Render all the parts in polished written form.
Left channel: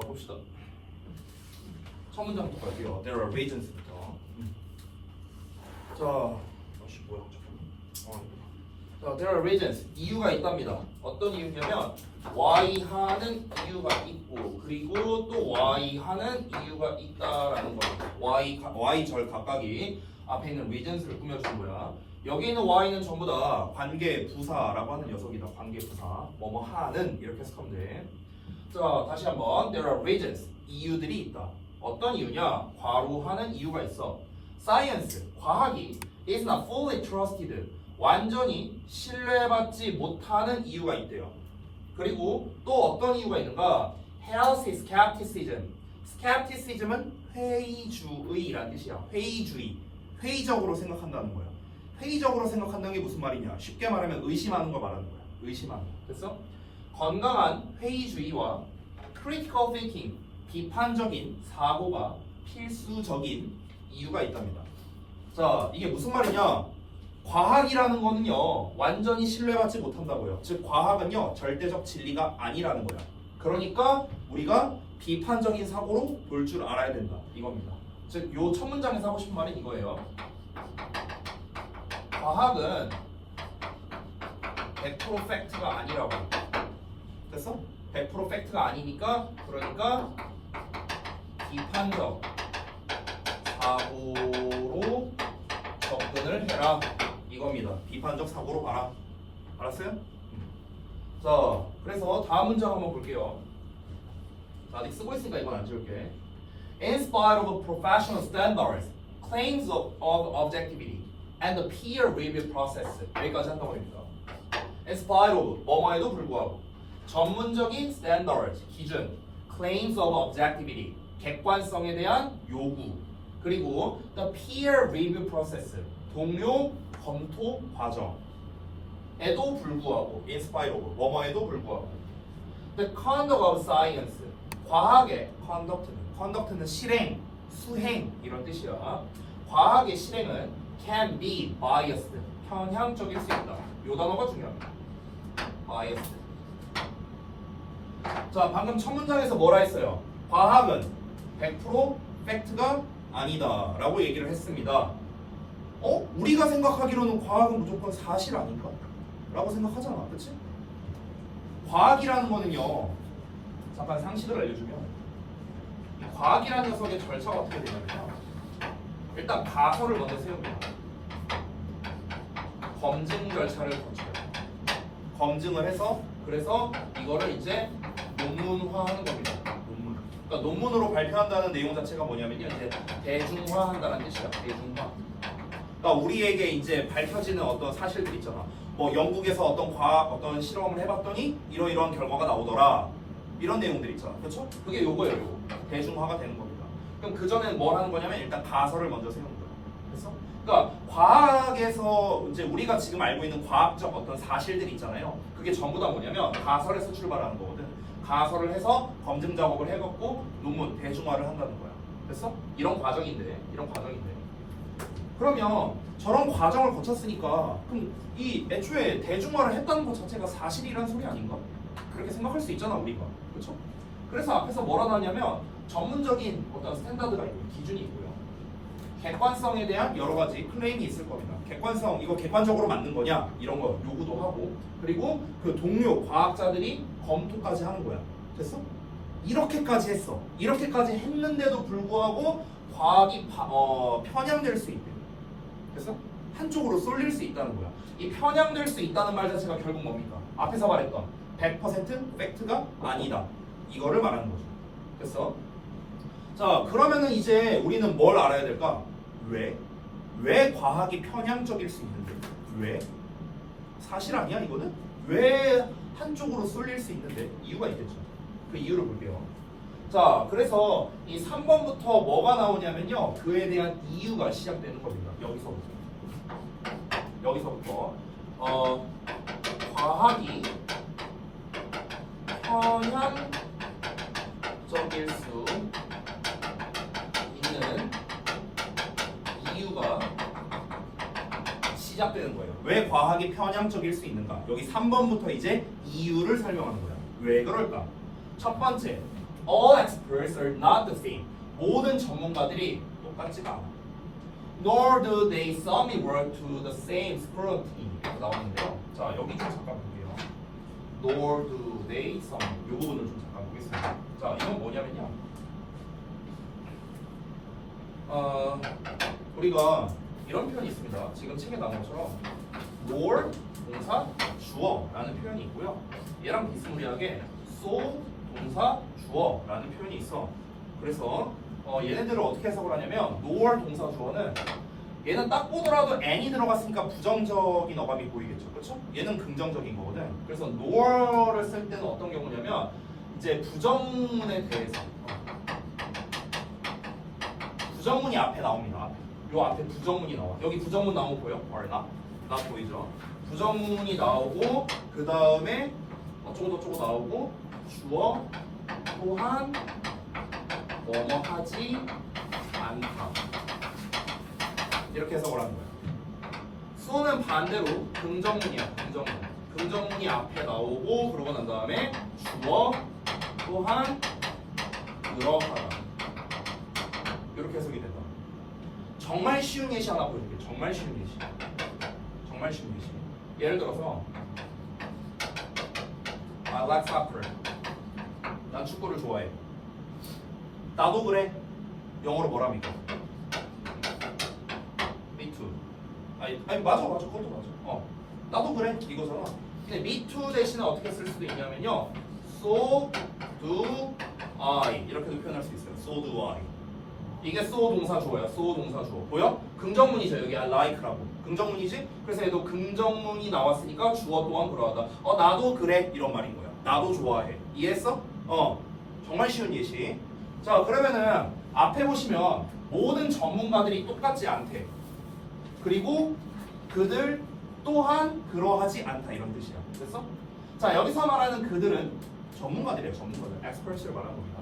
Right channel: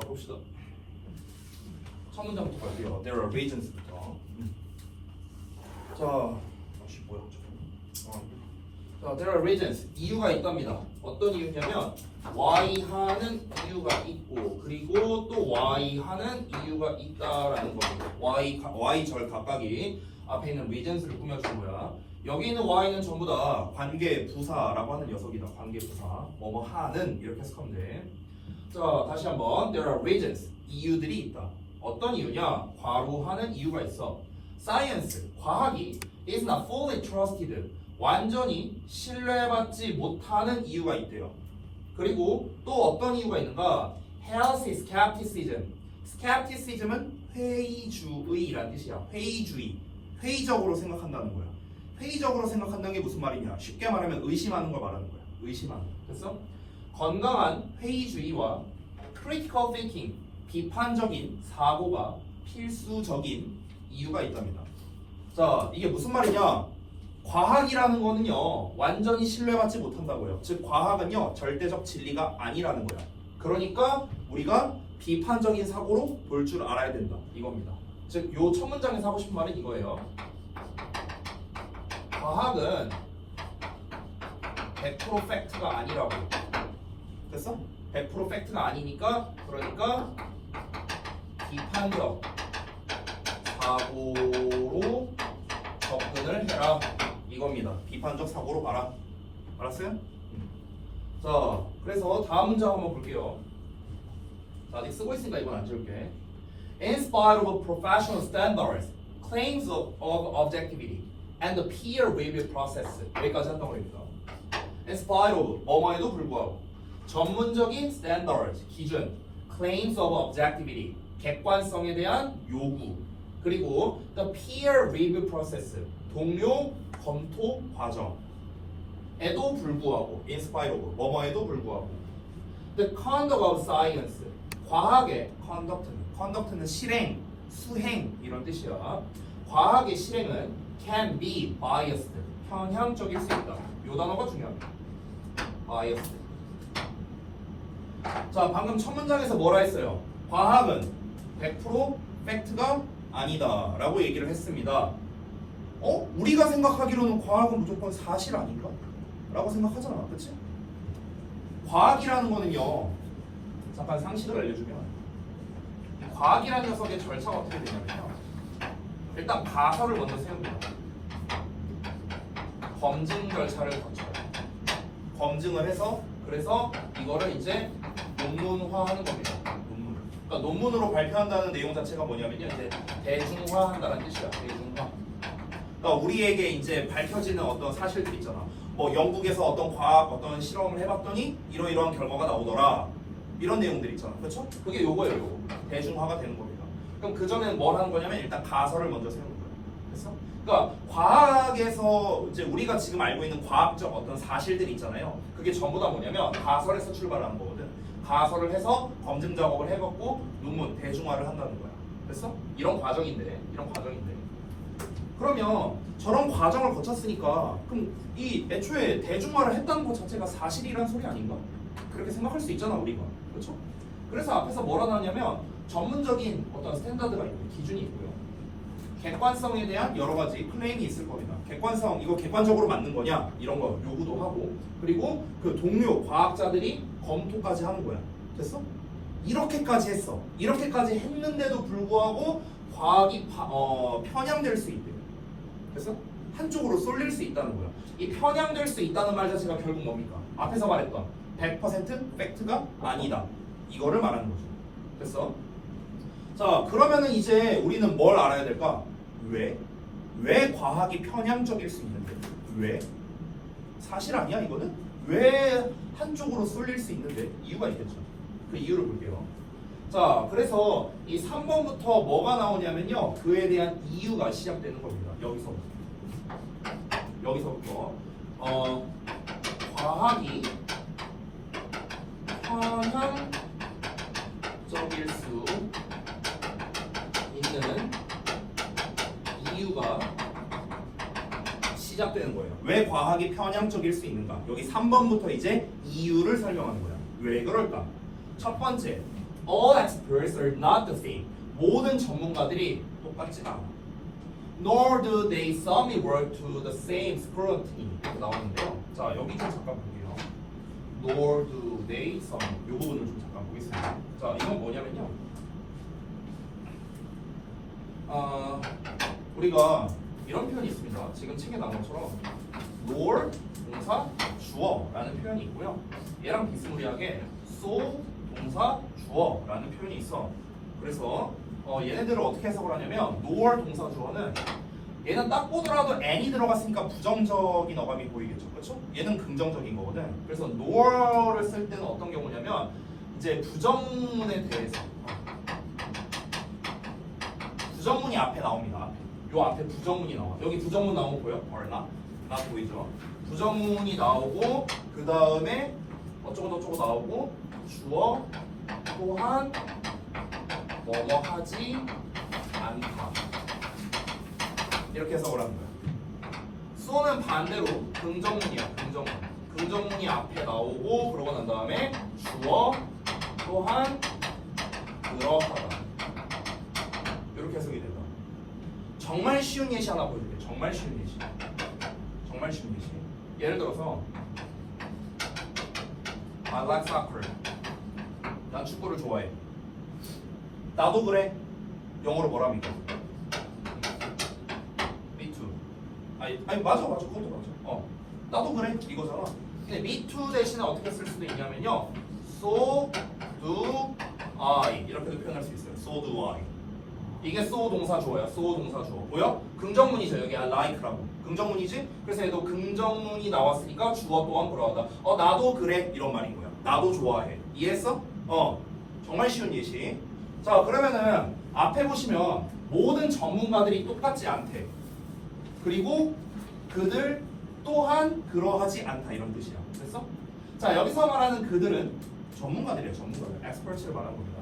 봅시다. 첫 문장부터 갈게요. There are reasons부터. 자, 아씨 뭐야? 자, there are reasons. 이유가 있답니다. 어떤 이유냐면 y 하는 이유가 있고 그리고 또 y 하는 이유가 있다라는 거죠. y 절 각각이 앞에 있는 reasons를 꾸며준 거야. 여기 있는 y는 전부 다 관계 부사라고 하는 녀석이다. 관계 부사. 뭐뭐 하는 이렇게 해석하면 돼. 자, 다시 한번 there are reasons. 이유들이 있다. 어떤 이유냐? 과로하는 이유가 있어. Science, 과학이 is not fully trusted. 완전히 신뢰받지 못하는 이유가 있대요. 그리고 또 어떤 이유가 있는가? Healthy skepticism. skepticism은 회의주의라는 뜻이야. 회의주의. 회의적으로 생각한다는 거야. 회의적으로 생각한다는 게 무슨 말이냐? 쉽게 말하면 의심하는 걸 말하는 거야. 의심하는 거. 됐어? 건강한 회의주의와 critical thinking, 비판적인 사고가 필수적인 이유가 있답니다. 자, 이게 무슨 말이냐? 과학이라는 거는요, 완전히 신뢰받지 못한다고요. 즉, 과학은요, 절대적 진리가 아니라는 거야. 그러니까 우리가 비판적인 사고로 볼 줄 알아야 된다. 이겁니다. 즉, 요 첫 문장에서 하고 싶은 말은 이거예요. 과학은 100% 팩트가 아니라고. 됐어? 100% 팩트가 아니니까, 그러니까 비판적 사고로 접근을 해라. 이겁니다. 비판적 사고로 봐라. 알았어요? 자, 그래서 다음 문장 한번 볼게요. 자, 아직 쓰고 있으니까 이건 안 지울게. In spite of professional standards, claims of objectivity, and the peer review process. 여기까지 한다고 합니까? In spite of, 뭐뭐에도 불구하고 전문적인 standards, 기준, claims of objectivity, 객관성에 대한 요구, 그리고 the peer review process, 동료 검토 과정에도 불구하고 in spite of, 뭐뭐에도 불구하고 the conduct of science, 과학의 conduct는 실행, 수행 이런 뜻이야. 과학의 실행은 can be biased, 편향적일 수 있다. 요 단어가 중요합니다. biased. 자, 방금 첫 문장에서 뭐라 했어요? 과학은 100% 팩트가 아니다 라고 얘기를 했습니다. 우리가 생각하기로는 과학은 무조건 사실 아닌가? 라고 생각하잖아. 그치? 과학이라는 거는요, 잠깐 상식을 알려주면 과학이라는 녀석의 절차가 어떻게 되냐면요, 일단 가설을 먼저 세웁니다. 검증 절차를 거쳐요. 검증을 해서 그래서 이거를 이제 논문화하는 겁니다. 논문. 그러니까 논문으로 발표한다는 내용 자체가 뭐냐면요, 이제 대중화한다는 뜻이야. 대중화. 그러니까 우리에게 이제 밝혀지는 어떤 사실들 있잖아. 뭐 영국에서 어떤 과학 어떤 실험을 해봤더니 이러이러한 결과가 나오더라. 이런 내용들 있잖아. 그렇죠? 그게 요거예요. 요거. 대중화가 되는 겁니다. 그럼 그 전에는 뭘 하는 거냐면 일단 가설을 먼저 세우는 거예요. 그래서 그러니까 과학에서 이제 우리가 지금 알고 있는 과학적 어떤 사실들이 있잖아요. 그게 전부 다 뭐냐면 가설에서 출발하는 거거든. 가설을 해서 검증 작업을 해갖고 논문 대중화를 한다는 거야. 됐어? 이런 과정인데. 그러면 저런 과정을 거쳤으니까 그럼 이 애초에 대중화를 했다는 것 자체가 사실이란 소리 아닌가? 그렇게 생각할 수 있잖아 우리가. 그렇죠? 그래서 앞에서 뭐라 나왔냐면 전문적인 어떤 스탠다드가 있고 기준이 있고요. 객관성에 대한 여러 가지 클레임이 있을 겁니다. 객관성, 이거 객관적으로 맞는 거냐? 이런 거 요구도 하고, 그리고 그 동료 과학자들이 검토까지 하는 거야. 됐어? 이렇게까지 했어. 이렇게까지 했는데도 불구하고 과학이 편향될 수 있대. 그래서 한쪽으로 쏠릴 수 있다는 거야. 이 편향될 수 있다는 말 자체가 결국 뭡니까? 앞에서 말했던 100% 팩트가 아니다. 이거를 말하는 거죠. 됐어? 자, 그러면은 이제 우리는 뭘 알아야 될까? 왜 과학이 편향적일 수 있는데? 왜? 사실 아니야 이거는? 왜 한쪽으로 쏠릴 수 있는데? 이유가 있겠죠. 그 이유를 볼게요. 자, 그래서 이 3번부터 뭐가 나오냐면요, 그에 대한 이유가 시작되는 겁니다. 여기서부터 과학이 편향적일 수 있는 이유가 시작되는 거예요. 왜 과학이 편향적일 수 있는가? 여기 3번부터 이제 이유를 설명하는 거야. 왜 그럴까? 첫 번째, All experts are not the same. 모든 전문가들이 똑같지가 않아. Nor do they submit work to the same scrutiny. 이렇게 나오는데요. 자, 여기 좀 잠깐 볼게요. Nor do they submit. 이 부분을 좀 잠깐 보겠습니다. 자, 이건 뭐냐면요. 우리가 이런 표현이 있습니다. 지금 책에 나온 것처럼 nor 동사 주어라는 표현이 있고요. 얘랑 비스무리하게 so 동사 주어라는 표현이 있어. 그래서 얘네들을 어떻게 해석을 하냐면 nor 동사 주어는 얘는 딱 보더라도 n이 들어갔으니까 부정적인 어감이 보이겠죠, 그렇죠? 얘는 긍정적인 거거든. 그래서 nor를 쓸 때는 어떤 경우냐면 이제 부정문에 대해서 부정문이 앞에 나옵니다. 요 앞에 부정문이 나와. 여기 부정문 나오고 보여? or not 보이죠? 부정문이 나오고 그 다음에 어쩌고 저쩌고 나오고 주어 또한 뭐뭐 하지 않다. 이렇게 해석을 하는 거야. so는 반대로 긍정문이야. 긍정문이 앞에 나오고 그러고 난 다음에 주어 또한 그러하다. 이렇게 해석이 된다. 정말 쉬운 예시 하나 보여줄게. 정말 쉬운 예시. 예를 들어서 I like soccer. 난 축구를 좋아해. 나도 그래. 영어로 뭐랍니까? Me too. 아니 맞아 그것도 맞아. 나도 그래 이거잖아. 근데 me too 대신에 어떻게 쓸 수도 있냐면요. So do I 이렇게도 표현할 수 있어요. So do I. 이게 so 동사 주어야. so 동사 주어. 보여? 긍정문이죠. 여기 I like라고. 긍정문이지? 그래서 얘도 긍정문이 나왔으니까 주어 또한 그러하다. 나도 그래 이런 말인 거야. 나도 좋아해. 이해했어? 정말 쉬운 예시. 자, 그러면은 앞에 보시면 모든 전문가들이 똑같지 않대. 그리고 그들 또한 그러하지 않다 이런 뜻이야. 됐어? 자, 여기서 말하는 그들은 전문가들이에요. 전문가들. experts를 말하는 겁니다.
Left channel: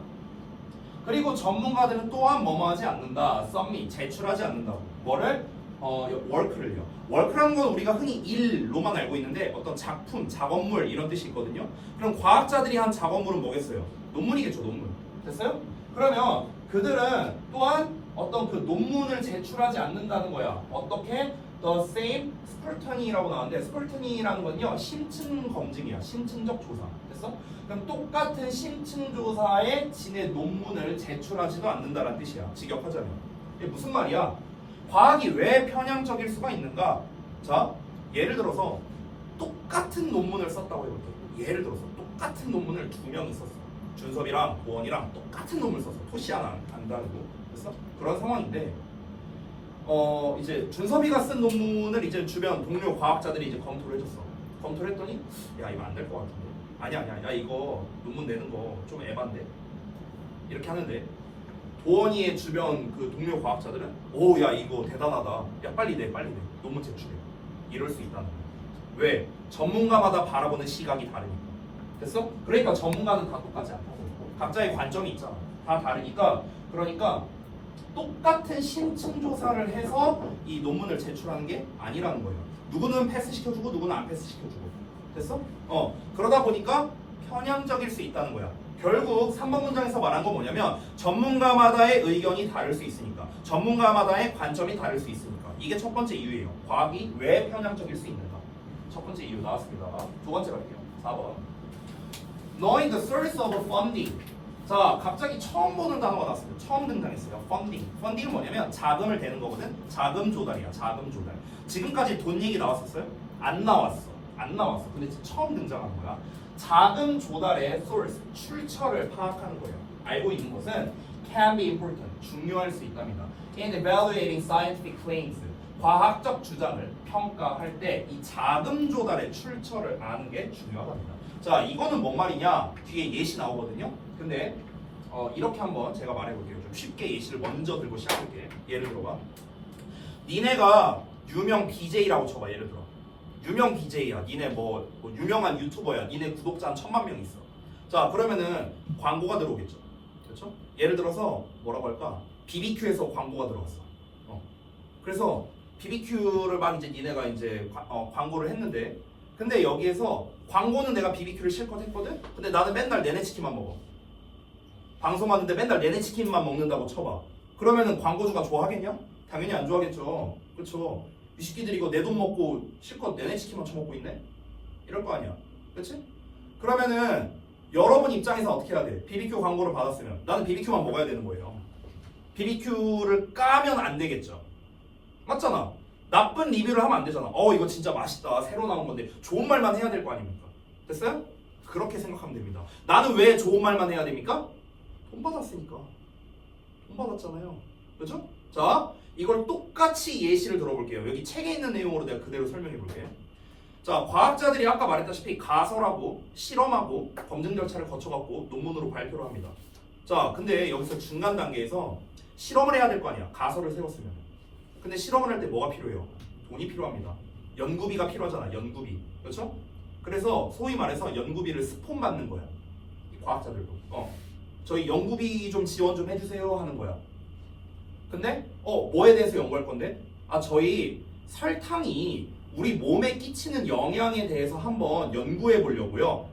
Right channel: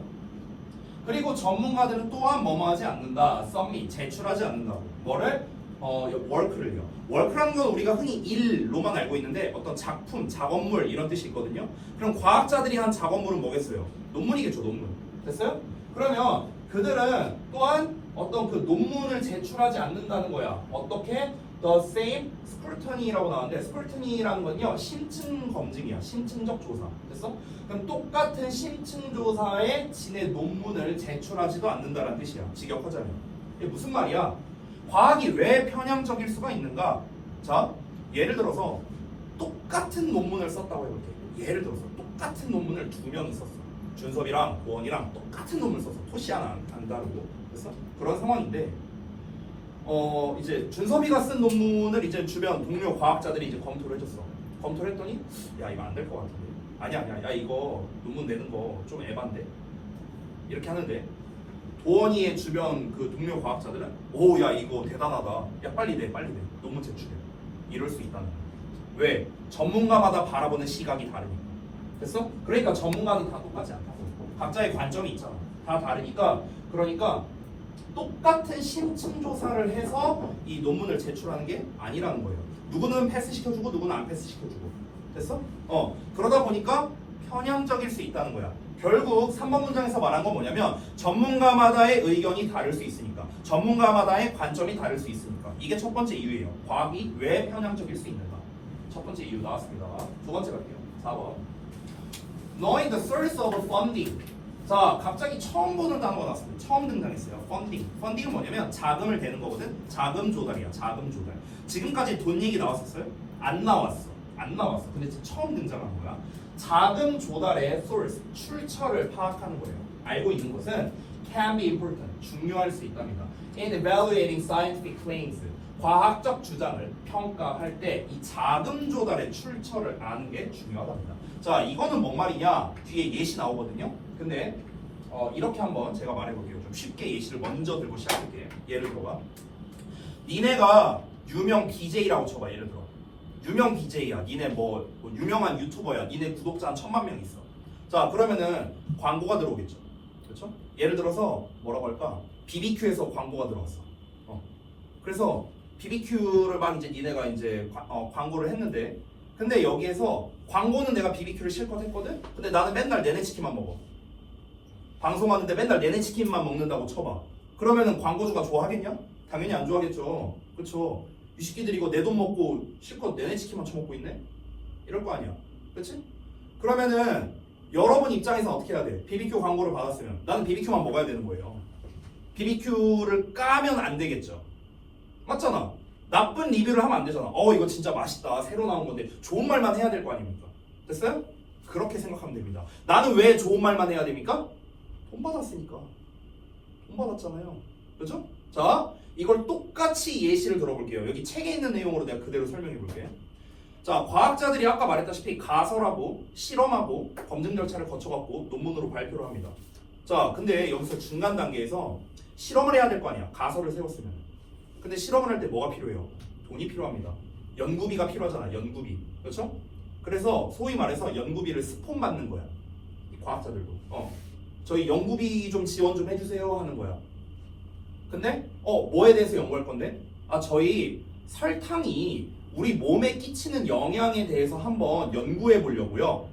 그리고 전문가들은 또한 뭐뭐하지 않는다. submit, 제출하지 않는다고. 뭐를? work를요. work라는 건 우리가 흔히 일로만 알고 있는데 어떤 작품, 작업물 이런 뜻이 있거든요. 그럼 과학자들이 한 작업물은 뭐겠어요? 논문이겠죠, 논문. 됐어요? 그러면 그들은 또한 어떤 그 논문을 제출하지 않는다는 거야. 어떻게? The same scrutiny라고 나왔는데 scrutiny라는 건요 심층 검증이야. 심층적 조사. 됐어? 그럼 똑같은 심층 조사에 지네 논문을 제출하지도 않는다는 뜻이야. 직역하자면. 이게 무슨 말이야? 과학이 왜 편향적일 수가 있는가? 자, 예를 들어서 똑같은 논문을 썼다고 해볼게. 예를 들어서 똑같은 논문을 2명이 썼어. 준섭이랑 보원이랑 똑같은 논문을 썼어. 토시 하나 안 다르고. 됐어? 그런 상황인데 이제 준섭이가 쓴 논문을 이제 주변 동료 과학자들이 이제 검토를 해줬어. 검토를 했더니 야 이거 안 될 것 같은데. 아니야 야 이거 논문 내는 거 좀 에반데. 이렇게 하는데 보원이의 주변 그 동료 과학자들은 오 야 이거 대단하다. 야 빨리 내 논문 제출해. 이럴 수 있다는 거야. 왜? 전문가마다 바라보는 시각이 다르니까. 됐어? 그러니까 전문가는 다 똑같지 않다고. 각자의 관점이 있잖아. 다 다르니까 그러니까 똑같은 심층 조사를 해서 이 논문을 제출하는 게 아니라는 거예요. 누구는 패스 시켜주고 누구는 안 패스 시켜주고. 됐어? 그러다 보니까 편향적일 수 있다는 거야. 결국 3번 문장에서 말한 건 뭐냐면 전문가마다의 의견이 다를 수 있으니까, 전문가마다의 관점이 다를 수 있으니까. 이게 첫 번째 이유예요. 과학이 왜 편향적일 수 있는가. 첫 번째 이유 나왔습니다. 두 번째 갈게요. 4번. Knowing the source of funding. 자, 갑자기 처음 보는 단어가 나왔습니다. 처음 등장했어요. funding. funding은 뭐냐면 자금을 대는 거거든. 자금 조달이야. 자금 조달. 지금까지 돈 얘기 나왔었어요? 안 나왔어. 근데 지금 처음 등장한 거야. 자금 조달의 source, 출처를 파악하는 거예요. 알고 있는 것은 can be important, 중요할 수 있답니다. In evaluating scientific claims, 과학적 주장을 평가할 때 이 자금 조달의 출처를 아는 게 중요하답니다. 자, 이거는 뭔 말이냐? 뒤에 예시 나오거든요. 근데 이렇게 한번 제가 말해볼게요. 좀 쉽게 예시를 먼저 들고 시작할게. 예를 들어봐. 니네가 유명 BJ라고 쳐봐. 예를 들어. 유명 BJ야. 니네 뭐 유명한 유튜버야. 니네 구독자 한 1000만 명 있어. 자, 그러면은 광고가 들어오겠죠. 그렇죠? 예를 들어서 뭐라고 할까? BBQ에서 광고가 들어왔어. 그래서 BBQ를 막 이제 니네가 이제 광고를 했는데, 근데 여기에서 광고는 내가 BBQ를 실컷 했거든. 근데 나는 맨날 내내 치킨만 먹어. 방송하는데 맨날 내내 치킨만 먹는다고 쳐봐. 그러면은 광고주가 좋아하겠냐? 당연히 안 좋아하겠죠. 그쵸? 이 새끼들이 이거 내 돈 먹고 실컷 내내 치킨만 처먹고 있네? 이럴 거 아니야. 그치? 그러면은 여러분 입장에서 어떻게 해야 돼? BBQ 광고를 받았으면 나는 BBQ만 먹어야 되는 거예요. BBQ를 까면 안 되겠죠. 맞잖아. 나쁜 리뷰를 하면 안 되잖아. 이거 진짜 맛있다. 새로 나온 건데 좋은 말만 해야 될 거 아닙니까? 됐어요? 그렇게 생각하면 됩니다. 나는 왜 좋은 말만 해야 됩니까? 돈 받았으니까. 돈 받았잖아요. 그죠? 자, 이걸 똑같이 예시를 들어볼게요. 여기 책에 있는 내용으로 내가 그대로 설명해 볼게요. 자, 과학자들이 아까 말했다시피 가설하고 실험하고 검증 절차를 거쳐갖고 논문으로 발표를 합니다. 자, 근데 여기서 중간 단계에서 실험을 해야 될 거 아니야. 가설을 세웠으면. 근데 실험을 할 때 뭐가 필요해요? 돈이 필요합니다. 연구비가 필요하잖아. 연구비. 그렇죠? 그래서 소위 말해서 연구비를 스폰 받는 거야. 이 과학자들도. 저희 연구비 좀 지원 좀 해주세요 하는 거야. 근데 뭐에 대해서 연구할 건데? 저희 설탕이 우리 몸에 끼치는 영향에 대해서 한번 연구해 보려고요.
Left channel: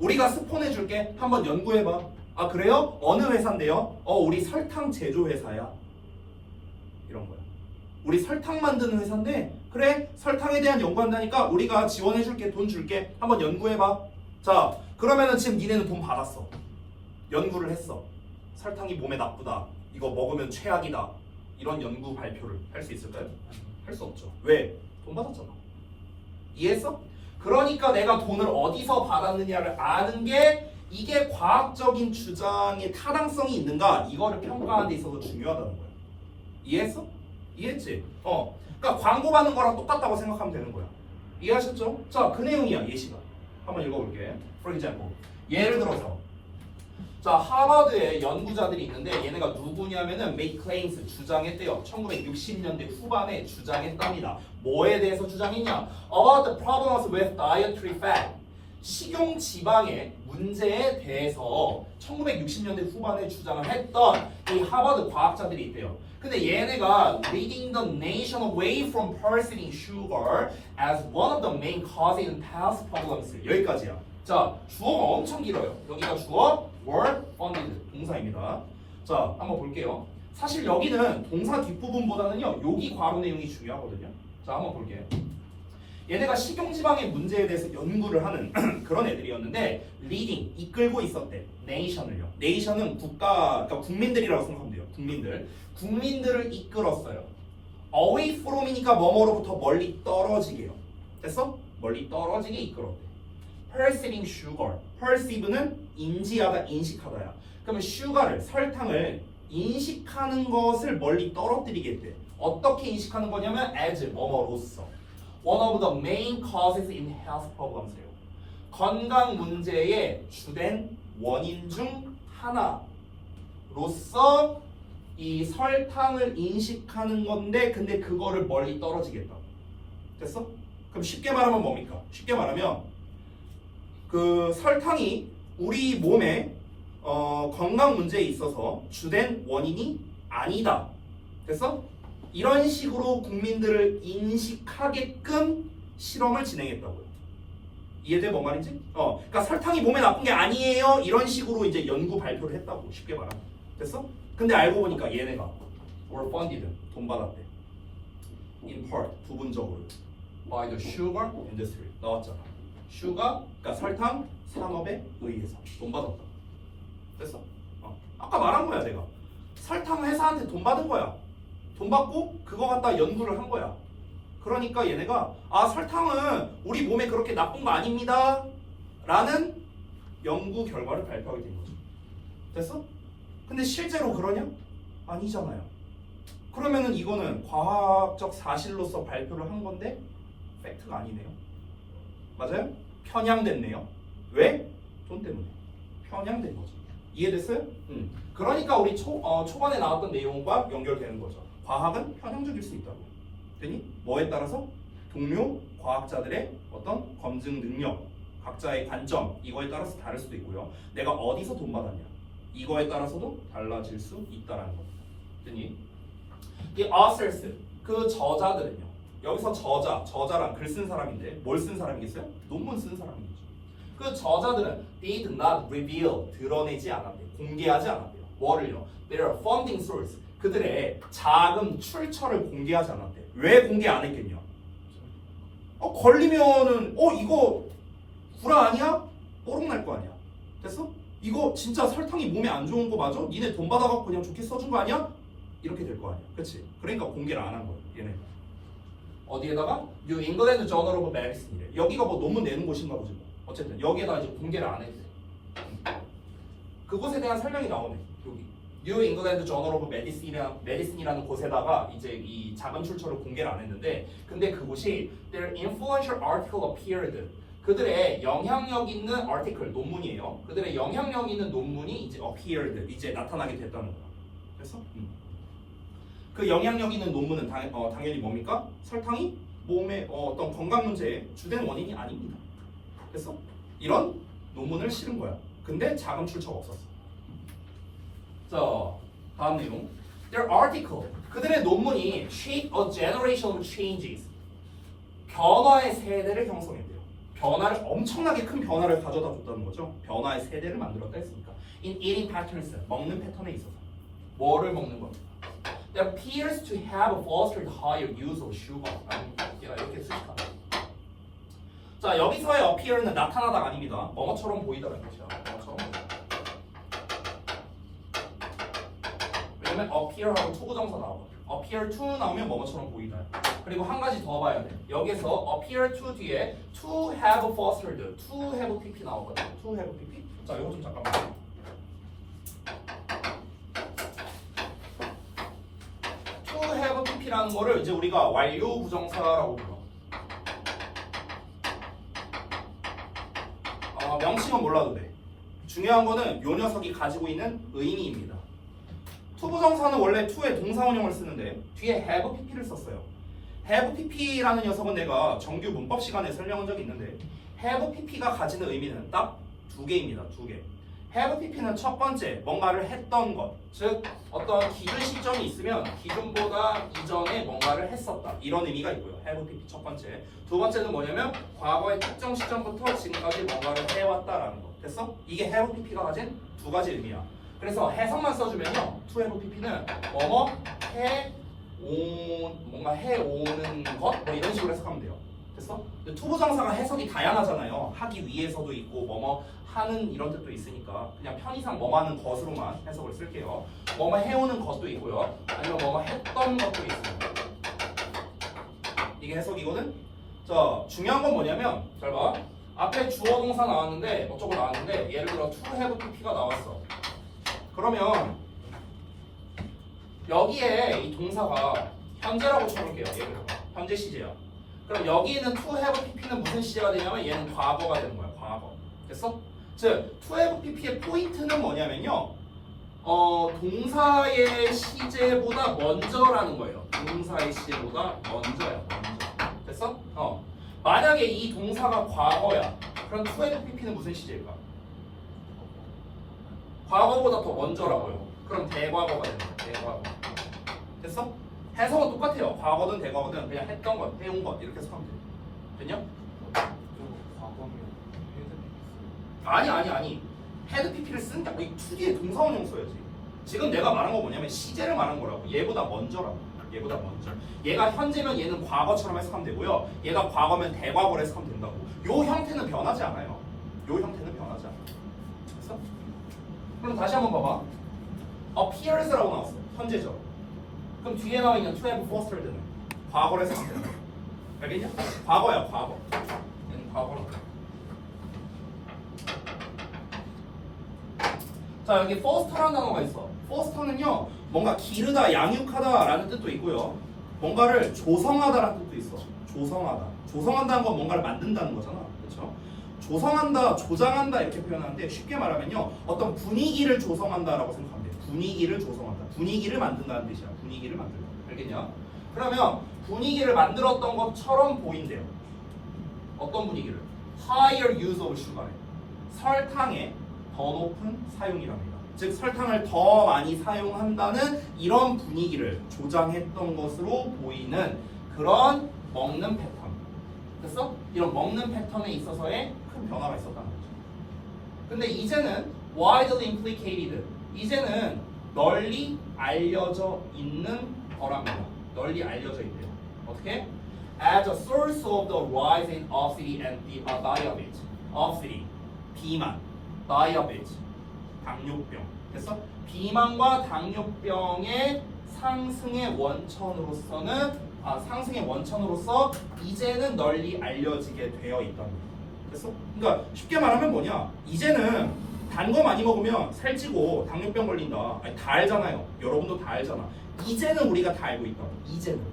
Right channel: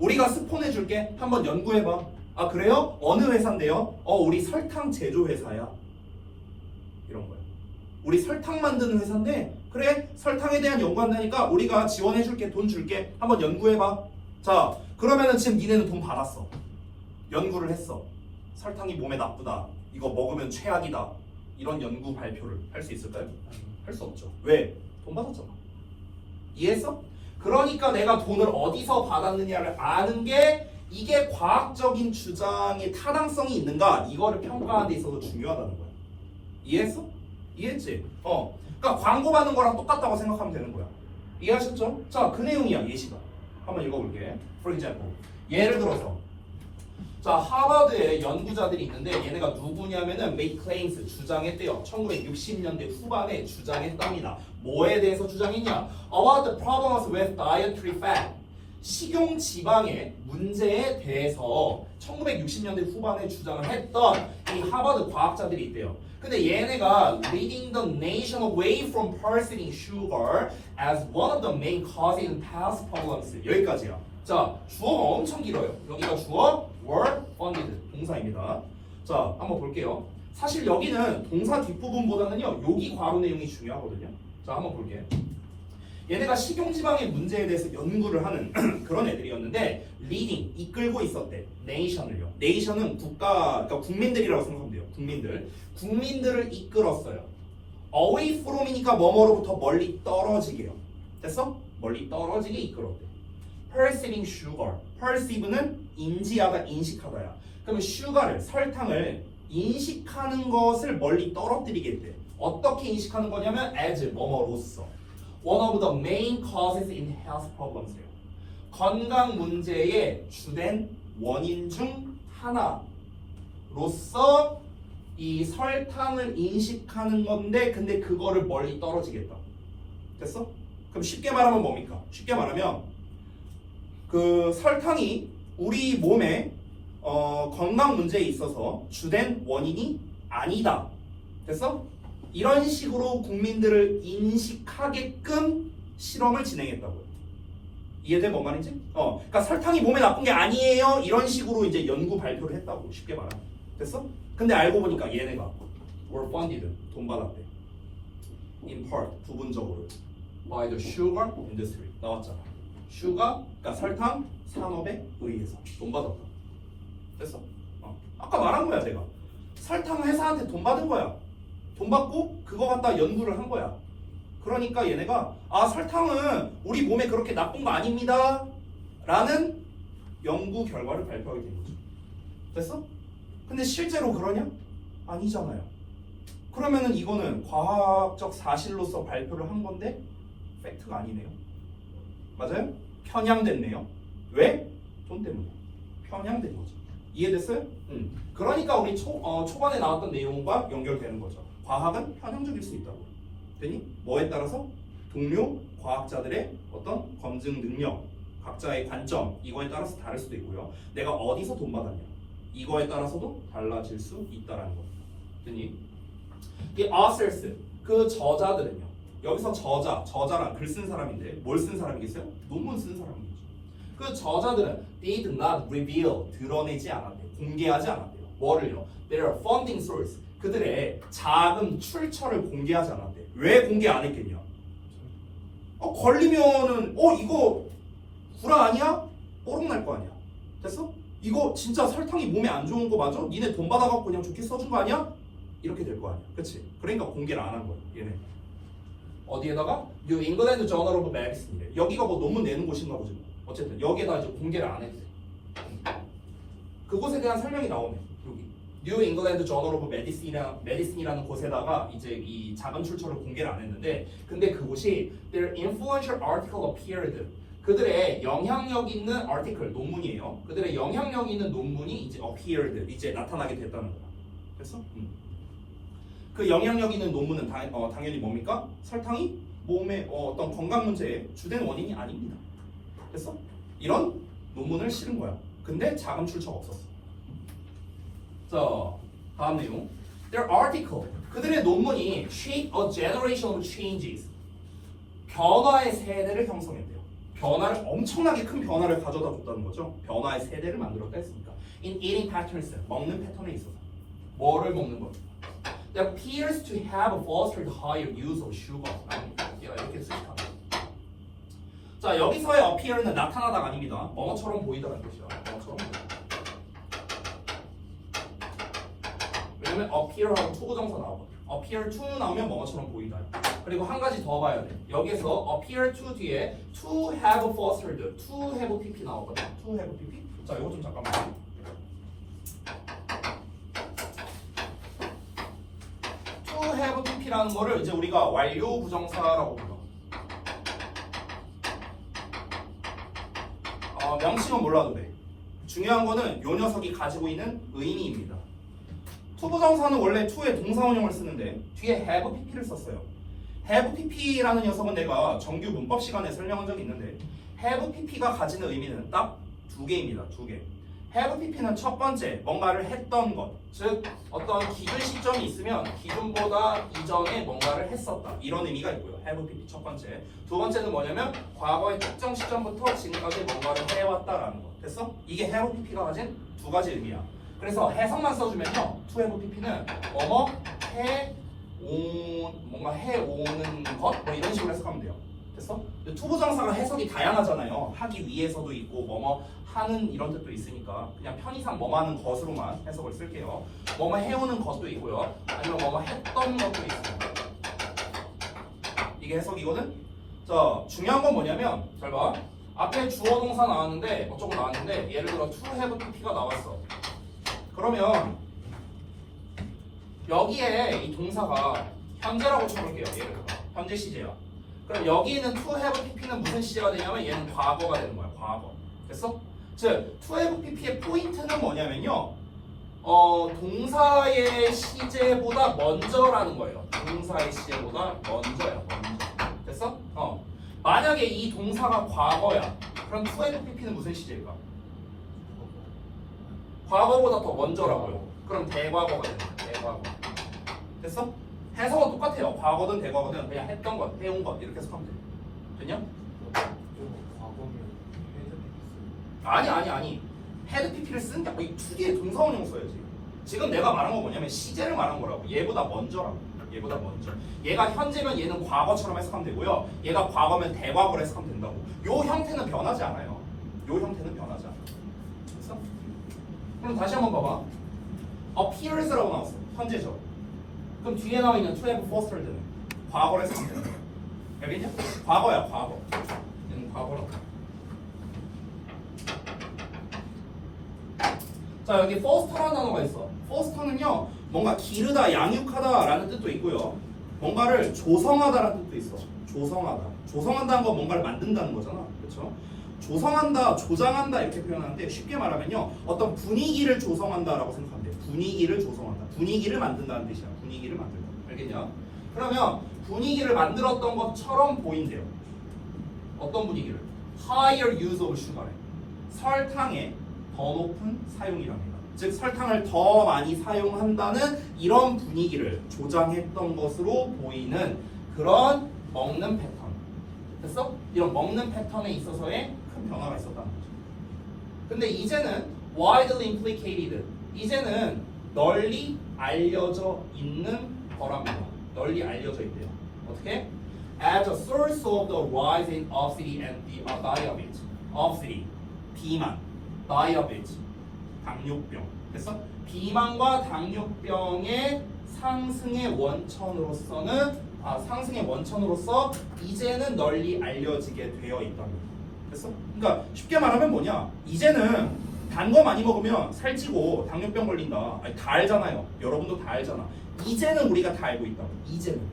우리가 스폰해 줄게. 한번 연구해 봐. 그래요? 어느 회사인데요? 우리 설탕 제조 회사야. 이런 거야. 우리 설탕 만드는 회사인데 그래 설탕에 대한 연구한다니까 우리가 지원해 줄게. 돈 줄게. 한번 연구해 봐. 자, 그러면은 지금 니네는 돈 받았어. 연구를 했어. 설탕이 몸에 나쁘다. 이거 먹으면 최악이다. 이런 연구 발표를 할 수 있을까요? 할 수 없죠. 왜? 돈 받았잖아. 이해했어? 그러니까 내가 돈을 어디서 받았느냐를 아는 게 이게 과학적인 주장의 타당성이 있는가 이거를 평가하는 데 있어서 중요하다는 거야. 이해했어? 이해했지? 그러니까 광고 받는 거랑 똑같다고 생각하면 되는 거야. 이해하셨죠? 자, 그 내용이야. 예시가. 한번 읽어볼게. For example. 예를 들어서 자, 하버드에 연구자들이 있는데 얘네가 누구냐면은 make claims 주장했대요. 1960년대 후반에 주장했답니다. 뭐에 대해서 주장했냐? About the problems with dietary fat. 식용 지방의 문제에 대해서 1960년대 후반에 주장을 했던 이 하버드 과학자들이 있대요. 근데 얘네가 leading the nation away from pursuing sugar as one of the main causes in health problems. 여기까지야. 자, 주어가 엄청 길어요. 여기가 주어, were funded 동사입니다. 자, 한번 볼게요. 사실 여기는 동사 뒷부분보다는요, 여기 괄호 내용이 중요하거든요. 자, 한번 볼게요. 얘네가 식용지방의 문제에 대해서 연구를 하는 그런 애들이었는데 leading, 이끌고 있었대. nation을요. nation은 국가, 그러니까 국민들이라고 생각하면 돼요. 국민들을 이끌었어요. away from이니까 뭐뭐로부터 멀리 떨어지게요. 됐어? 멀리 떨어지게 이끌었대. perceiving sugar. perceive는 인지하다, 인식하다야. 그러면 sugar를, 설탕을 인식하는 것을 멀리 떨어뜨리게 돼. 어떻게 인식하는 거냐면 as 뭐뭐로서. One of the main causes in health problems래요. 건강 문제의 주된 원인 중 하나로서 이 설탕을 인식하는 건데 근데 그거를 멀리 떨어지겠다. 됐어? 그럼 쉽게 말하면 뭡니까? 쉽게 말하면 그 설탕이 우리 몸에 건강 문제에 있어서 주된 원인이 아니다. 됐어? 이런 식으로 국민들을 인식하게끔 실험을 진행했다고요. 이해돼? 뭔 말인지? 그러니까 설탕이 몸에 나쁜 게 아니에요. 이런 식으로 이제 연구 발표를 했다고 쉽게 말하면. 됐어? 근데 알고 보니까 얘네가 were funded 돈 받았대. In part 부분적으로 by the sugar industry 나왔잖아. sugar 그러니까 설탕 산업에 의해서 돈 받았다. 됐어? 아까 말한 거야 내가. 설탕 회사한테 돈 받은 거야. 돈 받고 그거 갖다 연구를 한 거야. 그러니까 얘네가 설탕은 우리 몸에 그렇게 나쁜 거 아닙니다 라는 연구 결과를 발표하게 된 거죠. 됐어? 근데 실제로 그러냐? 아니잖아요. 그러면은 이거는 과학적 사실로서 발표를 한 건데 팩트가 아니네요. 맞아요? 편향됐네요. 왜? 돈 때문에 편향된 거죠. 이해됐어요? 그러니까 우리 초반에 나왔던 내용과 연결되는 거죠. 과학은 편향적일 수 있다고. 되니? 뭐에 따라서? 동료 과학자들의 어떤 검증 능력, 각자의 관점 이거에 따라서 다를 수도 있고요. 내가 어디서 돈 받았냐 이거에 따라서도 달라질 수 있다라는 겁니다. 되니? 이 authors 그 저자들은요. 여기서 저자란 글 쓴 사람인데 뭘 쓴 사람이겠어요? 논문 쓴 사람이겠죠. 그 저자들은 did not reveal 드러내지 않았대요. 공개하지 않았대요. 뭐를요? Their funding source 그들의 자금 출처를 공개하지 않았대. 왜 공개 안 했겠냐? 걸리면은 이거 구라 아니야? 뽀록 날 거 아니야. 됐어? 이거 진짜 설탕이 몸에 안 좋은 거 맞아? 니네 돈 받아갖고 그냥 좋게 써준 거 아니야? 이렇게 될 거 아니야. 그치? 그러니까 공개를 안 한 거야. 얘네. 어디에다가? New England Journal of Medicine이래. 여기가 뭐 논문 내는 곳인가 보지 뭐. 어쨌든 여기에다 이제 공개를 안 했대. 그곳에 대한 설명이 나오네. 여기. New England Journal of Medicine이라는 곳에다가 이제 이 자금 출처를 공개를 안 했는데, 근데 그곳이 their influential article appeared. 그들의 영향력 있는 article 논문이에요. 그들의 영향력 있는 논문이 이제 appeared 이제 나타나게 됐다는 거야. 됐어? 그 영향력 있는 논문은 당연히 뭡니까? 설탕이 몸의 어떤 건강 문제의 주된 원인이 아닙니다. 됐어? 이런 논문을 실은 거야. 근데 자금 출처가 없었어. 자, 다음 내용. Their article. 그들의 논문이 shape a generation of changes. 변화의 세대를 형성했대요. 변화를 엄청나게 큰 변화를 가져다 줬다는 거죠. 변화의 세대를 만들었다 했으니까. In eating patterns. 먹는 패턴에 있어서. 뭐를 먹는 거? That appears to have fostered higher use of sugar. 이렇게 쓰니까. 자, 여기서의 appear는 나타나다가 아닙니다. 뭐뭐처럼 보이다가 뜻이야. 뭐뭐처럼 보이다. 왜냐면 appear하고 to 부정사 나오거든. appear to 나오면 뭐뭐처럼 보이다. 그리고 한 가지 더 봐야 돼. 여기서 appear to 뒤에 to have fostered, to have pp 나오거든. to have pp. 자, 이거 좀 잠깐만. to have pp라는 거를 이제 우리가 완료 부정사라고 불러. 명칭은 몰라도 돼. 중요한 거는 요 녀석이 가지고 있는 의미입니다. to 부정사는 원래 to의 동사원형을 쓰는데 뒤에 have pp를 썼어요. have pp라는 녀석은 내가 정규 문법 시간에 설명한 적이 있는데 have pp가 가지는 의미는 딱 두 개입니다. 두 개. have pp는 첫 번째 뭔가를 했던 것, 즉 어떤 기준 시점이 있으면 기준보다 이전에 뭔가를 했었다 이런 의미가 있고요. have pp 첫 번째. 두 번째는 뭐냐면 과거의 특정 시점부터 지금까지 뭔가를 해왔다라는 거. 됐어? 이게 have pp가 가진 두 가지 의미야. 그래서 해석만 써주면요, to have pp는 뭐뭐 뭔가 해오는 것 뭐 이런 식으로 해석하면 돼요. 됐어? to 부정사가 해석이 다양하잖아요. 하기 위해서도 있고 뭐뭐 하는 이런 뜻도 있으니까 그냥 편의상 뭐뭐 하는 것으로만 해석을 쓸게요. 뭐뭐 해오는 것도 있고요. 아니면 뭐뭐 했던 것도 있습니다. 이게 해석이거든? 자, 중요한 건 뭐냐면 잘 봐. 앞에 주어 동사 나왔는데 어쩌고 나왔는데 예를 들어 to have pp가 나왔어. 그러면 여기에 이 동사가 현재라고 쳐볼게요. 예를 들어 현재 시제야. 그럼 여기에는 to have pp는 무슨 시제가 되냐면 얘는 과거가 되는 거야. 과거. 됐어? 즉 to have pp의 포인트는 뭐냐면요, 동사의 시제보다 먼저라는 거예요. 동사의 시제보다 먼저야. 먼저. 됐어? 만약에 이 동사가 과거야. 그럼 to have pp는 무슨 시제일까? 과거보다 더 먼저라고요. 그럼 대과거가 되는 거야. 대과거. 됐어? 해석은 똑같아요. 과거든 대과거든 그냥 했던 것, 해온 것 이렇게 해석하면 돼. 됐냐? 아니. 헤드 pp를 쓴다. 이 두 개의 동사원형 써야지. 지금 내가 말한 거 뭐냐면 시제를 말한 거라고. 얘보다 먼저라고. 얘보다 먼저. 얘가 현재면 얘는 과거처럼 해석하면 되고요. 얘가 과거면 대과거로 해석하면 된다고. 요 형태는 변하지 않아요. 요 형태는 변하지 않아. 됐어? 그럼 다시 한번 봐봐. appears라고 나왔어. 현재죠. 그럼 뒤에 나와 있는 to have fostered는 과거로 해석하면 된다. 알겠냐? 과거야, 과거. 얘는 과거로. 자, 여기 foster라는 단어가 있어. foster는요, 뭔가 기르다, 양육하다라는 뜻도 있고요. 뭔가를 조성하다라는 뜻도 있어. 조성하다. 조성한다는 건 뭔가를 만든다는 거잖아. 그렇죠? 조성한다, 조장한다 이렇게 표현하는데 쉽게 말하면요, 어떤 분위기를 조성한다라고 생각하면 돼. 분위기를 조성한다. 분위기를 만든다는 뜻이야. 분위기를 만든다. 알겠냐? 그러면 분위기를 만들었던 것처럼 보인대요. 어떤 분위기를? Higher use of sugar. 설탕의 더 높은 사용이랍니다. 즉 설탕을 더 많이 사용한다는 이런 분위기를 조장했던 것으로 보이는 그런 먹는 패턴. 됐어? 이런 먹는 패턴에 있어서의 큰 변화가 있었다는 거죠. 근데 이제는 widely implicated. 이제는 널리 알려져 있는 거랍니다. 널리 알려져 있대요. 어떻게? As a source of the rise in obesity and diabetes. obesity, 비만, diabetes, 당뇨병. 됐어? 비만과 당뇨병의 상승의 원천으로서 이제는 널리 알려지게 되어 있답니다. 됐어? 그러니까 쉽게 말하면 뭐냐? 이제는 단 거 많이 먹으면 살찌고 당뇨병 걸린다. 아니, 다 알잖아요. 여러분도 다 알잖아. 이제는 우리가 다 알고 있다고.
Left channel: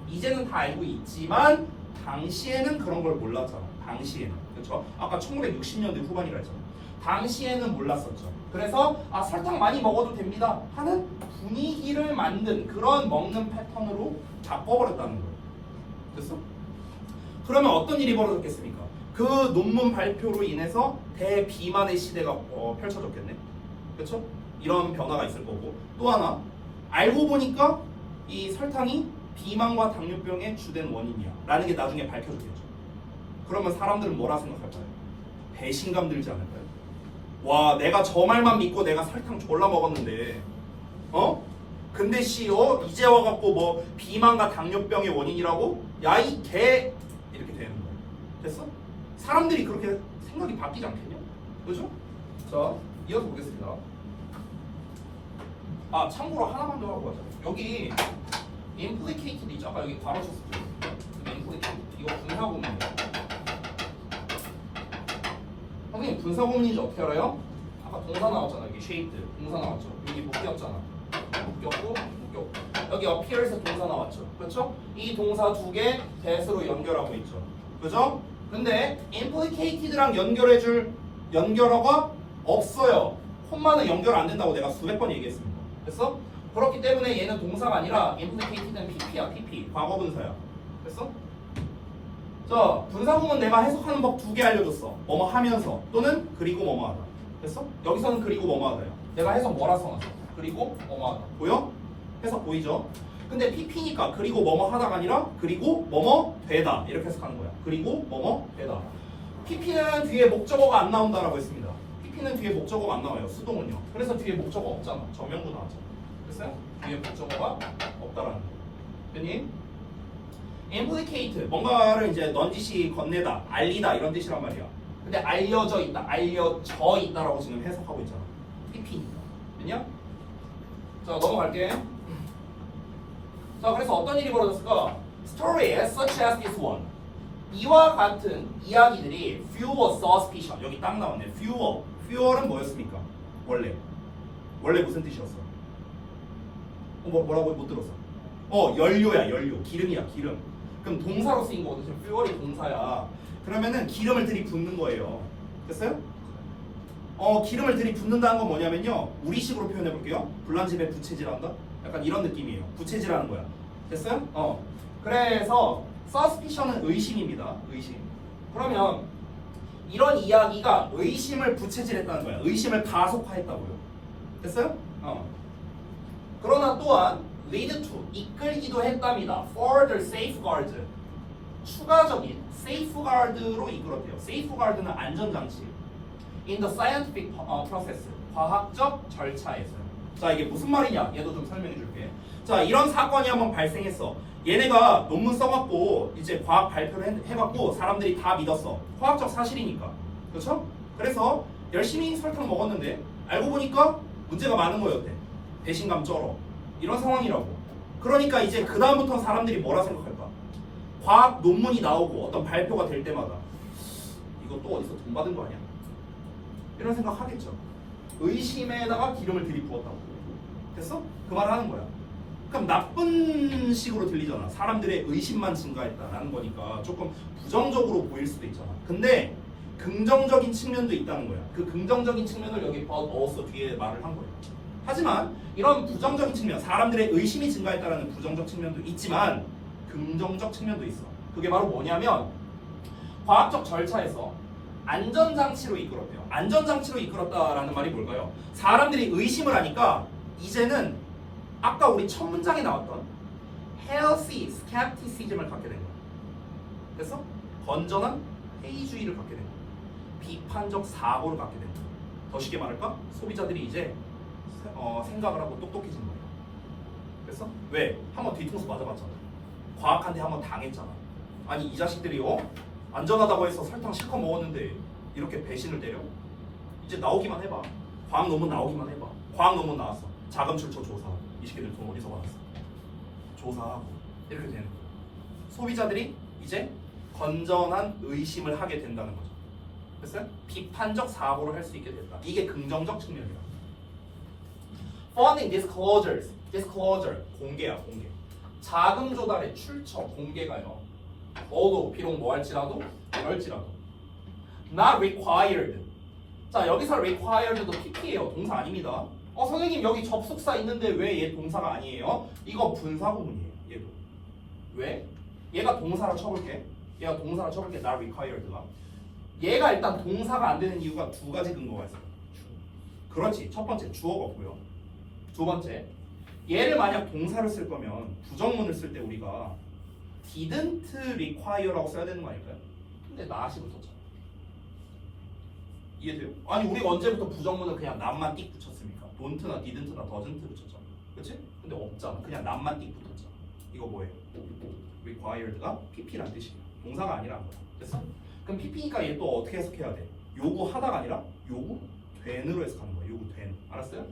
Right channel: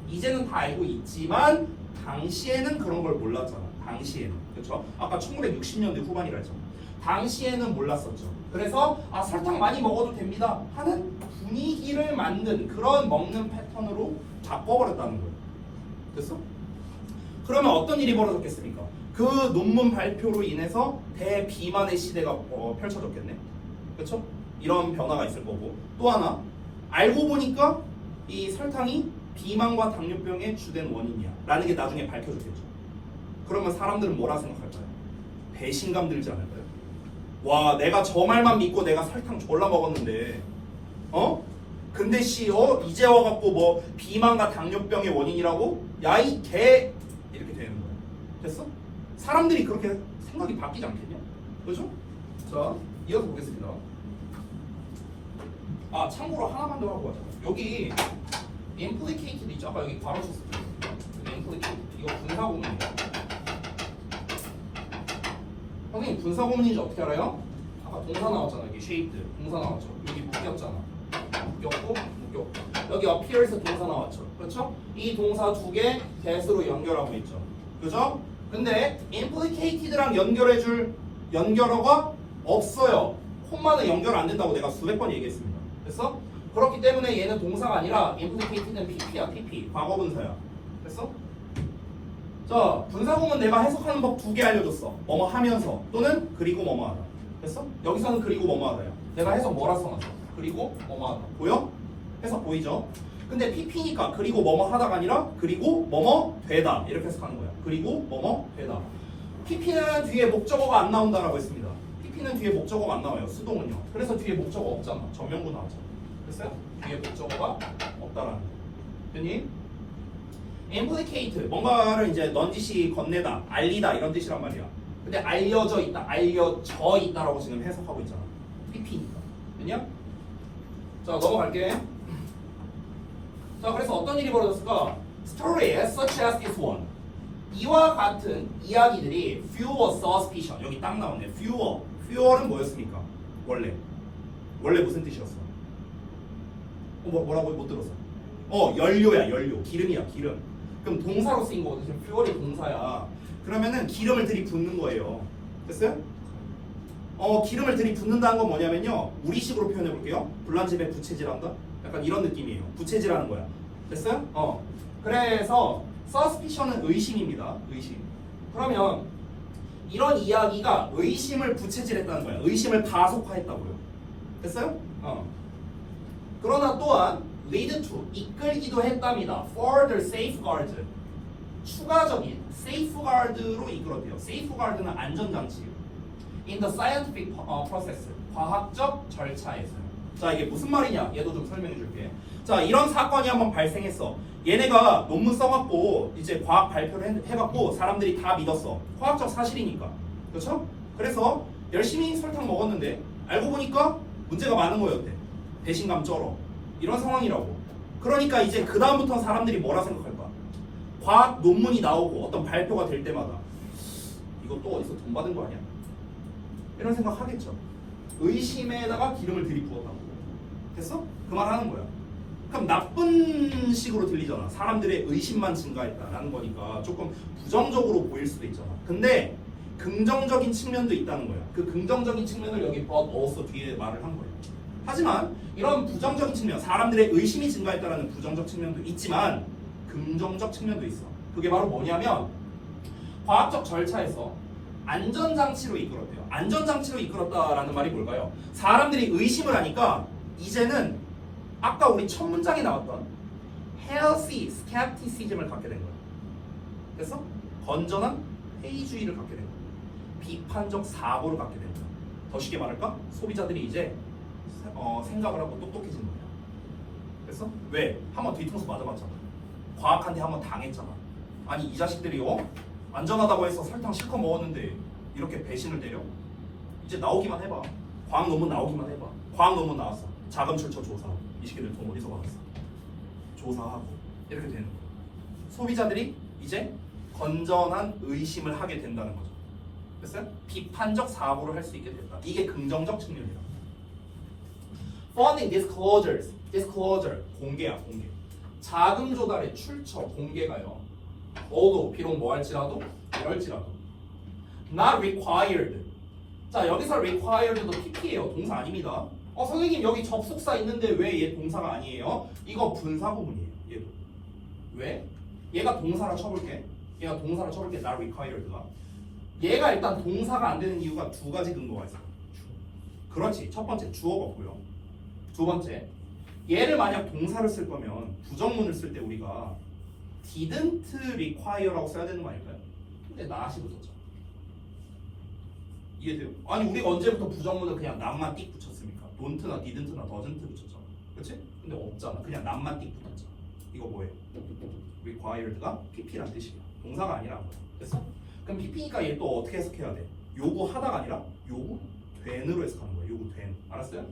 이제는 다 알고 있지만 당시에는 그런 걸 몰랐잖아. 당시에는. 그렇죠? 아까 1960년대 후반이라 했잖아. 당시에는 몰랐었죠. 그래서 설탕 많이 먹어도 됩니다 하는 분위기를 만든 그런 먹는 패턴으로 바꿔버렸다는 거예요. 됐어? 그러면 어떤 일이 벌어졌겠습니까? 그 논문 발표로 인해서 대비만의 시대가 펼쳐졌겠네. 그렇죠? 이런 변화가 있을 거고. 또 하나, 알고 보니까 이 설탕이 비만과 당뇨병의 주된 원인이야 라는 게 나중에 밝혀졌겠죠. 그러면 사람들은 뭐라 생각할까요? 배신감 들지 않을까요? 와, 내가 저 말만 믿고 내가 설탕 졸라 먹었는데 근데 이제 와갖고 뭐 비만과 당뇨병의 원인이라고? 야, 이 개! 이렇게 되는 거예요. 됐어? 사람들이 그렇게 생각이 바뀌지 않겠냐? 그죠? 자, 이어서 보겠습니다. 참고로 하나만 더 하고 가자. 여기 implicated 있죠? 아까 여기 괄호 썼을 때 implicated. 이거 분사구문이에요. 선생님, 분사구문인지 어떻게 알아요? 아까 동사 나왔잖아. 여기 shaped 동사 나왔죠. 여기 묶였잖아. 묶였고 여기 appear에서 동사 나왔죠. 그렇죠? 이 동사 두 개 대수로 연결하고 있죠. 그죠? 근데 implicated랑 연결해줄 연결어가 없어요. 콤마는 연결 안 된다고 내가 수백 번 얘기했습니다. 됐어? 그렇기 때문에 얘는 동사가 아니라 implicated는 pp야. pp 과거분사야. 됐어? 자, 분사구문 내가 해석하는 법 두 개 알려줬어. 뭐뭐 하면서 또는 그리고 뭐뭐 하다. 됐어? 여기서는 그리고 뭐뭐 하다야. 내가 해석 뭐라 써놨어? 그리고 뭐뭐 하다. 보여? 해석 보이죠? 근데 pp니까 그리고 뭐뭐 하다가 아니라 그리고 뭐뭐 되다 이렇게 해석하는 거야. 그리고 뭐뭐 되다. pp는 뒤에 목적어가 안 나온다라고 했습니다. pp는 뒤에 목적어가 안 나와요. 수동은요. 그래서 뒤에 목적어 없잖아. 전명구 나왔잖아. 됐어요? 뒤에 목적어가 없다라는 거. 됐니? implicate 뭔가를 이제 넌지시 건네다, 알리다 이런 뜻이란 말이야. 근데 알려져 있다, 알려져 있다라고 지금 해석하고 있잖아. pp니까. 됐냐? 자, 넘어갈게. 자, 그래서 어떤 일이 벌어졌을까? Stories such as this one. 이와 같은 이야기들이 fewer suspicion. 여기 딱 나오네. fewer. fewer는 뭐였습니까? 원래 무슨 뜻이었어? 뭐라고 못 들었어? 연료야, 연료. 기름이야, 기름. 그럼 동사로 쓰인 거거든. fuel이 동사야. 그러면은 기름을 들이붓는 거예요. 됐어요? 기름을 들이붓는다는 건 뭐냐면요. 우리식으로 표현해 볼게요. 불난집에 부채질한다? 약간 이런 느낌이에요. 부채질하는 거야. 됐어요? 그래서 suspicion은 의심입니다. 의심. 그러면 이런 이야기가 의심을 부채질했다는 거야. 의심을 가속화했다고요. 됐어요? 그러나 또한 lead to 이끌기도 했답니다. further safeguard 추가적인 safeguard로 이끌었대요. safeguard는 안전장치. in the scientific process 과학적 절차에서요. 자, 이게 무슨 말이냐? 얘도 좀 설명해 줄게. 자, 이런 사건이 한번 발생했어. 얘네가 논문 써갖고 이제 과학 발표를 해갖고 사람들이 다 믿었어. 과학적 사실이니까. 그렇죠? 그래서 열심히 설탕 먹었는데 알고 보니까 문제가 많은 거였대. 배신감 쩔어. 이런 상황이라고. 그러니까 이제 그 다음부터는 사람들이 뭐라 생각할까? 과학 논문이 나오고 어떤 발표가 될 때마다 이거 또 어디서 돈 받은 거 아니야? 이런 생각 하겠죠. 의심에다가 기름을 들이부었다고. 됐어? 그 말 하는 거야. 그럼 나쁜 식으로 들리잖아. 사람들의 의심만 증가했다라는 거니까 조금 부정적으로 보일 수도 있잖아. 근데 긍정적인 측면도 있다는 거야. 그 긍정적인 측면을 여기 넣었어. 뒤에 말을 한 거야. 하지만 이런 부정적인 측면, 사람들의 의심이 증가했다라는 부정적 측면도 있지만 긍정적 측면도 있어. 그게 바로 뭐냐면 과학적 절차에서 안전장치로 이끌었대요. 안전장치로 이끌었다라는 말이 뭘까요? 사람들이 의심을 하니까 이제는 아까 우리 첫 문장에 나왔던 healthy skepticism을 갖게 된 거예요. 됐어? 건전한 회의주의를 갖게 된 거예요. 비판적 사고를 갖게 된 거예요. 더 쉽게 말할까? 소비자들이 이제 생각을 하고 똑똑해진 거예요. 됐어? 왜? 한번 뒤통수 맞아봤잖아. 과학한테 한번 당했잖아. 아니 이 자식들이 안전하다고 해서 설탕 실컷 먹었는데 이렇게 배신을 때려? 이제 나오기만 해봐. 과학 논문 나오기만 해봐. 과학 논문 나왔어. 자금 출처 조사. 이 새끼들 돈 어디서 받았어? 조사하고 이렇게 되는 거야. 소비자들이 이제 건전한 의심을 하게 된다는 거죠. 됐어요? 비판적 사고를 할 수 있게 됐다. 이게 긍정적 측면이다. Funding disclosures. disclosure. 공개야, 공개. 자금 조달의 출처, 공개가요. 뭐도 비록 뭐 할지라도 이럴지라도 not required. 자 여기서 required도 PP예요. 동사 아닙니다. 선생님 여기 접속사 있는데 왜 얘 동사가 아니에요? 이거 분사 구문이에요. 얘도. 왜? 얘가 동사라 쳐볼게. 얘가 동사라 쳐볼게. not required가. 얘가 일단 동사가 안 되는 이유가 두 가지 근거가 있어요. 그렇지. 첫 번째 주어가 없고요. 두 번째 얘를 만약 동사를 쓸 거면 부정문을 쓸 때 우리가 didn't require라고 써야 되는 거 아닐까요? 근데 not이 붙었죠. 이해돼요? 아니 우리가 언제부터 부정문은 그냥 not만 띡 붙였습니까? don't나 didn't나 doesn't 붙였죠. 그렇지? 근데 없잖아. 그냥 not만 띡 붙었잖아. 이거 뭐예요? required가 pp란 뜻이에요. 동사가 아니라. 됐어? 그럼 pp니까 얘 또 어떻게 해석해야 돼? 요구하다가 아니라 요구된으로 해석하는 거예요. 요구된. 알았어요?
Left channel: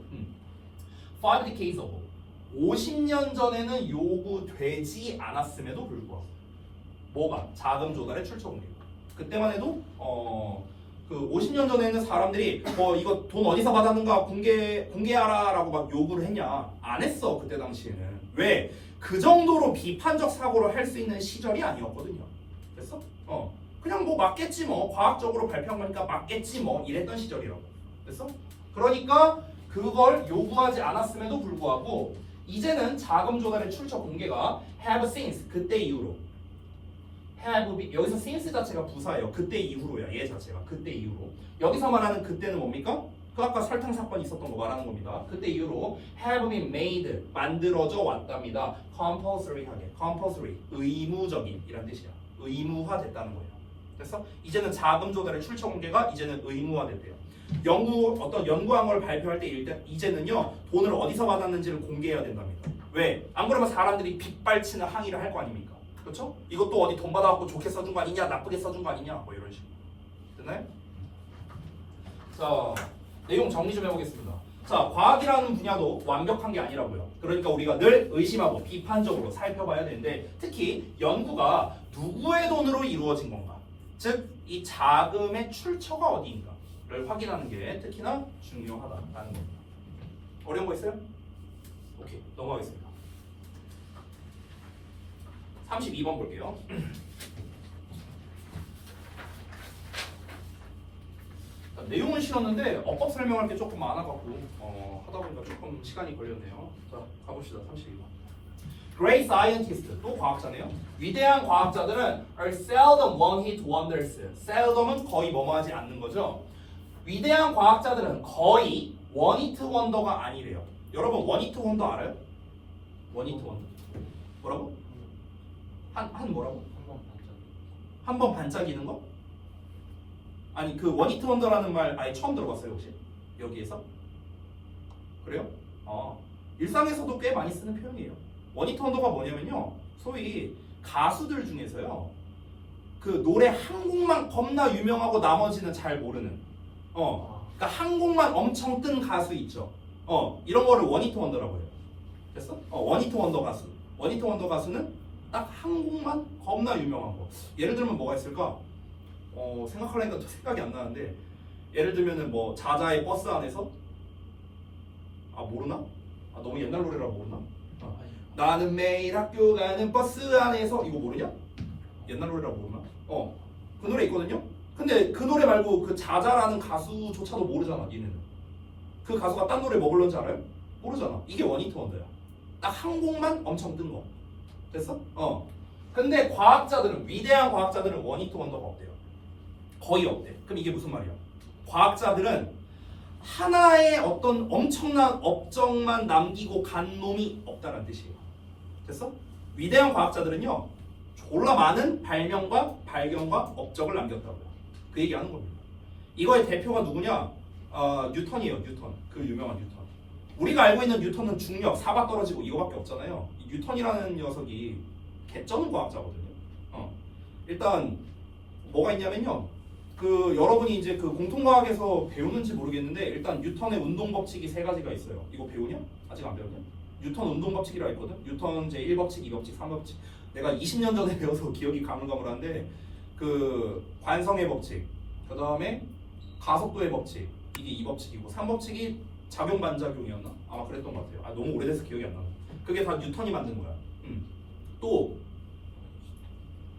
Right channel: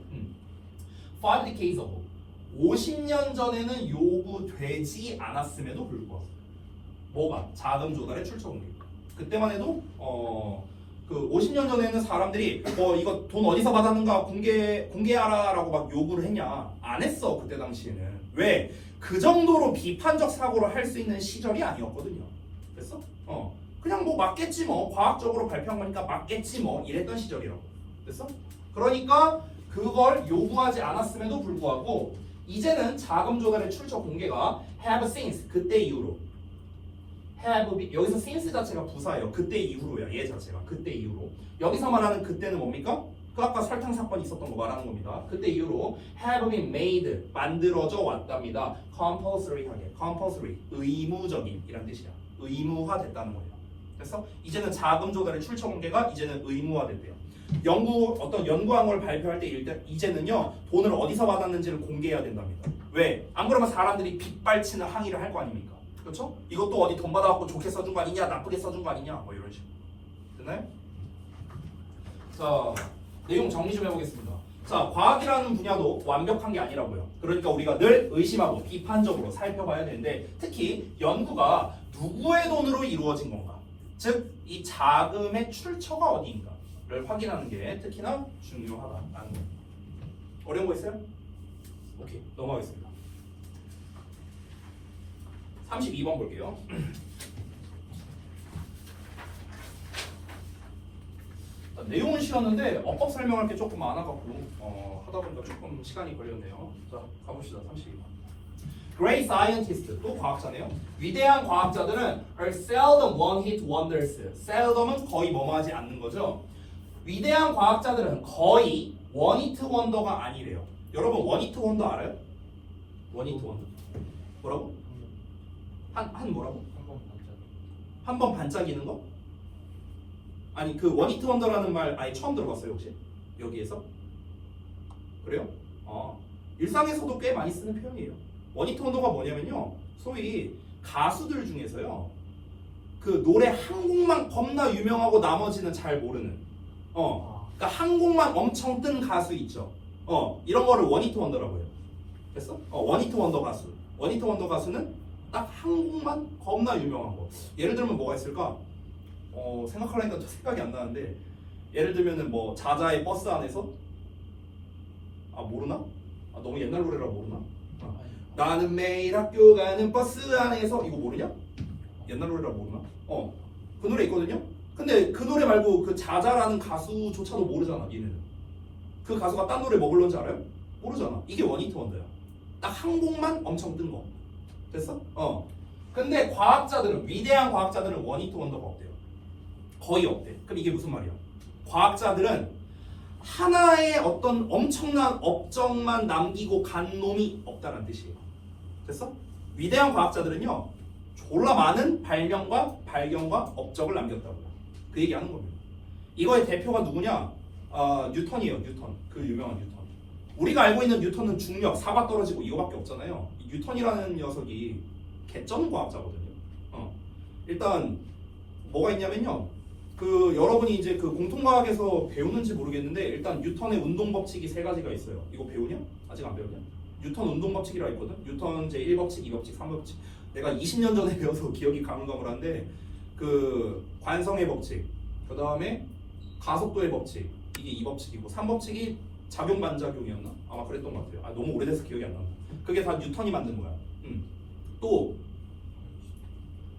Five decades ago. 50년 전에는 요구되지 않았음에도 불구하고 뭐가? 자금 조달의 출처 공개. 그때만 해도 그 50년 전에는 사람들이 이거 돈 어디서 받았는가 공개하라라고 막 요구를 했냐? 안 했어. 그때 당시에는. 왜? 그 정도로 비판적 사고를 할 수 있는 시절이 아니었거든요. 됐어? 그냥 뭐 맞겠지 뭐. 과학적으로 발표한 거니까 맞겠지 뭐. 이랬던 시절이라고. 됐어? 그러니까 그걸 요구하지 않았음에도 불구하고 이제는 자금 조달의 출처 공개가 have since 그때 이후로 have 여기서 since 자체가 부사예요. 그때 이후로야. 얘 자체가 그때 이후로. 여기서 말하는 그때는 뭡니까? 그 아까 설탕 사건이 있었던 거 말하는 겁니다. 그때 이후로 have been made 만들어져 왔답니다. compulsory하게 compulsory 의무적인 이란 뜻이야. 의무화됐다는 거예요. 그래서 이제는 자금 조달의 출처 공개가 이제는 의무화됐대요. 어떤 연구한 걸 발표할 때 이제는요 돈을 어디서 받았는지를 공개해야 된답니다. 왜? 안 그러면 사람들이 빗발치는 항의를 할 거 아닙니까? 그렇죠? 이것도 어디 돈 받아갖고 좋게 써준 거 아니냐, 나쁘게 써준 거 아니냐, 뭐 이런 식으로. 됐나요? 자, 내용 정리 좀 해보겠습니다. 자, 과학이라는 분야도 완벽한 게 아니라고요. 그러니까 우리가 늘 의심하고 비판적으로 살펴봐야 되는데 특히 연구가 누구의 돈으로 이루어진 건가? 즉, 이 자금의 출처가 어디인가? 를 확인하는 게 특히나 중요하다는 겁니다. 어려운 거 있어요? 오케이, 넘어가겠습니다. 32번 볼게요. 내용은 싫었는데 어법 설명할 게 조금 많아갖고 하다 보니까 조금 시간이 걸렸네요. 자, 가봅시다. 32번. Great scientist, 또 과학자네요. 위대한 과학자들은 are seldom one-hit wonders. seldom은 거의 뭐뭐하지 않는 거죠. 위대한 과학자들은 거의 원히트 원더가 아니래요. 여러분 원히트 원더 알아요? 원히트 원더 뭐라고? 한 뭐라고? 한 번 반짝이는 거? 아니 그 원히트 원더라는 말 아예 처음 들어봤어요 혹시? 여기에서? 그래요? 일상에서도 꽤 많이 쓰는 표현이에요. 원히트 원더가 뭐냐면요 소위 가수들 중에서요 그 노래 한 곡만 겁나 유명하고 나머지는 잘 모르는 그러니까 한 곡만 엄청 뜬 가수 있죠. 이런 거를 원히트 원더라고 해요. 됐어? 원히트 원더 가수. 원히트 원더 가수는 딱 한 곡만 겁나 유명한 거. 예를 들면 뭐가 있을까? 생각하려니까 생각이 안 나는데 예를 들면은 뭐 자자의 버스 안에서 모르나? 너무 옛날 노래라 모르나? 나는 매일 학교 가는 버스 안에서 이거 모르냐? 옛날 노래라 모르나? 그 노래 있거든요. 근데 그 노래 말고 그 자자라는 가수조차도 모르잖아, 니는. 그 가수가 딴 노래 뭐 불렀는지 알아요? 모르잖아. 이게 원히트 원더야. 딱 한 곡만 엄청 뜬 거. 됐어? 근데 과학자들은, 위대한 과학자들은 원히트 원더가 없대요. 거의 없대. 그럼 이게 무슨 말이야? 과학자들은 하나의 어떤 엄청난 업적만 남기고 간 놈이 없다는 뜻이에요. 됐어? 위대한 과학자들은요, 졸라 많은 발명과 발견과 업적을 남겼다고요. 그 얘기하는 겁니다. 이거의 대표가 누구냐? 뉴턴이에요. 뉴턴. 그 유명한 뉴턴. 우리가 알고 있는 뉴턴은 중력, 사가 떨어지고 이거밖에 없잖아요. 이 뉴턴이라는 녀석이 개쩌는 과학자거든요. 일단 뭐가 있냐면요. 그 여러분이 이제 그 공통과학에서 배우는지 모르겠는데 일단 뉴턴의 운동 법칙이 세 가지가 있어요. 이거 배우냐? 아직 안 배웠냐? 뉴턴 운동 법칙이라 있거든. 뉴턴 제 1법칙, 2법칙, 3법칙. 내가 20년 전에 배워서 기억이 가물가물한데 그 관성의 법칙, 그 다음에 가속도의 법칙, 이게 2법칙이고 3법칙이 작용 반작용이었나? 아마 그랬던 것 같아요. 너무 오래돼서 기억이 안 나. 그게 다 뉴턴이 만든 거야. 또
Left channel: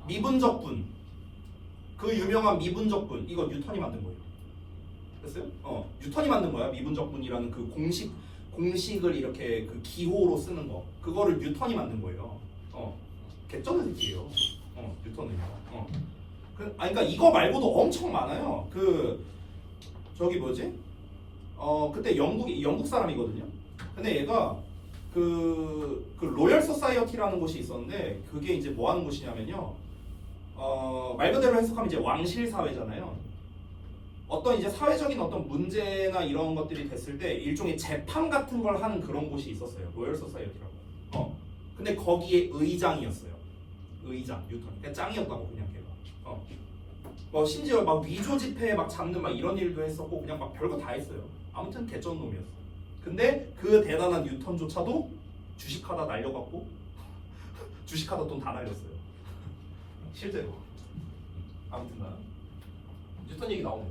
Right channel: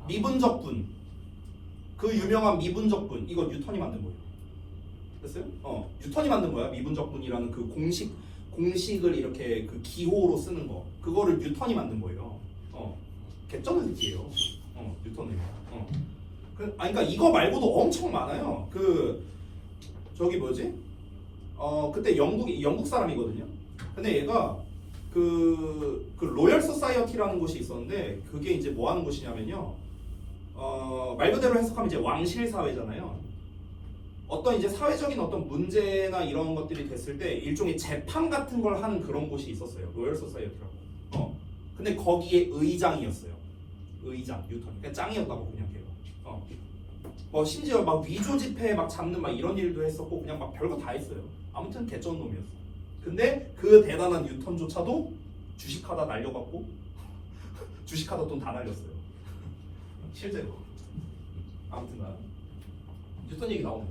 미분적분, 그 유명한 미분적분, 이거 뉴턴이 만든 거예요. 됐어요? 뉴턴이 만든 거야. 미분적분이라는 그 공식을 이렇게 그 기호로 쓰는 거, 그거를 뉴턴이 만든 거예요. 개쩌는 새끼예요. 뉴턴은요. 그러니까 이거 말고도 엄청 많아요. 그 저기 뭐지? 그때 영국 사람이거든요. 근데 얘가 그 로열 소사이어티라는 곳이 있었는데 그게 이제 뭐 하는 곳이냐면요. 말 그대로 해석하면 이제 왕실 사회잖아요. 어떤 이제 사회적인 어떤 문제나 이런 것들이 됐을 때 일종의 재판 같은 걸 하는 그런 곳이 있었어요. 로열 소사이어티라고. 근데 거기에 의장이었어요. 의장 뉴턴. 그러니까 짱이었다고 그냥 걔가. 뭐 심지어 막 위조 지폐 막 잡는 막 이런 일도 했었고 그냥 막 별거 다 했어요. 아무튼 개쩐 놈이었어. 근데 그 대단한 뉴턴조차도 주식하다 날려갖고 주식하다 돈 다 날렸어요. 실제로. 아무튼간 뉴턴 얘기 나오네.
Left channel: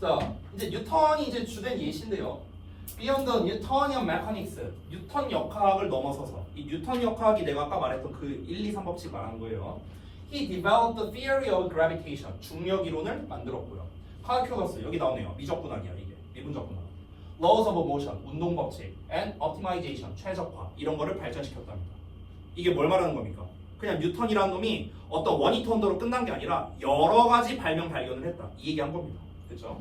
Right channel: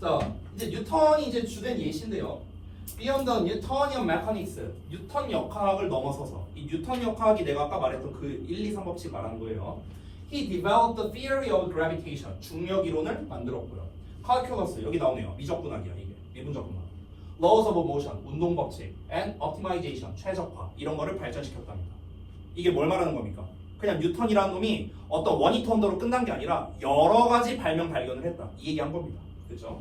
자, 이제 뉴턴이 이제 주된 예시인데요. Beyond the Newtonian Mechanics, 뉴턴 역학을 넘어서서 이 뉴턴 역학이 내가 아까 말했던 그 1, 2, 3법칙 말하는 거예요. He developed the theory of gravitation, 중력 이론을 만들었고요. calculus, 여기 나오네요. 미적분학이야 이게, 미분적분학. Laws of motion, 운동 법칙, and optimization, 최적화 이런 거를 발전시켰답니다. 이게 뭘 말하는 겁니까? 그냥 뉴턴이라는 놈이 어떤 원히트 원더로 끝난 게 아니라 여러 가지 발견을 했다. 이 얘기한 겁니다. 그렇죠?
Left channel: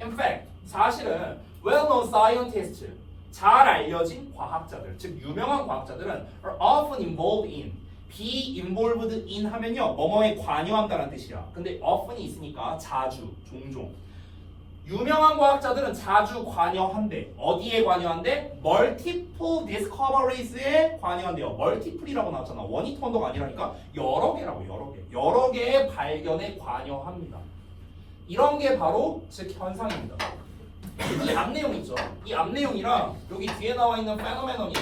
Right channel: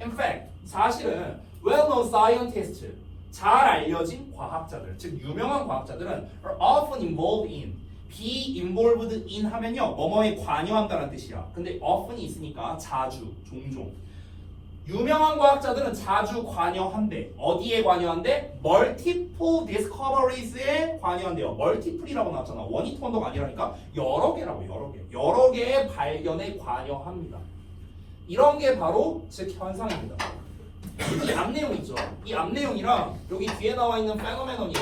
In fact, 사실은 well-known scientists, 잘 알려진 과학자들, 즉 유명한 과학자들은 are often involved in, be involved in 하면요 뭐뭐에 관여한다는 뜻이야. 근데 often이 있으니까 자주, 종종. 유명한 과학자들은 자주 관여한대. 어디에 관여한대? multiple discoveries에 관여한대요. multiple이라고 나왔잖아. 원히트 원더가 아니라니까 여러 개라고, 여러 개. 여러 개의 발견에 관여합니다. 이런 게 바로 즉 현상입니다. 이 앞내용 있죠? 이 앞내용이랑 여기 뒤에 나와 있는 phenomenon이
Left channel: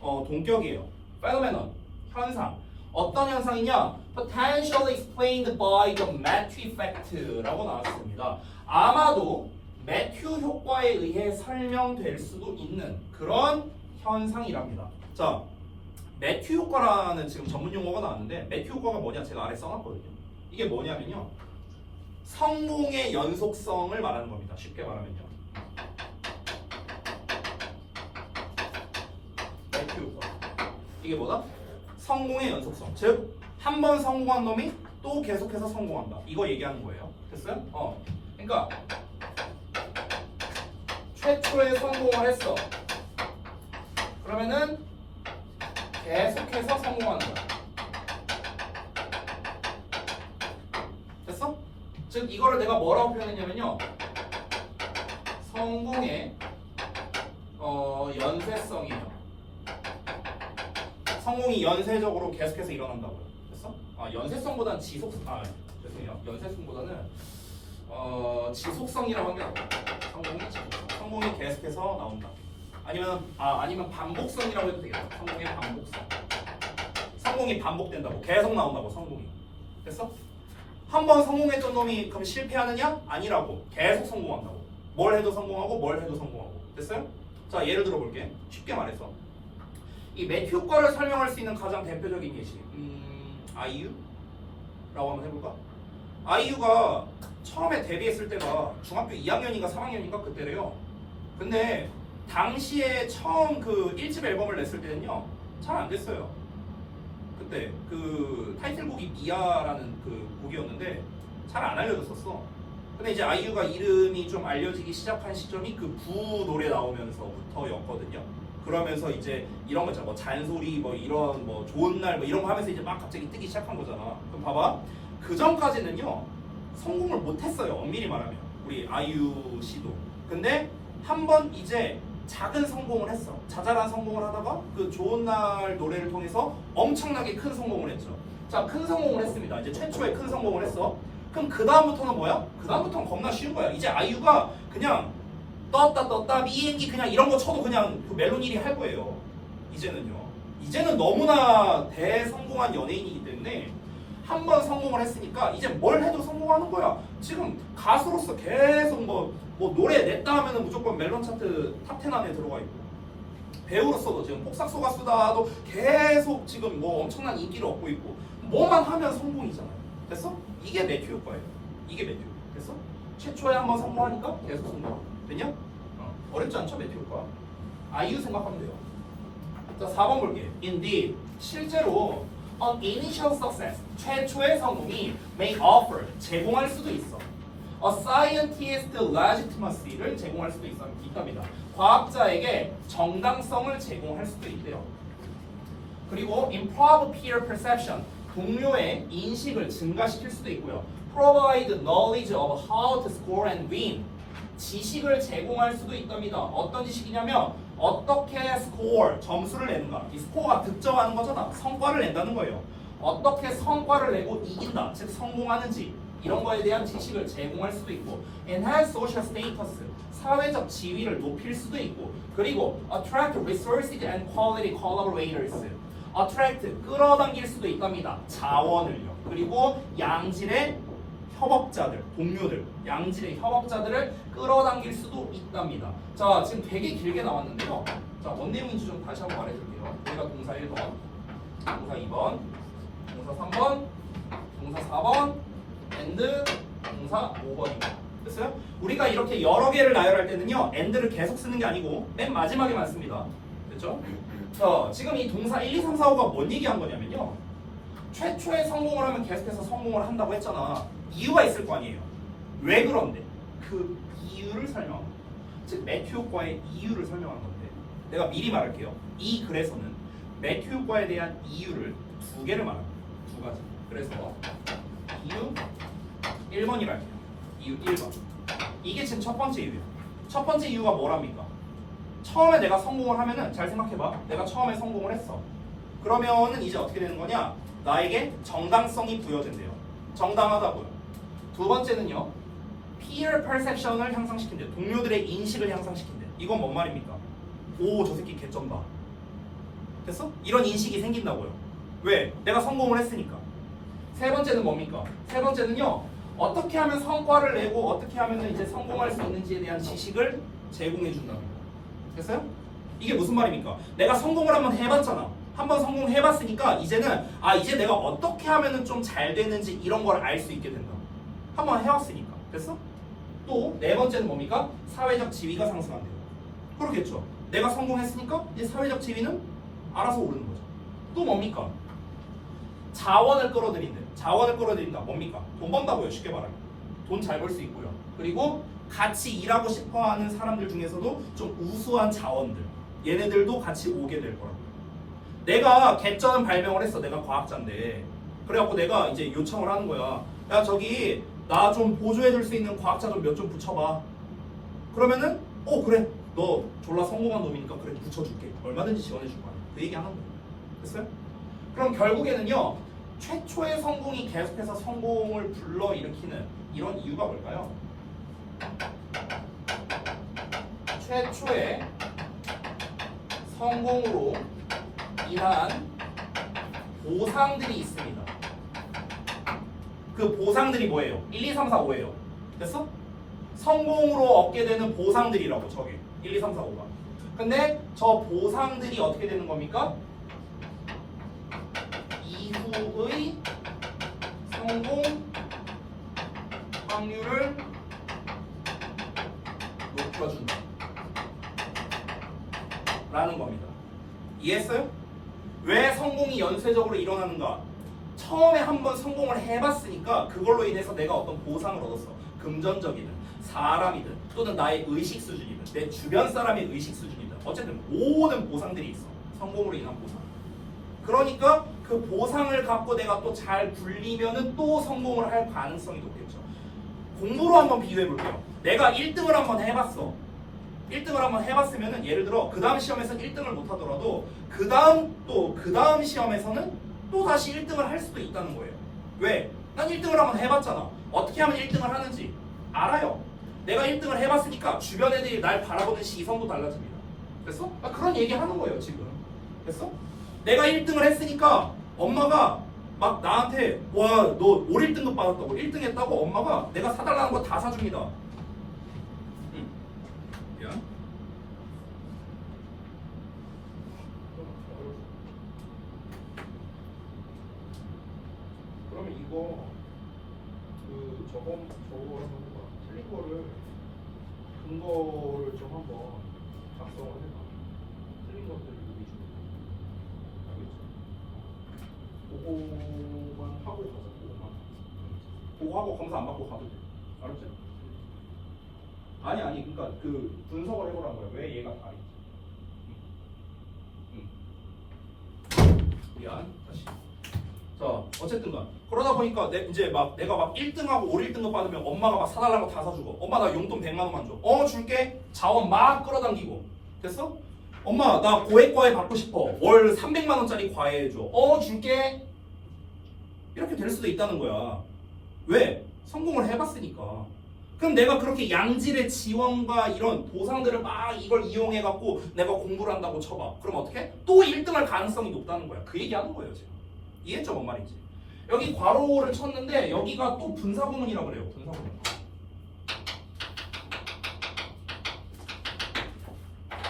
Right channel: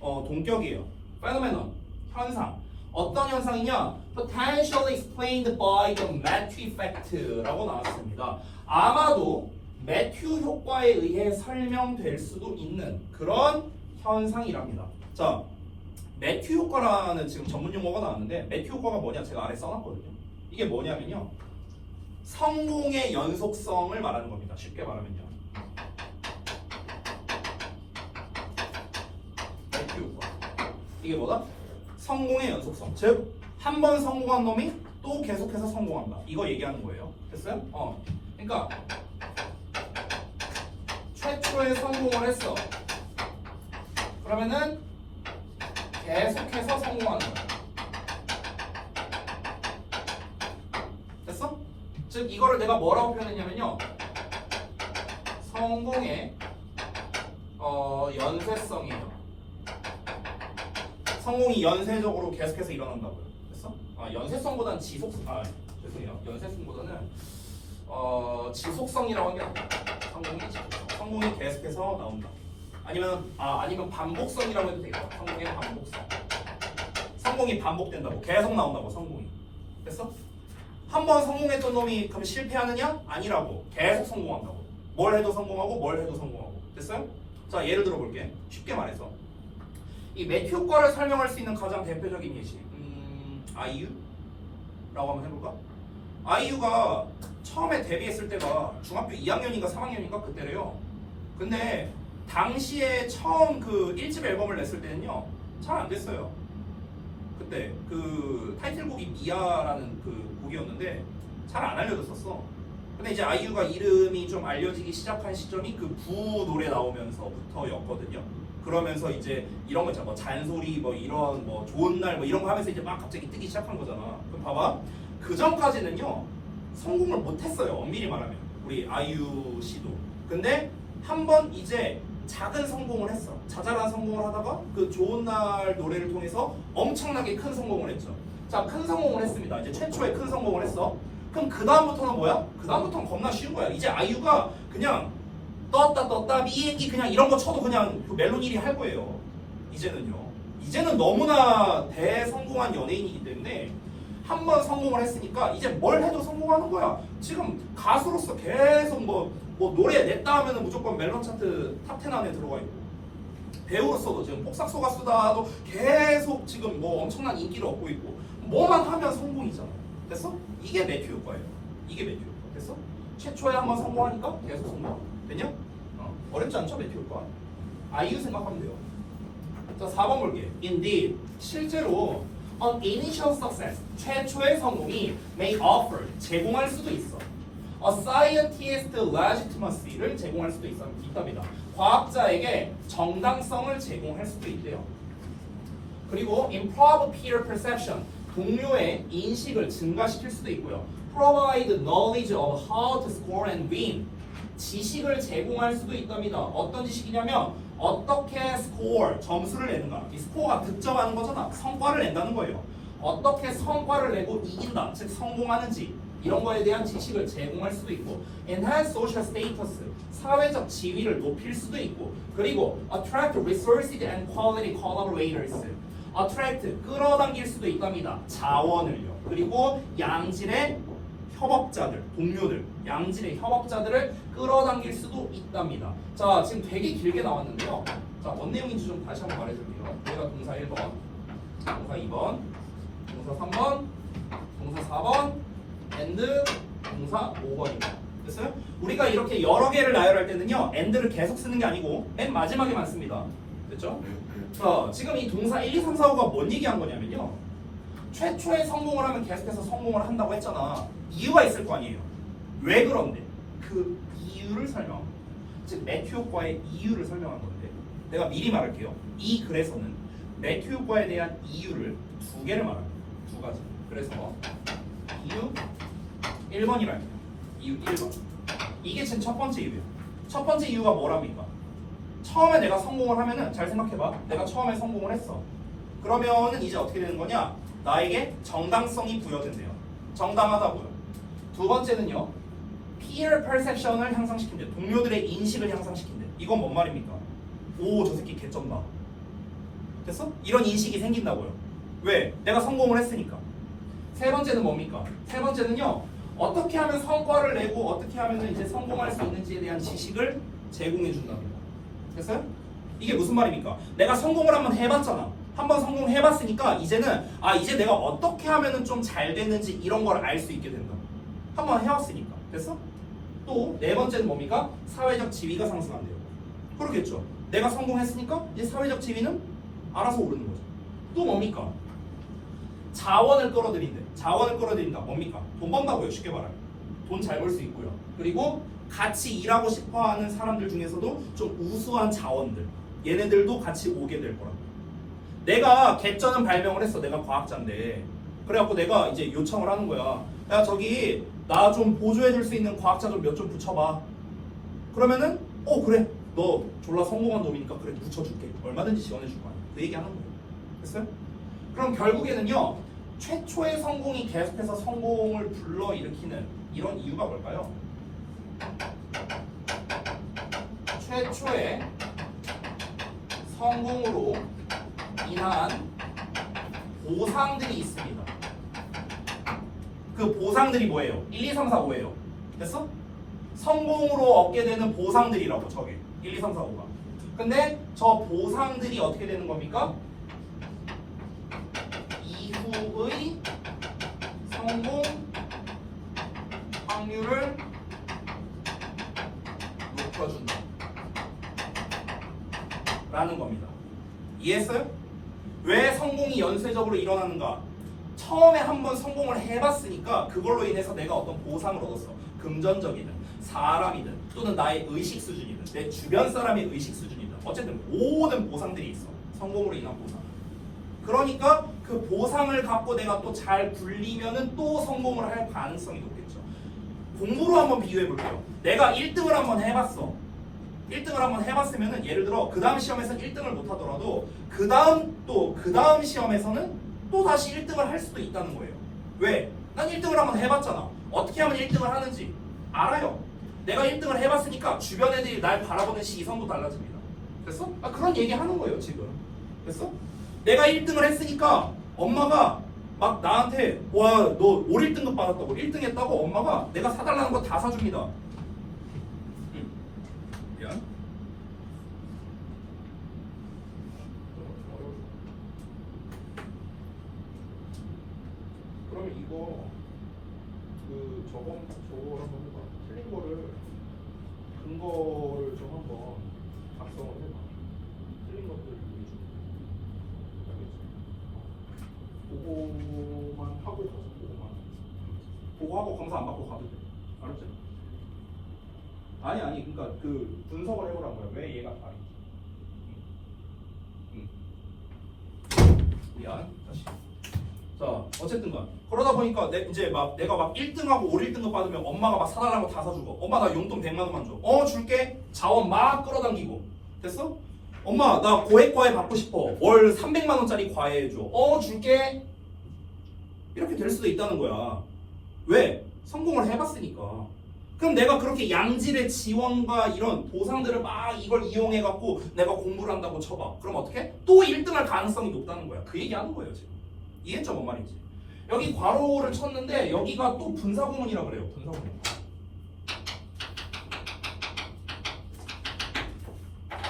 동격이에요. phenomenon, 현상. 어떤 현상이냐? potentially explained by the Matthew effect라고 나왔습니다. 아마도 매튜 효과에 의해 설명될 수도 있는 그런 현상이랍니다. 자, 매튜 효과라는 지금 전문 용어가 나왔는데 매튜 효과가 뭐냐? 제가 아래 써놨거든요. 이게 뭐냐면요, 성공의 연속성을 말하는 겁니다. 쉽게 말하면요. 매튜 효과. 이게 뭐다? 성공의 연속성. 즉, 한 번 성공한 놈이 또 계속해서 성공한다. 이거 얘기하는 거예요. 됐어요? 그러니까 최초에 성공을 했어. 그러면은 계속해서 성공하는 거야. 됐어? 즉 이거를 내가 뭐라고 표현했냐면요, 성공의 연쇄성이에요. 성공이 연쇄적으로 계속해서 일어난다고요. 됐어? 연쇄성보다는 죄송해요. 연쇄성보다는 지속성이라고 한 게 아니라 성공이 지속성. 성공이 계속해서 나온다. 아니면 반복성이라고 해도 되겠다. 성공의 반복성. 성공이 반복된다고. 계속 나온다고, 성공이. 됐어? 한 번 성공했던 놈이 그럼 실패하느냐? 아니라고. 계속 성공한다고. 뭘 해도 성공하고 뭘 해도 성공하고. 됐어요? 자, 예를 들어 볼게. 쉽게 말해서 이 매튜 효과를 설명할 수 있는 가장 대표적인 예시, 아이유라고 한번 해볼까? 아이유가 처음에 데뷔했을 때가 중학교 2학년인가 3학년인가 그때래요. 근데 당시에 처음 그 1집 앨범을 냈을 때는요 잘 안 됐어요. 그때 그 타이틀곡이 미아라는 그 곡이었는데 잘 안 알려졌었어. 근데 이제 아이유가 이름이 좀 알려지기 시작한 시점이 그 부 노래 나오면서부터였거든요. 그러면서 이제 이런 거 있잖아, 뭐 잔소리, 뭐 이런 뭐 좋은 날 뭐 이런 거 하면서 이제 막 갑자기 뜨기 시작한 거잖아. 그럼 봐봐, 그 전까지는요 성공을 못했어요. 엄밀히 말하면 우리 아이유 씨도. 근데 한 번 이제 작은 성공을 했어. 자잘한 성공을 하다가 그 좋은 날 노래를 통해서 엄청나게 큰 성공을 했죠. 자, 큰 성공을 했습니다. 이제 최초의 큰 성공을 했어. 그럼 그 다음부터는 뭐야? 그 다음부터는 겁나 쉬운 거야. 이제 아이유가 그냥 떴다 비행기 그냥 이런 거 쳐도 그냥 그 멜론 1위 할 거예요. 이제는요. 이제는 너무나 대성공한 연예인이기 때문에 한 번 성공을 했으니까 이제 뭘 해도 성공하는 거야. 지금 가수로서 계속 뭐 노래 냈다 하면은 무조건 멜론 차트 탑10 안에 들어가 있고, 배우로서도 지금 폭삭소 가수다도 계속 지금 뭐 엄청난 인기를 얻고 있고, 뭐만 하면 성공이잖아요. 됐어? 이게 매튜 효과예요. 이게 매튜 효과. 됐어? 최초에 한 번 성공하니까 계속 성공. 됐냐? 어렵지 않죠, 매튜 효과. 아이유 생각하면 돼요. 자, 4번 볼게. Indeed, 실제로 an initial success, 최초의 성공이 may offer, 제공할 수도 있어. A scientist legitimacy를 제공할 수도 있답니다. 과학자에게 정당성을 제공할 수도 있대요. 그리고 improve peer perception, 동료의 인식을 증가시킬 수도 있고요. Provide knowledge of how to score and win, 지식을 제공할 수도 있답니다. 어떤 지식이냐면 어떻게 스코어, 점수를 내는가. 이 스코어가 득점하는 거잖아. 성과를 낸다는 거예요. 어떻게 성과를 내고 이긴다, 즉 성공하는지 이런 거에 대한 지식을 제공할 수도 있고, enhance social status, 사회적 지위를 높일 수도 있고, 그리고 attract resources and quality collaborators, attract, 끌어당길 수도 있답니다. 자원을요. 그리고 양질의 협업자들, 동료들, 양질의 협업자들을 끌어당길 수도 있답니다. 자, 지금 되게 길게 나왔는데요. 자, 어떤 내용인지 좀 다시 한번 말해줄게요. 여기가 동사 1번, 동사 2번, 동사 3번, 동사 4번, and 동사 5번입니다. 됐어요? 우리가 이렇게 여러 개를 나열할 때는요, and를 계속 쓰는 게 아니고 맨 마지막에만 씁니다. 됐죠? 자, 지금 이 동사 1, 2, 3, 4, 5가 뭔 얘기한 거냐면요, 최초에 성공을 하면 계속해서 성공을 한다고 했잖아. 이유가 있을 거 아니에요. 왜 그런데? 그 이유를 설명한 거예요. 즉 매튜 효과의 이유를 설명한 건데, 내가 미리 말할게요. 이 글에서는 매튜 효과에 대한 이유를 두 개를 말합니다. 두 가지. 그래서 이유 1번이랄게요. 이유 1번. 이게 지금 첫 번째 이유예요. 첫 번째 이유가 뭐랍니까? 처음에 내가 성공을 하면은, 잘 생각해봐. 내가 처음에 성공을 했어. 그러면은 이제 어떻게 되는 거냐? 나에게 정당성이 부여된대요. 정당하다고요. 두 번째는요, peer perception을 향상시킨대요. 동료들의 인식을 향상시킨대. 이건 뭔 말입니까? 오, 저 새끼 개쩐다. 됐어? 이런 인식이 생긴다고요. 왜? 내가 성공을 했으니까. 세 번째는 뭡니까? 세 번째는요, 어떻게 하면 성과를 내고 어떻게 하면 이제 성공할 수 있는지에 대한 지식을 제공해 준답니다. 됐어요? 이게 무슨 말입니까? 내가 성공을 한번 해봤잖아. 한번 성공해봤으니까 이제는 이제 내가 어떻게 하면은 좀 잘 되는지 이런 걸 알 수 있게 된다. 한번 해왔으니까. 됐어? 또 네 번째는 뭡니까? 사회적 지위가 상승한대요. 그렇겠죠. 내가 성공했으니까 이제 사회적 지위는 알아서 오르는 거죠. 또 뭡니까? 자원을 끌어들인대. 자원을 끌어들인다. 뭡니까? 돈 번다고요. 쉽게 말하면. 돈 잘 벌 수 있고요. 그리고 같이 일하고 싶어하는 사람들 중에서도 좀 우수한 자원들, 얘네들도 같이 오게 될 거라고요. 내가 객전은 발명을 했어. 내가 과학자인데. 그래갖고 내가 이제 요청을 하는 거야. 야, 저기 나 좀 보조해줄 수 있는 과학자 좀 몇 좀 붙여봐. 그러면은 그래, 너 졸라 성공한 놈이니까 그래 붙여줄게. 얼마든지 지원해줄 거 아니야. 그 얘기 하는 거예요. 됐어요? 그럼 결국에는요, 최초의 성공이 계속해서 성공을 불러일으키는 이런 이유가 뭘까요? 최초의 성공으로 인한 보상들이 있습니다. 그 보상들이 뭐예요? 1, 2, 3, 4, 5예요. 됐어? 성공으로 얻게 되는 보상들이라고, 저게 1, 2, 3, 4, 5가. 근데 저 보상들이 어떻게 되는 겁니까? 이후의 성공 확률을 높여준다 라는 겁니다. 이해했어요? 왜 성공이 연쇄적으로 일어나는가? 처음에 한번 성공을 해봤으니까 그걸로 인해서 내가 어떤 보상을 얻었어. 금전적이든 사람이든 또는 나의 의식 수준이든 내 주변 사람의 의식 수준이든 어쨌든 모든 보상들이 있어. 성공으로 인한 보상. 그러니까 그 보상을 갖고 내가 또 잘 굴리면은 또 성공을 할 가능성이 높겠죠. 공부로 한번 비교해 볼게요. 내가 1등을 한번 해봤어. 1등을 한번 해봤으면은 예를 들어 그 다음 시험에서는 1등을 못 하더라도 그 다음 시험에서는 또 다시 1등을 할 수도 있다는 거예요. 왜? 난 1등을 한번 해봤잖아. 어떻게 하면 1등을 하는지 알아요. 내가 1등을 해봤으니까 주변 애들이 날 바라보는 시선도 달라집니다. 됐어? 그런 얘기 하는 거예요 지금. 됐어? 내가 1등을 했으니까 엄마가 막 나한테 와 너 올 1등급 받았다고 1등 했다고 엄마가 내가 사달라는 거 다 사줍니다. 응? 미안. 그러면 이거 저거랑 틀린 거를 근거를 좀 한번 작성을 해봐. 틀린 것들을 보여주면 알겠지? 그거만 하고 가자. 보고 하고 검사 안 받고 가도 돼. 알았지? 아니 그러니까 그 분석을 해보라는 거야. 왜 얘가 다른지. 미안. 다시. 자 어쨌든간 그러다 보니까 내가 막 1등하고 올 1등급 받으면 엄마가 막 사달라고 다 사주고 엄마 나 용돈 100만 원만 줘. 줄게. 자원 막 끌어당기고. 됐어? 엄마 나 고액과외 받고 싶어. 월 300만 원짜리 과외 해줘. 줄게. 이렇게 될 수도 있다는 거야. 왜? 성공을 해봤으니까. 그럼 내가 그렇게 양질의 지원과 이런 보상들을 막 이걸 이용해갖고 내가 공부를 한다고 쳐봐. 그럼 어떻게? 또 1등할 가능성이 높다는 거야. 그 얘기하는 거예요 지금. 이해했죠? 뭔 말인지. 여기 괄호를 쳤는데 여기가 또 분사구문이라고 그래요. 분사구문.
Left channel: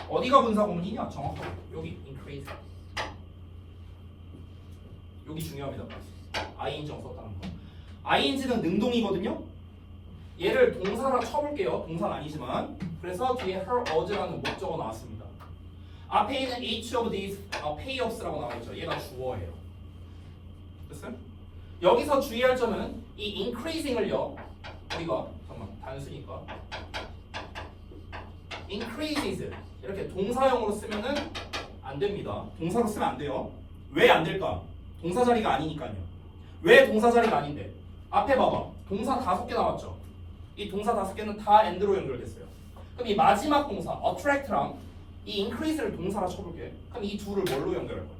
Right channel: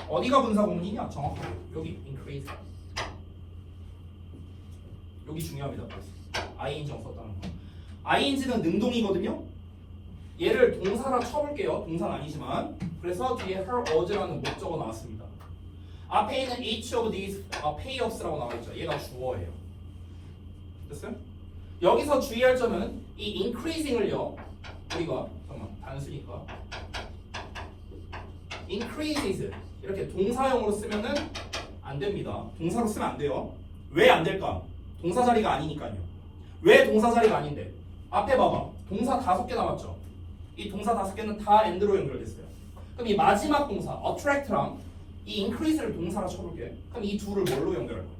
어디가 분사구문이냐? 정확하게 여기 increase. 여기 중요합니다. ing정 썼다는 거. ing는 능동이거든요. 얘를 동사로 쳐볼게요. 동사는 아니지만. 그래서 뒤에 her was라는 목적어 나왔습니다. 앞에 있는 each of these payoffs라고 나오죠. 얘가 주어예요. 됐어요? 여기서 주의할 점은 이 increasing을요. 우리가 잠깐만 단수니까 increases 이렇게 동사형으로 쓰면은 안 됩니다. 동사로 쓰면 안 돼요. 왜 안 될까? 동사 자리가 아니니까요. 왜 동사 자리가 아닌데? 앞에 봐봐. 동사 5개 나왔죠. 이 동사 5개는 다 and로 연결됐어요. 그럼 이 마지막 동사 attract랑 이 increase를 동사로 쳐볼게. 그럼 이 둘을 뭘로 연결할 거야?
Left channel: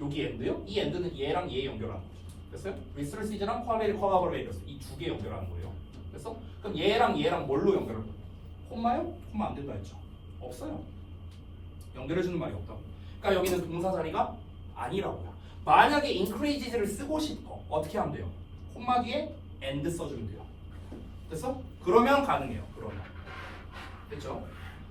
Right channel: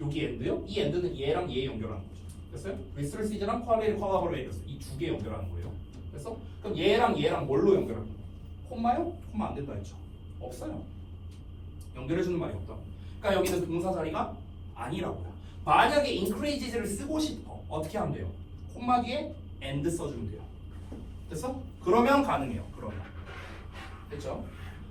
여기 end요? 이 end는 얘랑 얘 연결하는 거죠. 됐어요? resources랑 quality랑 이 두 개 연결하는 거예요. 됐어? 그럼 얘랑 뭘로 연결할 거야? 콤마요? 콤마 안 된다 했죠. 없어요. 연결해주는 말이 없다고. 그러니까 여기는 동사 자리가 아니라고요. 만약에 increases를 쓰고 싶어. 어떻게 하면 돼요? 콤마 뒤에 and 써주면 돼요. 됐어? 그러면 가능해요. 그러면. 됐죠?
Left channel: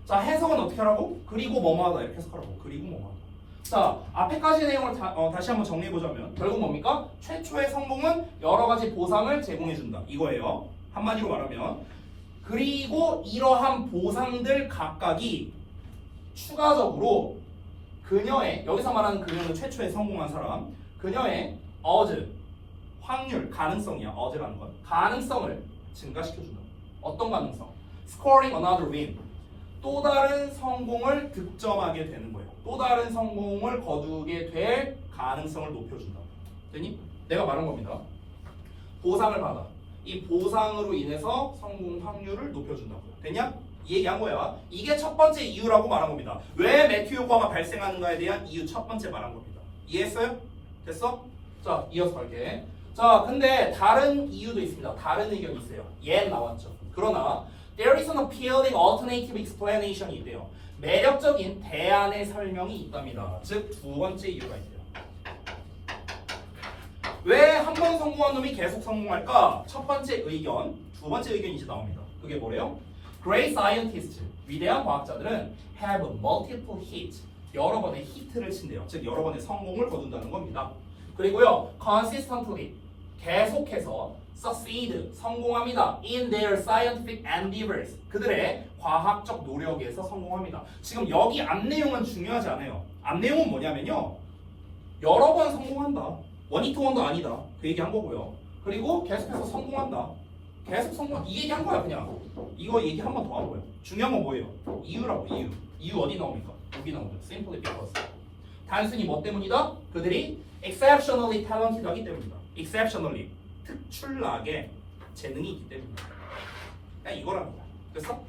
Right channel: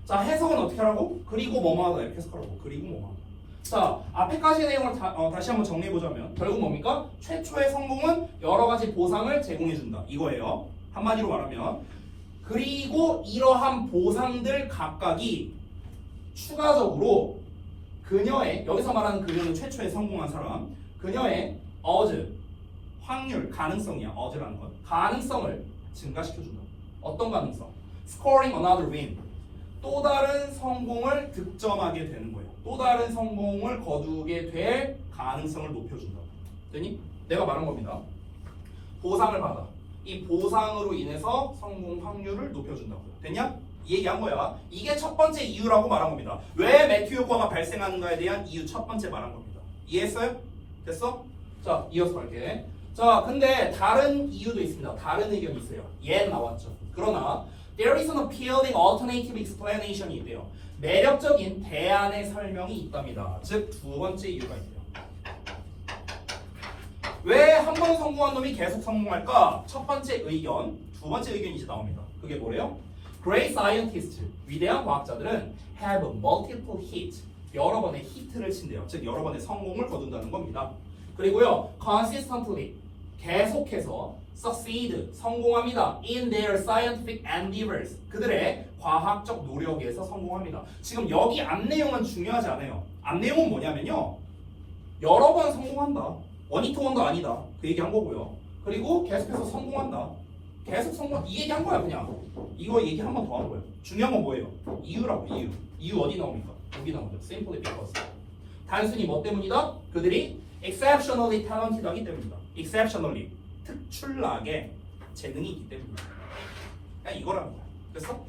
자, 해석은 어떻게 하라고? 그리고 뭐뭐 하다 이렇게 해석하라고. 그리고 뭐뭐 하다. 자, 앞에까지의 내용을 다시 한번 정리해보자면 결국 뭡니까? 최초의 성공은 여러 가지 보상을 제공해준다. 이거예요. 한마디로 말하면 그리고 이러한 보상들 각각이 추가적으로 그녀의, 여기서 말하는 그녀는 최초에 성공한 사람, 그녀의 확률, 가능성이야. 어즈라는 건 가능성을 증가시켜준다. 어떤 가능성? Scoring another win. 또 다른 성공을 득점하게 되는 거예요. 또 다른 성공을 거두게 될 가능성을 높여준다. 되니? 내가 말한 겁니다. 보상을 받아. 이 보상으로 인해서 성공 확률을 높여준다고요. 됐냐? 이 얘기한 거야. 이게 첫 번째 이유라고 말한 겁니다. 왜 매튜 효과가 발생하는가에 대한 이유 첫 번째 말한 겁니다. 이해했어요? 됐어? 자, 이어서 갈게. 자, 근데 다른 이유도 있습니다. 다른 의견이 있어요. 얘 나왔죠. 그러나 there is an appealing alternative explanation이 있대요. 매력적인 대안의 설명이 있답니다. 즉, 두 번째 이유가 있대요. 왜 한 번 성공한 놈이 계속 성공할까? 첫 번째 의견, 두 번째 의견이 이제 나옵니다. 그게 뭐래요? Great scientists, 위대한 과학자들은 have multiple hits, 여러 번의 히트를 친대요. 즉, 여러 번의 성공을 거둔다는 겁니다. 그리고요, consistently, 계속해서 succeed, 성공합니다. in their scientific endeavors, 그들의 과학적 노력에서 성공합니다. 지금 여기 앞 내용은 중요하지 않아요. 앞 내용은 뭐냐면요, 여러 번 성공한다. 원히트원도 아니다. 그 얘기 한 거고요. 그리고 계속해서 성공한다. 계속 성공, 이 얘기 한 거야 그냥. 이거 얘기 한 번 더 하는 거예요. 중요한 건 뭐예요? 이유라고. 이유 어디 나옵니까? 여기 나옵니다. Simply because. 단순히 뭐 때문이다? 그들이 exceptionally talented하기 때문이다. exceptionally, 특출나게 재능이 있기 때문이야. 그냥 이거라는 거야. 됐어?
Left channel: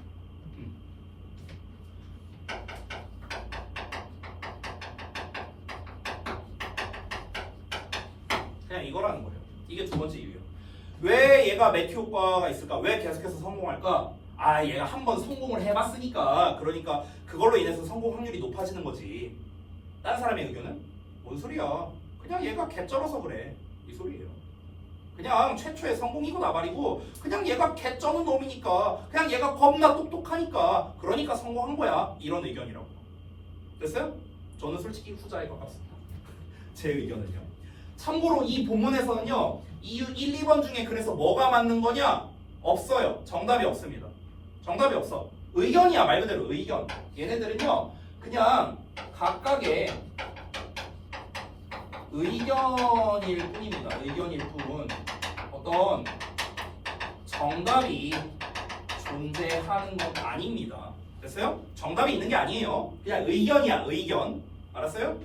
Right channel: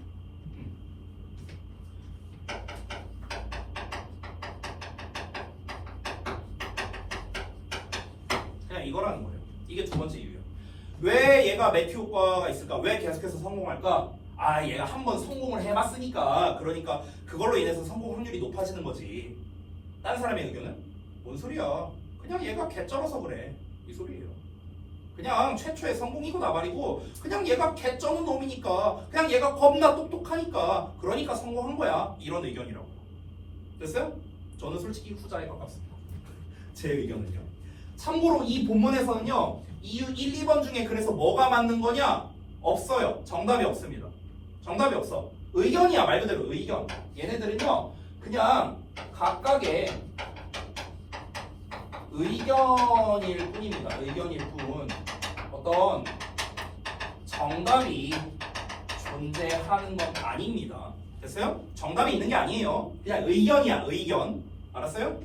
그냥 이거라는 거예요. 이게 두 번째 이유예요. 왜 얘가 매튜 효과가 있을까? 왜 계속해서 성공할까? 아, 얘가 한번 성공을 해봤으니까 그러니까 그걸로 인해서 성공 확률이 높아지는 거지. 다른 사람의 의견은? 뭔 소리야? 그냥 얘가 개쩔어서 그래. 이 소리예요. 그냥 최초의 성공이고 나발이고 그냥 얘가 개쩌는 놈이니까 그냥 얘가 겁나 똑똑하니까 그러니까 성공한 거야. 이런 의견이라고. 됐어요? 저는 솔직히 후자에 가깝습니다. 제 의견은요. 참고로 이 본문에서는요. 이유 1, 2번 중에 그래서 뭐가 맞는 거냐? 없어요. 정답이 없습니다. 정답이 없어. 의견이야. 말 그대로 의견. 얘네들은요. 그냥 각각의 의견일 뿐입니다. 의견일 뿐. 어떤 정답이 존재하는 건 아닙니다. 됐어요? 정답이 있는 게 아니에요. 그냥 의견이야. 의견. 알았어요?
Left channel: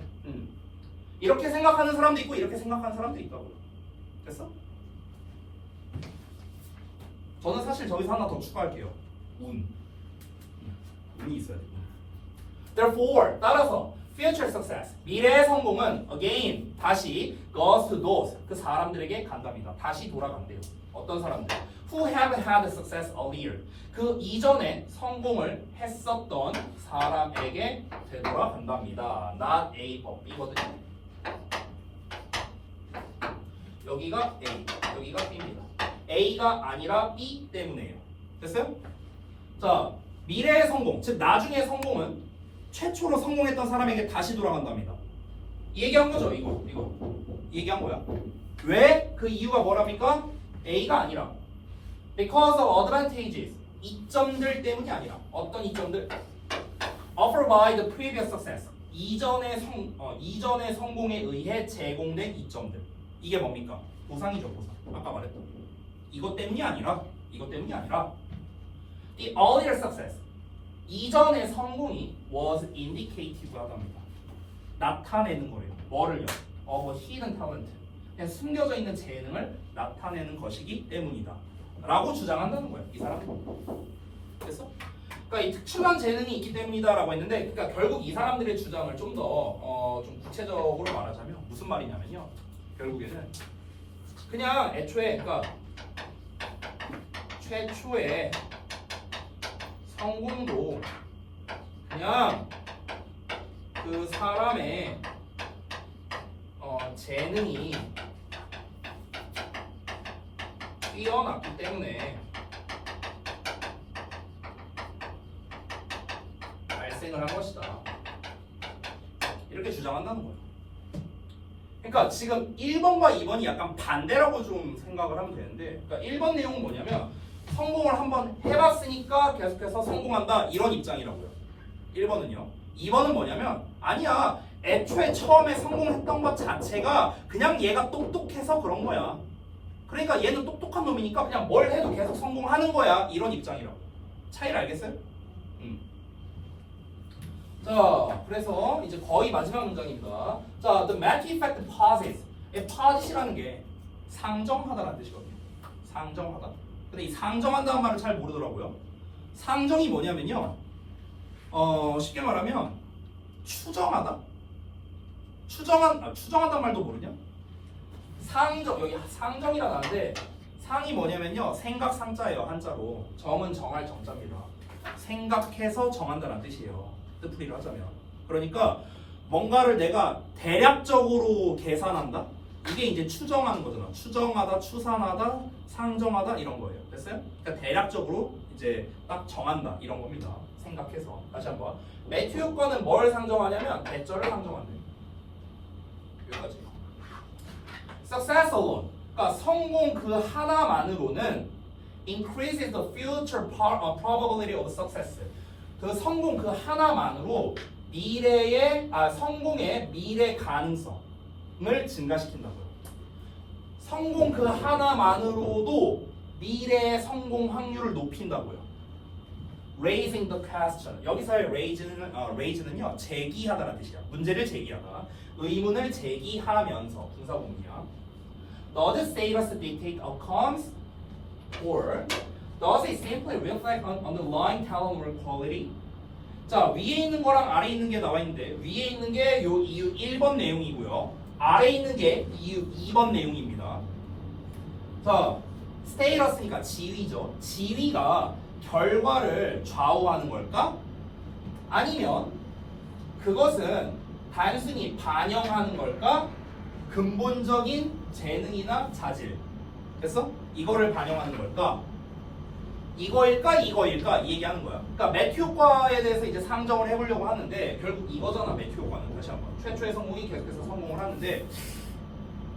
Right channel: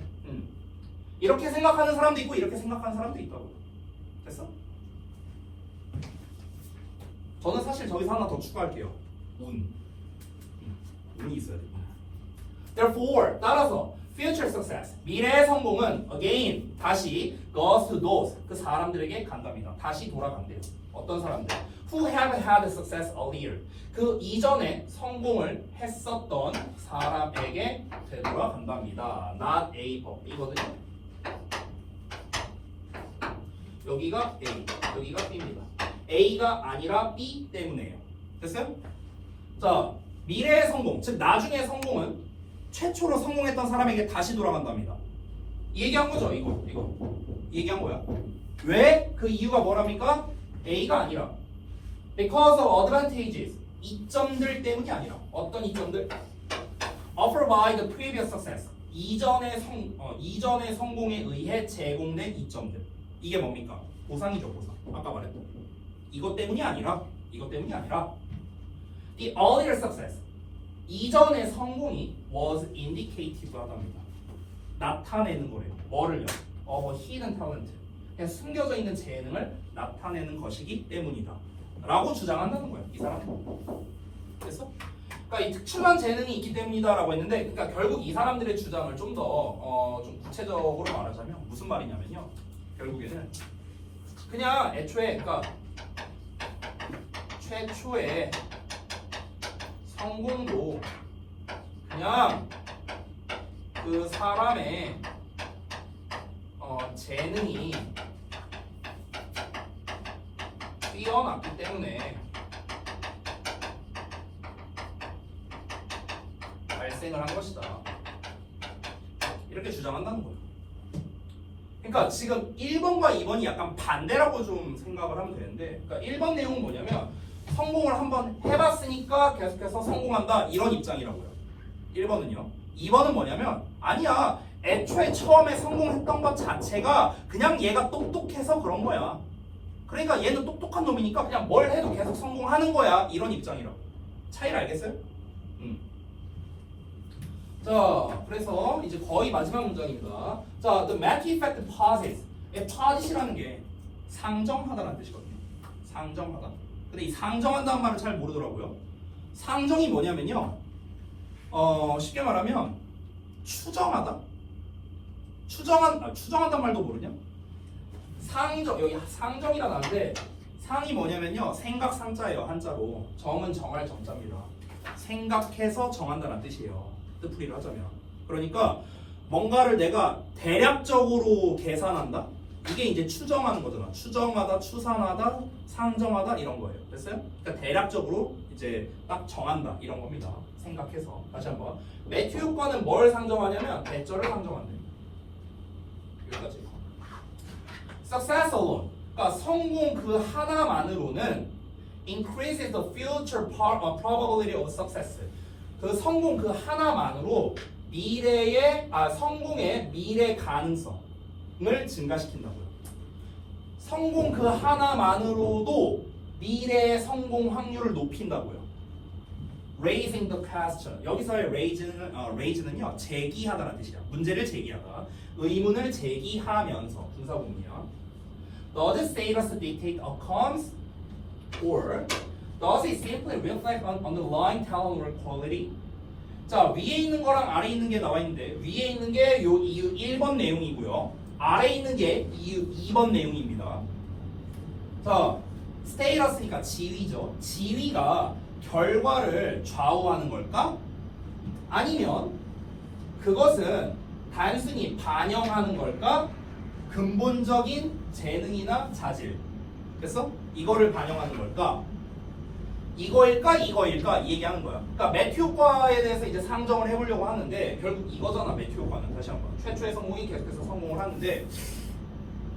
이렇게 생각하는 사람도 있고 이렇게 생각하는 사람도 있다고요. 됐어? 저는 사실 저기서 하나 더 추가할게요. 운이 있어야 돼. Therefore, 따라서 future success, 미래의 성공은 again, 다시 goes to those, 그 사람들에게 간답니다. 다시 돌아간대요. 어떤 사람들? Who have had success earlier. 그 이전에 성공을 했었던 사람에게 되돌아간답니다. Not A, but B거든요. 여기가 A, 여기가 B입니다. A가 아니라 B 때문에요. 됐어요? 자, 미래의 성공, 즉 나중의 성공은 최초로 성공했던 사람에게 다시 돌아간답니다. 이 얘기한 거죠, 이거. 이 얘기한 거야. 왜? 그 이유가 뭐랍니까? A가 아니라 because of advantages, 이점들 때문이 아니라 어떤 이점들? offered by the previous success, 이전의 성공에 의해 제공된 이점들. 이게 뭡니까? 보상이죠, 보상. 아까 말했던 이것 때문이 아니라 the earlier success, 이전의 성공이 was indicative 하답니다. 나타내는 거예요. 뭐를요? hidden talent, 그냥 숨겨져 있는 재능을 나타내는 것이기 때문이다 라고 주장한다는 거예요. 이 사람은. 됐어? 그러니까 이 특출난 재능이 있기 때문이다라고 했는데, 그러니까 결국 이 사람들의 주장을 좀 더 좀 구체적으로 말하자면 무슨 말이냐면요. 결국에는 그냥 애초에, 그러니까 최초의 성공도 그냥 그 사람의 재능이 뛰어났기 때문에 발생을 한 것이다. 이렇게 주장한다는 거예요. 그러니까 지금 1번과 2번이 약간 반대라고 좀 생각을 하면 되는데, 그러니까 1번 내용은 뭐냐면 성공을 한번 해봤으니까 계속해서 성공한다, 이런 입장이라고요. 1번은요. 2번은 뭐냐면 아니야, 애초에 처음에 성공했던 것 자체가 그냥 얘가 똑똑해서 그런 거야. 그러니까 얘는 똑똑한 놈이니까 그냥 뭘 해도 계속 성공하는 거야, 이런 입장이라고. 차이를 알겠어요? 자, 그래서 이제 거의 마지막 문장입니다. 자, the Mackey effect posits. posit이라는 게 상정하다라는 뜻이거든요. 상정하다. 근데 이 상정한다는 말을 잘 모르더라고요. 상정이 뭐냐면요. 쉽게 말하면 추정하다. 추정한다는 말도 모르냐? 상정, 여기 상정이라 나는데 상이 뭐냐면요. 생각 상자예요. 한자로. 정은 정할 정자입니다. 생각해서 정한다는 뜻이에요. 뜻풀이를 하자면. 그러니까 뭔가를 내가 대략적으로 계산한다? 이게 이제 추정하는 거잖아. 추정하다, 추산하다, 상정하다 이런 거예요. 됐어요? 그러니까 대략적으로 이제 딱 정한다 이런 겁니다. 생각해서. 다시 한번. 매튜 효과는 뭘 상정하냐면 대절을 상정한대. 여기까지. Success alone. 그러니까 성공 그 하나만으로는 increases the future probability of success. 그 성공 그 하나만으로 성공의 미래 가능성을 증가시킨다고요. 성공 그 하나만으로도 미래의 성공 확률을 높인다고요. Raising the question. 여기서의 raise는요, 제기하다라는 뜻이야. 문제를 제기하다. 의문을 제기하면서 분사구문이야. Does status dictate outcomes? Or does it simply reflect on underlying talent or quality? 자, 위에 있는 거랑 아래에 있는 게 나와 있는데 위에 있는 게 요 이유 1번 내용이고요. 아래에 있는 게 이유 2번 내용입니다. 자, 스테이러스니까 지위죠. 지위가 결과를 좌우하는 걸까? 아니면 그것은 단순히 반영하는 걸까? 근본적인 재능이나 자질. 됐어? 이거를 반영하는 걸까? 이거일까? 이거일까? 이 얘기하는 거야. 그러니까 매튜 효과에 대해서 이제 상정을 해보려고 하는데 결국 이거잖아. 매튜 효과는. 다시 한번. 최초의 성공이 계속해서 성공을 하는데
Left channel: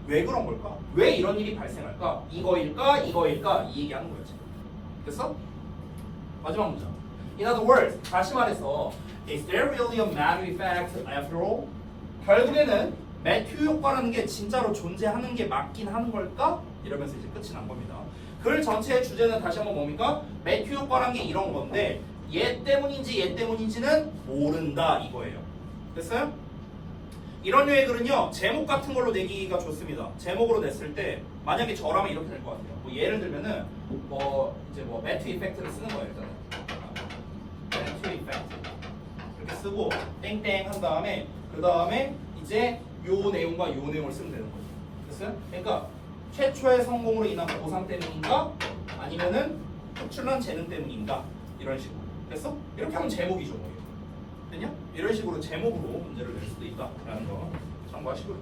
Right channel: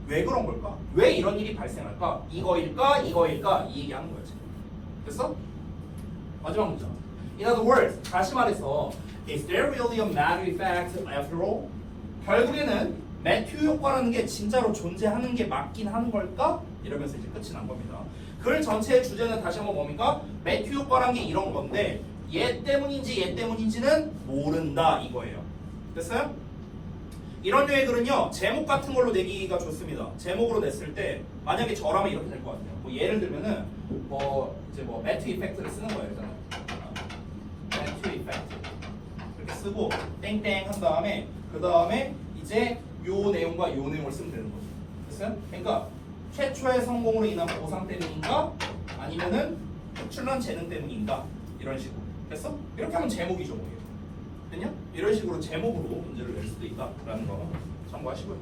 왜 그런 걸까? 왜 이런 일이 발생할까? 이거일까? 이거일까? 이 얘기하는 거야 지금. 됐어? 마지막 문장. In other words, 다시 말해서 Is there really a matter effect after all? 결국에는 매튜 효과라는 게 진짜로 존재하는 게 맞긴 하는 걸까? 이러면서 이제 끝이 난 겁니다. 글 전체의 주제는 다시 한번 뭡니까? 매튜 효과라는 게 이런 건데 얘 때문인지는 모른다 이거예요. 됐어요? 이런 류의 글은요 제목 같은 걸로 내기가 좋습니다. 제목으로 냈을 때 만약에 저라면 이렇게 될 것 같아요. 뭐 예를 들면은 이제 매튜 이펙트를 쓰는 거예요. 일단은 매튜 이펙트 이렇게 쓰고 땡땡 한 다음에 그 다음에 이제 요 내용과 요 내용을 쓰면 되는 거죠. 됐어요? 그러니까 최초의 성공으로 인한 보상 때문인가? 아니면은 특출난 재능 때문인가? 이런 식으로. 됐어? 이렇게 하면 제목이죠, 뭐. 됐냐? 이런 식으로 제목으로 문제를 낼 수도 있다라는 거 참고하시고요.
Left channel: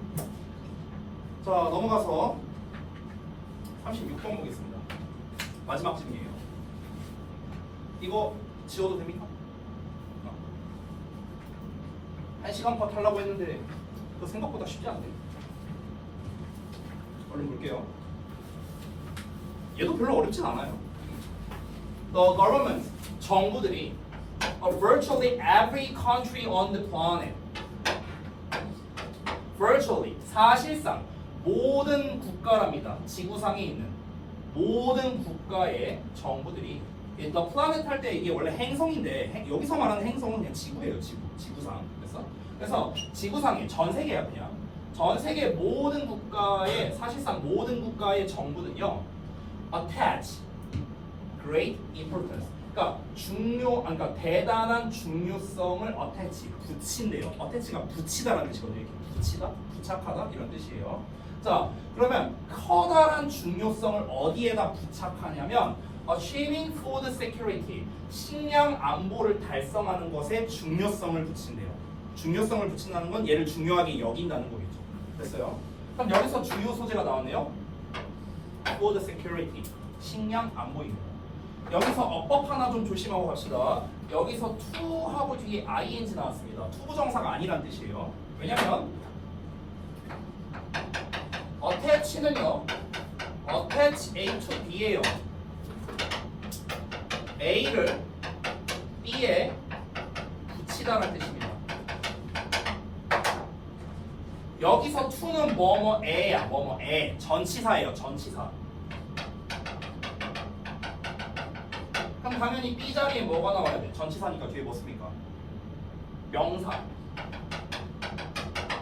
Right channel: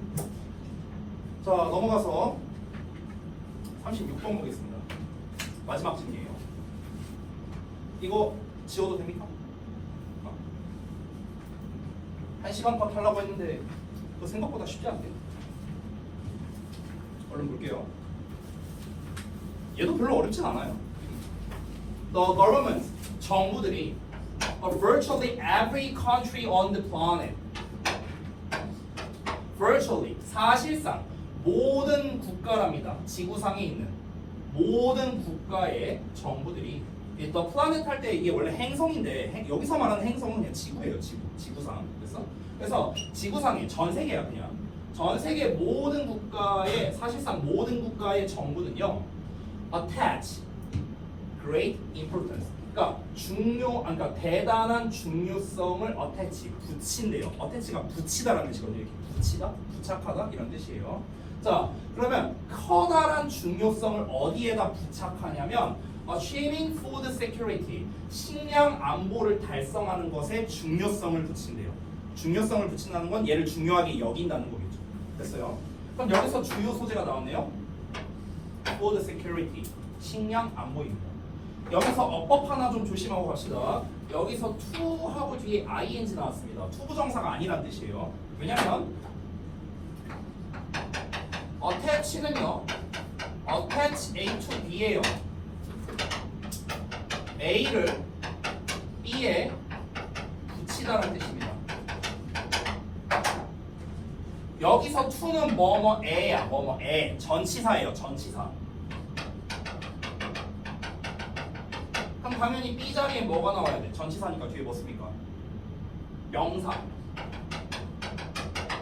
자, 넘어가서 36번 보겠습니다. 마지막 질문이에요. 이거 지워도 됩니까? 1시간 컷 하려고 했는데 그 생각보다 쉽지 않네. 얼른 볼게요. 얘도 별로 어렵진 않아요. The government, 정부들이 of virtually every country on the planet, virtually, 사실상 모든 국가랍니다. 지구상에 있는 모든 국가의 정부들이 the planet 할 때 이게 원래 행성인데 여기서 말하는 행성은 그냥 지구예요. 지구상. 그래서 지구상에 전 세계야 그냥. 전 세계 모든 국가의 사실상 모든 국가의 정부는요 attach great importance 그러니까 그러니까 대단한 중요성을 attach 붙인대요. attach가 붙이다라는 뜻이거든요. 이렇게 붙이다, 부착하다 이런 뜻이에요. 자 그러면 커다란 중요성을 어디에다 부착하냐면 achieving food security 식량 안보를 달성하는 것에 중요성을 붙인대요. 중요성을 붙인다는 건 얘를 중요하게 여긴다는 거겠죠. 됐어요? 그럼 여기서 주요 소재가 나왔네요. Food security, 식량 안보입니다. 여기서 어법 하나 좀 조심하고 갑시다. 여기서 to하고 뒤에 ing 나왔습니다. 투부정사가 아니란 뜻이에요. 왜냐면 attach는요, attach A to B예요. A를 B에 붙이다라는 뜻입니다. 여기서 to는 뭐뭐에야 뭐뭐에 전치사예요. 전치사. 그럼 당연히 B 자리에 뭐가 나와야 돼? 전치사니까 뒤에 뭐 씁니까? 명사.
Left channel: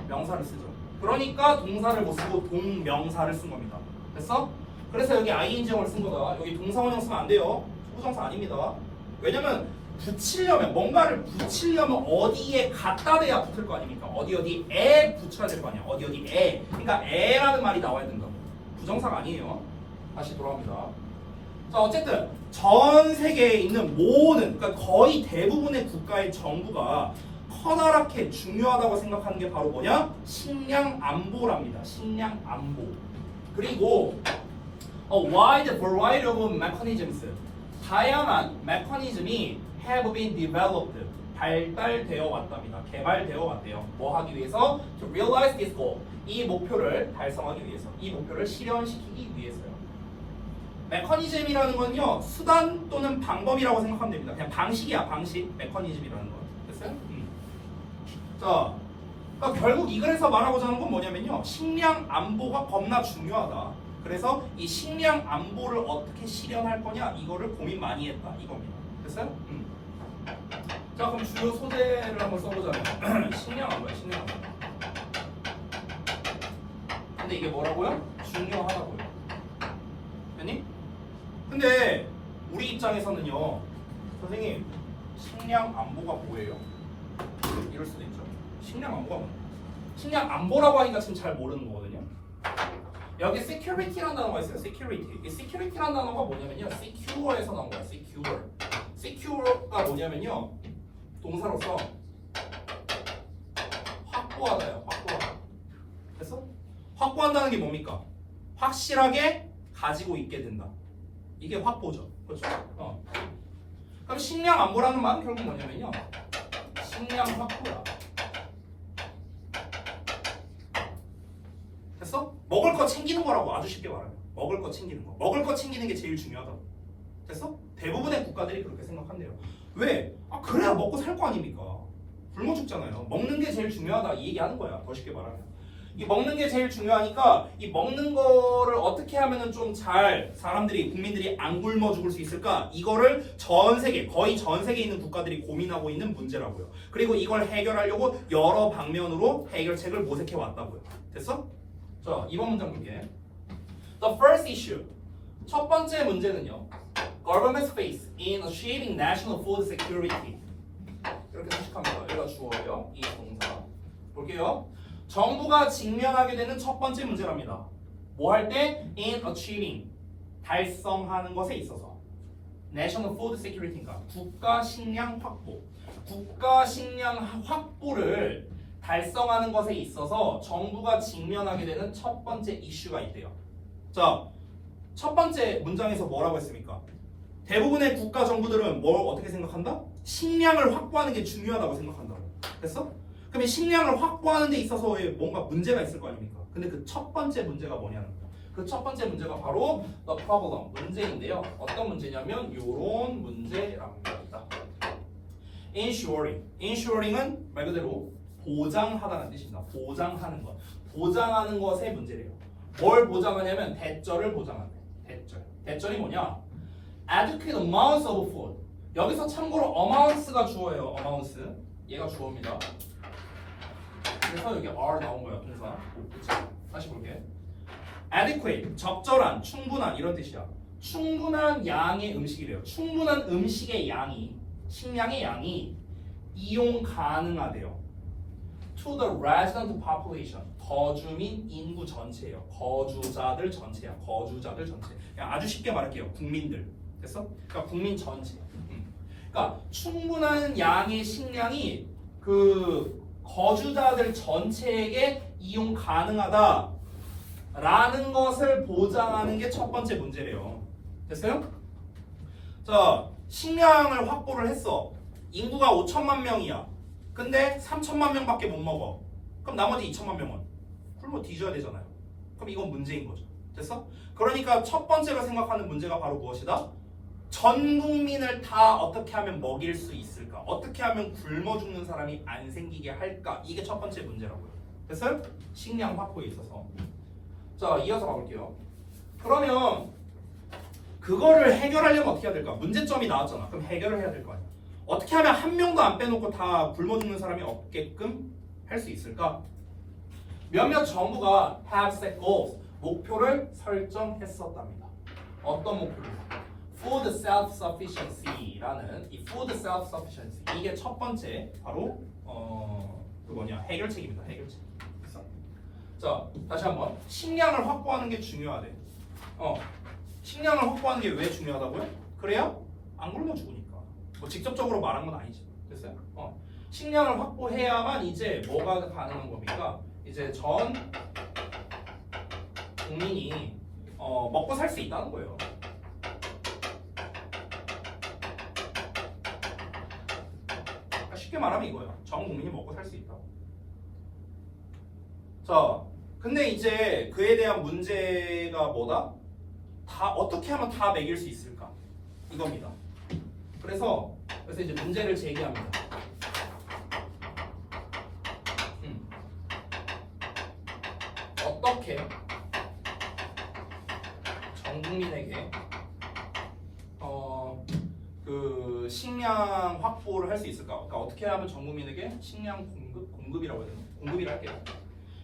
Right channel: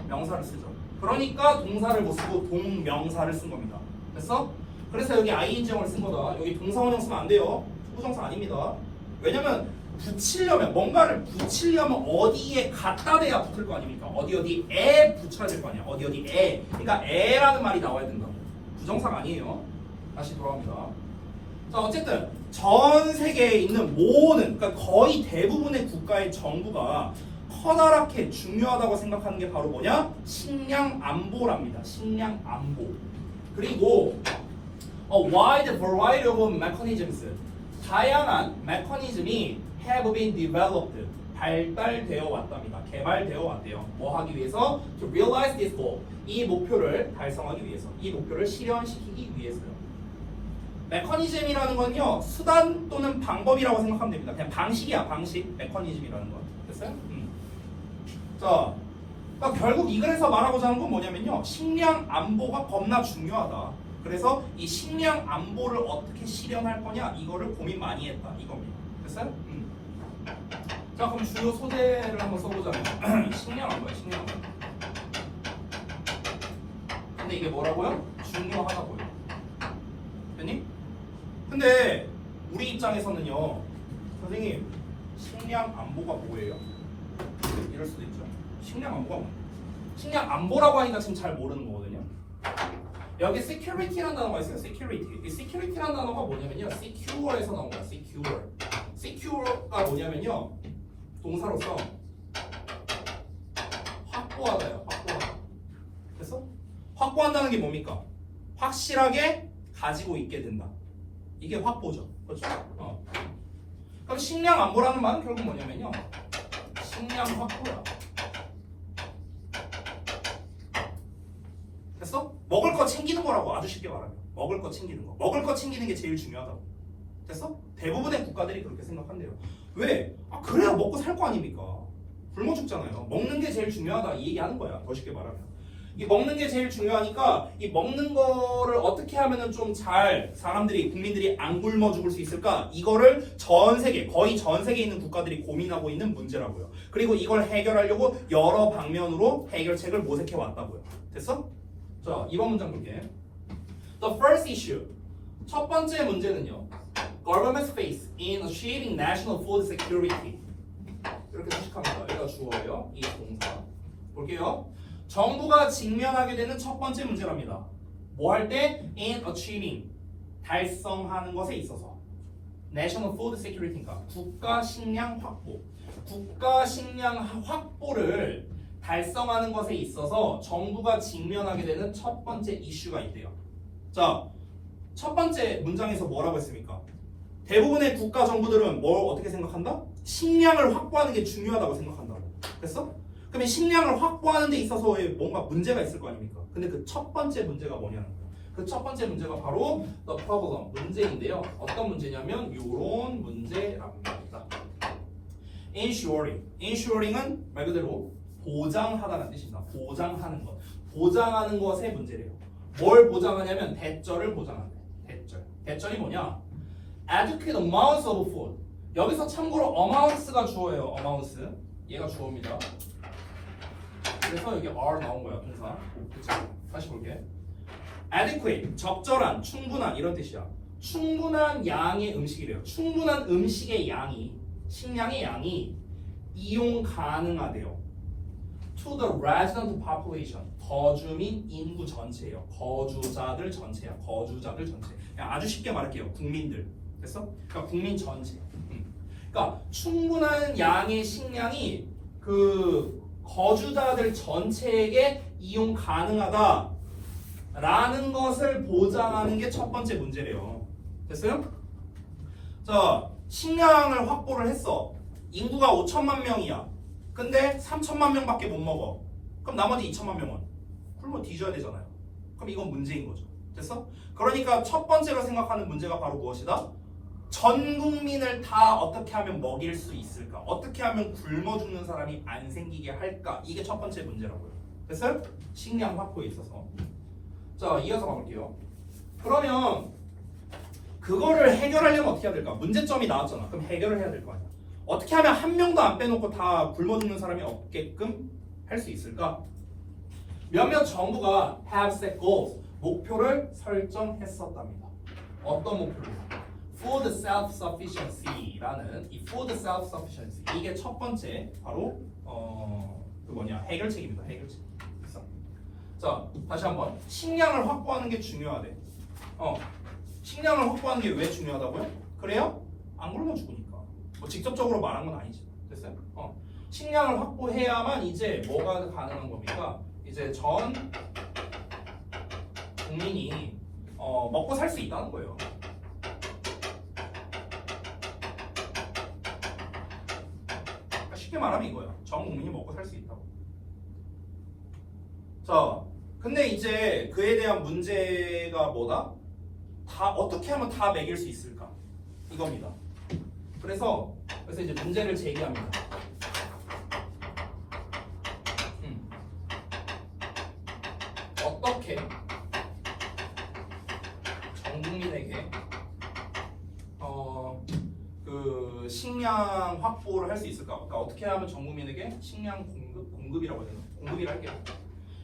명사를 쓰죠. 그러니까 동사를 못 쓰고 동명사를 쓴 겁니다. 됐어? 그래서 여기 ing형을 쓴 거다. 여기 동사원형 쓰면 안 돼요. 투부정사 아닙니다. 왜냐면 붙이려면 뭔가를 붙이려면 어디에 갖다 대야 붙을 거 아닙니까? 어디에 붙여야 될 거 아니야. 어디에. 그러니까 에라는 말이 나와야 된다. 부정사가 아니에요. 다시 돌아옵니다. 자 어쨌든 전 세계에 있는 모든 그러니까 거의 대부분의 국가의 정부가 커다랗게 중요하다고 생각하는 게 바로 뭐냐? 식량 안보랍니다. 식량 안보. 그리고 a wide variety of mechanisms 다양한 메커니즘이 have been developed 발달되어 왔답니다. 개발되어 왔대요. 뭐 하기 위해서? To realize this goal 이 목표를 달성하기 위해서 이 목표를 실현시키기 위해서요. 메커니즘이라는 건요 수단 또는 방법이라고 생각하면 됩니다. 그냥 방식이야 방식. 메커니즘이라는 건 됐어요? 자, 그러니까 결국 이 글에서 말하고자 하는 건 뭐냐면요 식량 안보가 겁나 중요하다. 그래서 이 식량 안보를 어떻게 실현할 거냐 이거를 고민 많이 했다 이겁니다. 됐어요? 자 그럼 주요 소재를 한번 써보자면 식량 안보야 식량 안보. 근데 이게 뭐라고요? 중요하다고요. 됐니? 근데 우리 입장에서는요, 선생님 식량 안보가 뭐예요? 이럴 수도 있죠. 식량 안보가 뭐예요? 식량 안보라고 하니까 지금 잘 모르는 거거든요. 여기 security라는 단어가 있어요. security. 이 security라는 단어가 뭐냐면요, secure에서 나온 거야. secure. secure가 뭐냐면요, 동사로서 확보하다요. 확보하다. 됐어? 확보한다는 게 뭡니까? 확실하게 가지고 있게 된다. 이게 확보죠. 그렇죠? 그럼 식량 안보라는 말은 결국 뭐냐면요, 식량 확보야. 됐어? 먹을 거 챙기는 거라고. 아주 쉽게 말하면 먹을 거 챙기는 거. 먹을 거 챙기는 게 제일 중요하다고. 됐어? 대부분의 국가들이 그렇게 생각한대요. 왜? 그래야 먹고 살 거 아닙니까? 굶어 죽잖아요. 먹는 게 제일 중요하다 이 얘기하는 거야. 더 쉽게 말하면 이 먹는 게 제일 중요하니까 이 먹는 거를 어떻게 하면은 좀 잘 사람들이, 국민들이 안 굶어 죽을 수 있을까? 이거를 전 세계, 거의 전 세계에 있는 국가들이 고민하고 있는 문제라고요. 그리고 이걸 해결하려고 여러 방면으로 해결책을 모색해 왔다고요. 됐어? 자, 2번 문장 볼게. The first issue. 첫 번째 문제는요, government's face in achieving national food security. 이렇게 해석합니다. 여기가 주어예요. 이 동사. 볼게요. 정부가 직면하게 되는 첫 번째 문제랍니다. 뭐 할 때? In achieving. 달성하는 것에 있어서. National Food Security니까 국가 식량 확보. 국가 식량 확보를 달성하는 것에 있어서 정부가 직면하게 되는 첫 번째 이슈가 있대요. 자, 첫 번째 문장에서 뭐라고 했습니까? 대부분의 국가 정부들은 뭘 어떻게 생각한다? 식량을 확보하는 게 중요하다고 생각한다고. 됐어? 그러면 식량을 확보하는 데 있어서 뭔가 문제가 있을 거 아닙니까? 근데 그 첫 번째 문제가 뭐냐는 거야. 그 첫 번째 문제가 바로 the problem, 문제인데요. 어떤 문제냐면 요런 문제랍니다. Ensuring. Ensuring은 말 그대로 보장하다는 뜻입니다. 보장하는 것. 보장하는 것의 문제래요. 뭘 보장하냐면 대절을 보장한다. 대절. 대절이 뭐냐? Adequate amounts of food. 여기서 참고로 amounts가 주어예요. amounts. 얘가 주어입니다. 그래서 여기 are 나온 거야. 동사. 그쵸? 다시 볼게. Adequate. 적절한, 충분한 이런 뜻이야. 충분한 양의 음식이래요. 충분한 음식의 양이, 식량의 양이 이용 가능하대요. To the resident population. 거주 및 인구 전체예요. 거주자들 전체야. 거주자들 전체. 그냥 아주 쉽게 말할게요. 국민들. 됐어? 그러니까 국민 전체. 그러니까 충분한 양의 식량이 그 거주자들 전체에게 이용 가능하다라는 것을 보장하는 게 첫 번째 문제래요. 됐어요? 자, 식량을 확보를 했어. 인구가 5천만 명이야. 근데 3천만 명밖에 못 먹어. 그럼 나머지 2천만 명은 굶어 뒤져야 되잖아요. 그럼 이건 문제인 거죠. 됐어? 그러니까 첫 번째로 생각하는 문제가 바로 무엇이다? 전 국민을 다 어떻게 하면 먹일 수 있을까? 어떻게 하면 굶어 죽는 사람이 안 생기게 할까? 이게 첫 번째 문제라고요. 됐어요? 식량 확보에 있어서. 자, 이어서 가볼게요. 그러면 그거를 해결하려면 어떻게 해야 될까? 문제점이 나왔잖아. 그럼 해결을 해야 될 거 아니야. 어떻게 하면 한 명도 안 빼놓고 다 굶어 죽는 사람이 없게끔 할 수 있을까? 몇몇 정부가 have set goals, 목표를 설정했었답니다. 어떤 목표를? Food self-sufficiency라는 이 food self-sufficiency, 이게 첫 번째 바로 그 뭐냐, 해결책입니다. 해결책. 자, 다시 한번. 식량을 확보하는 게 중요하대. 식량을 확보하는 게 왜 중요하다고요? 그래야 안 굶어 죽으니까. 뭐 직접적으로 말한 건 아니지. 됐어요? 식량을 확보해야만 이제 뭐가 가능한 겁니까? 이제 전 국민이 먹고 살 수 있다는 거예요. 그러니까 쉽게 말하면 이거예요. 전 국민이 먹고 살 수 있다고. 자, 근데 이제 그에 대한 문제가 뭐다? 다 어떻게 하면 다 먹일 수 있을까? 이겁니다. 그래서 이제 문제를 제기합니다. 어떻게 전 국민에게 그 식량 확보를 할 수 있을까? 그러니까 어떻게 하면 전 국민에게 식량 공급이라고 해야 되나? 공급이라 할게요.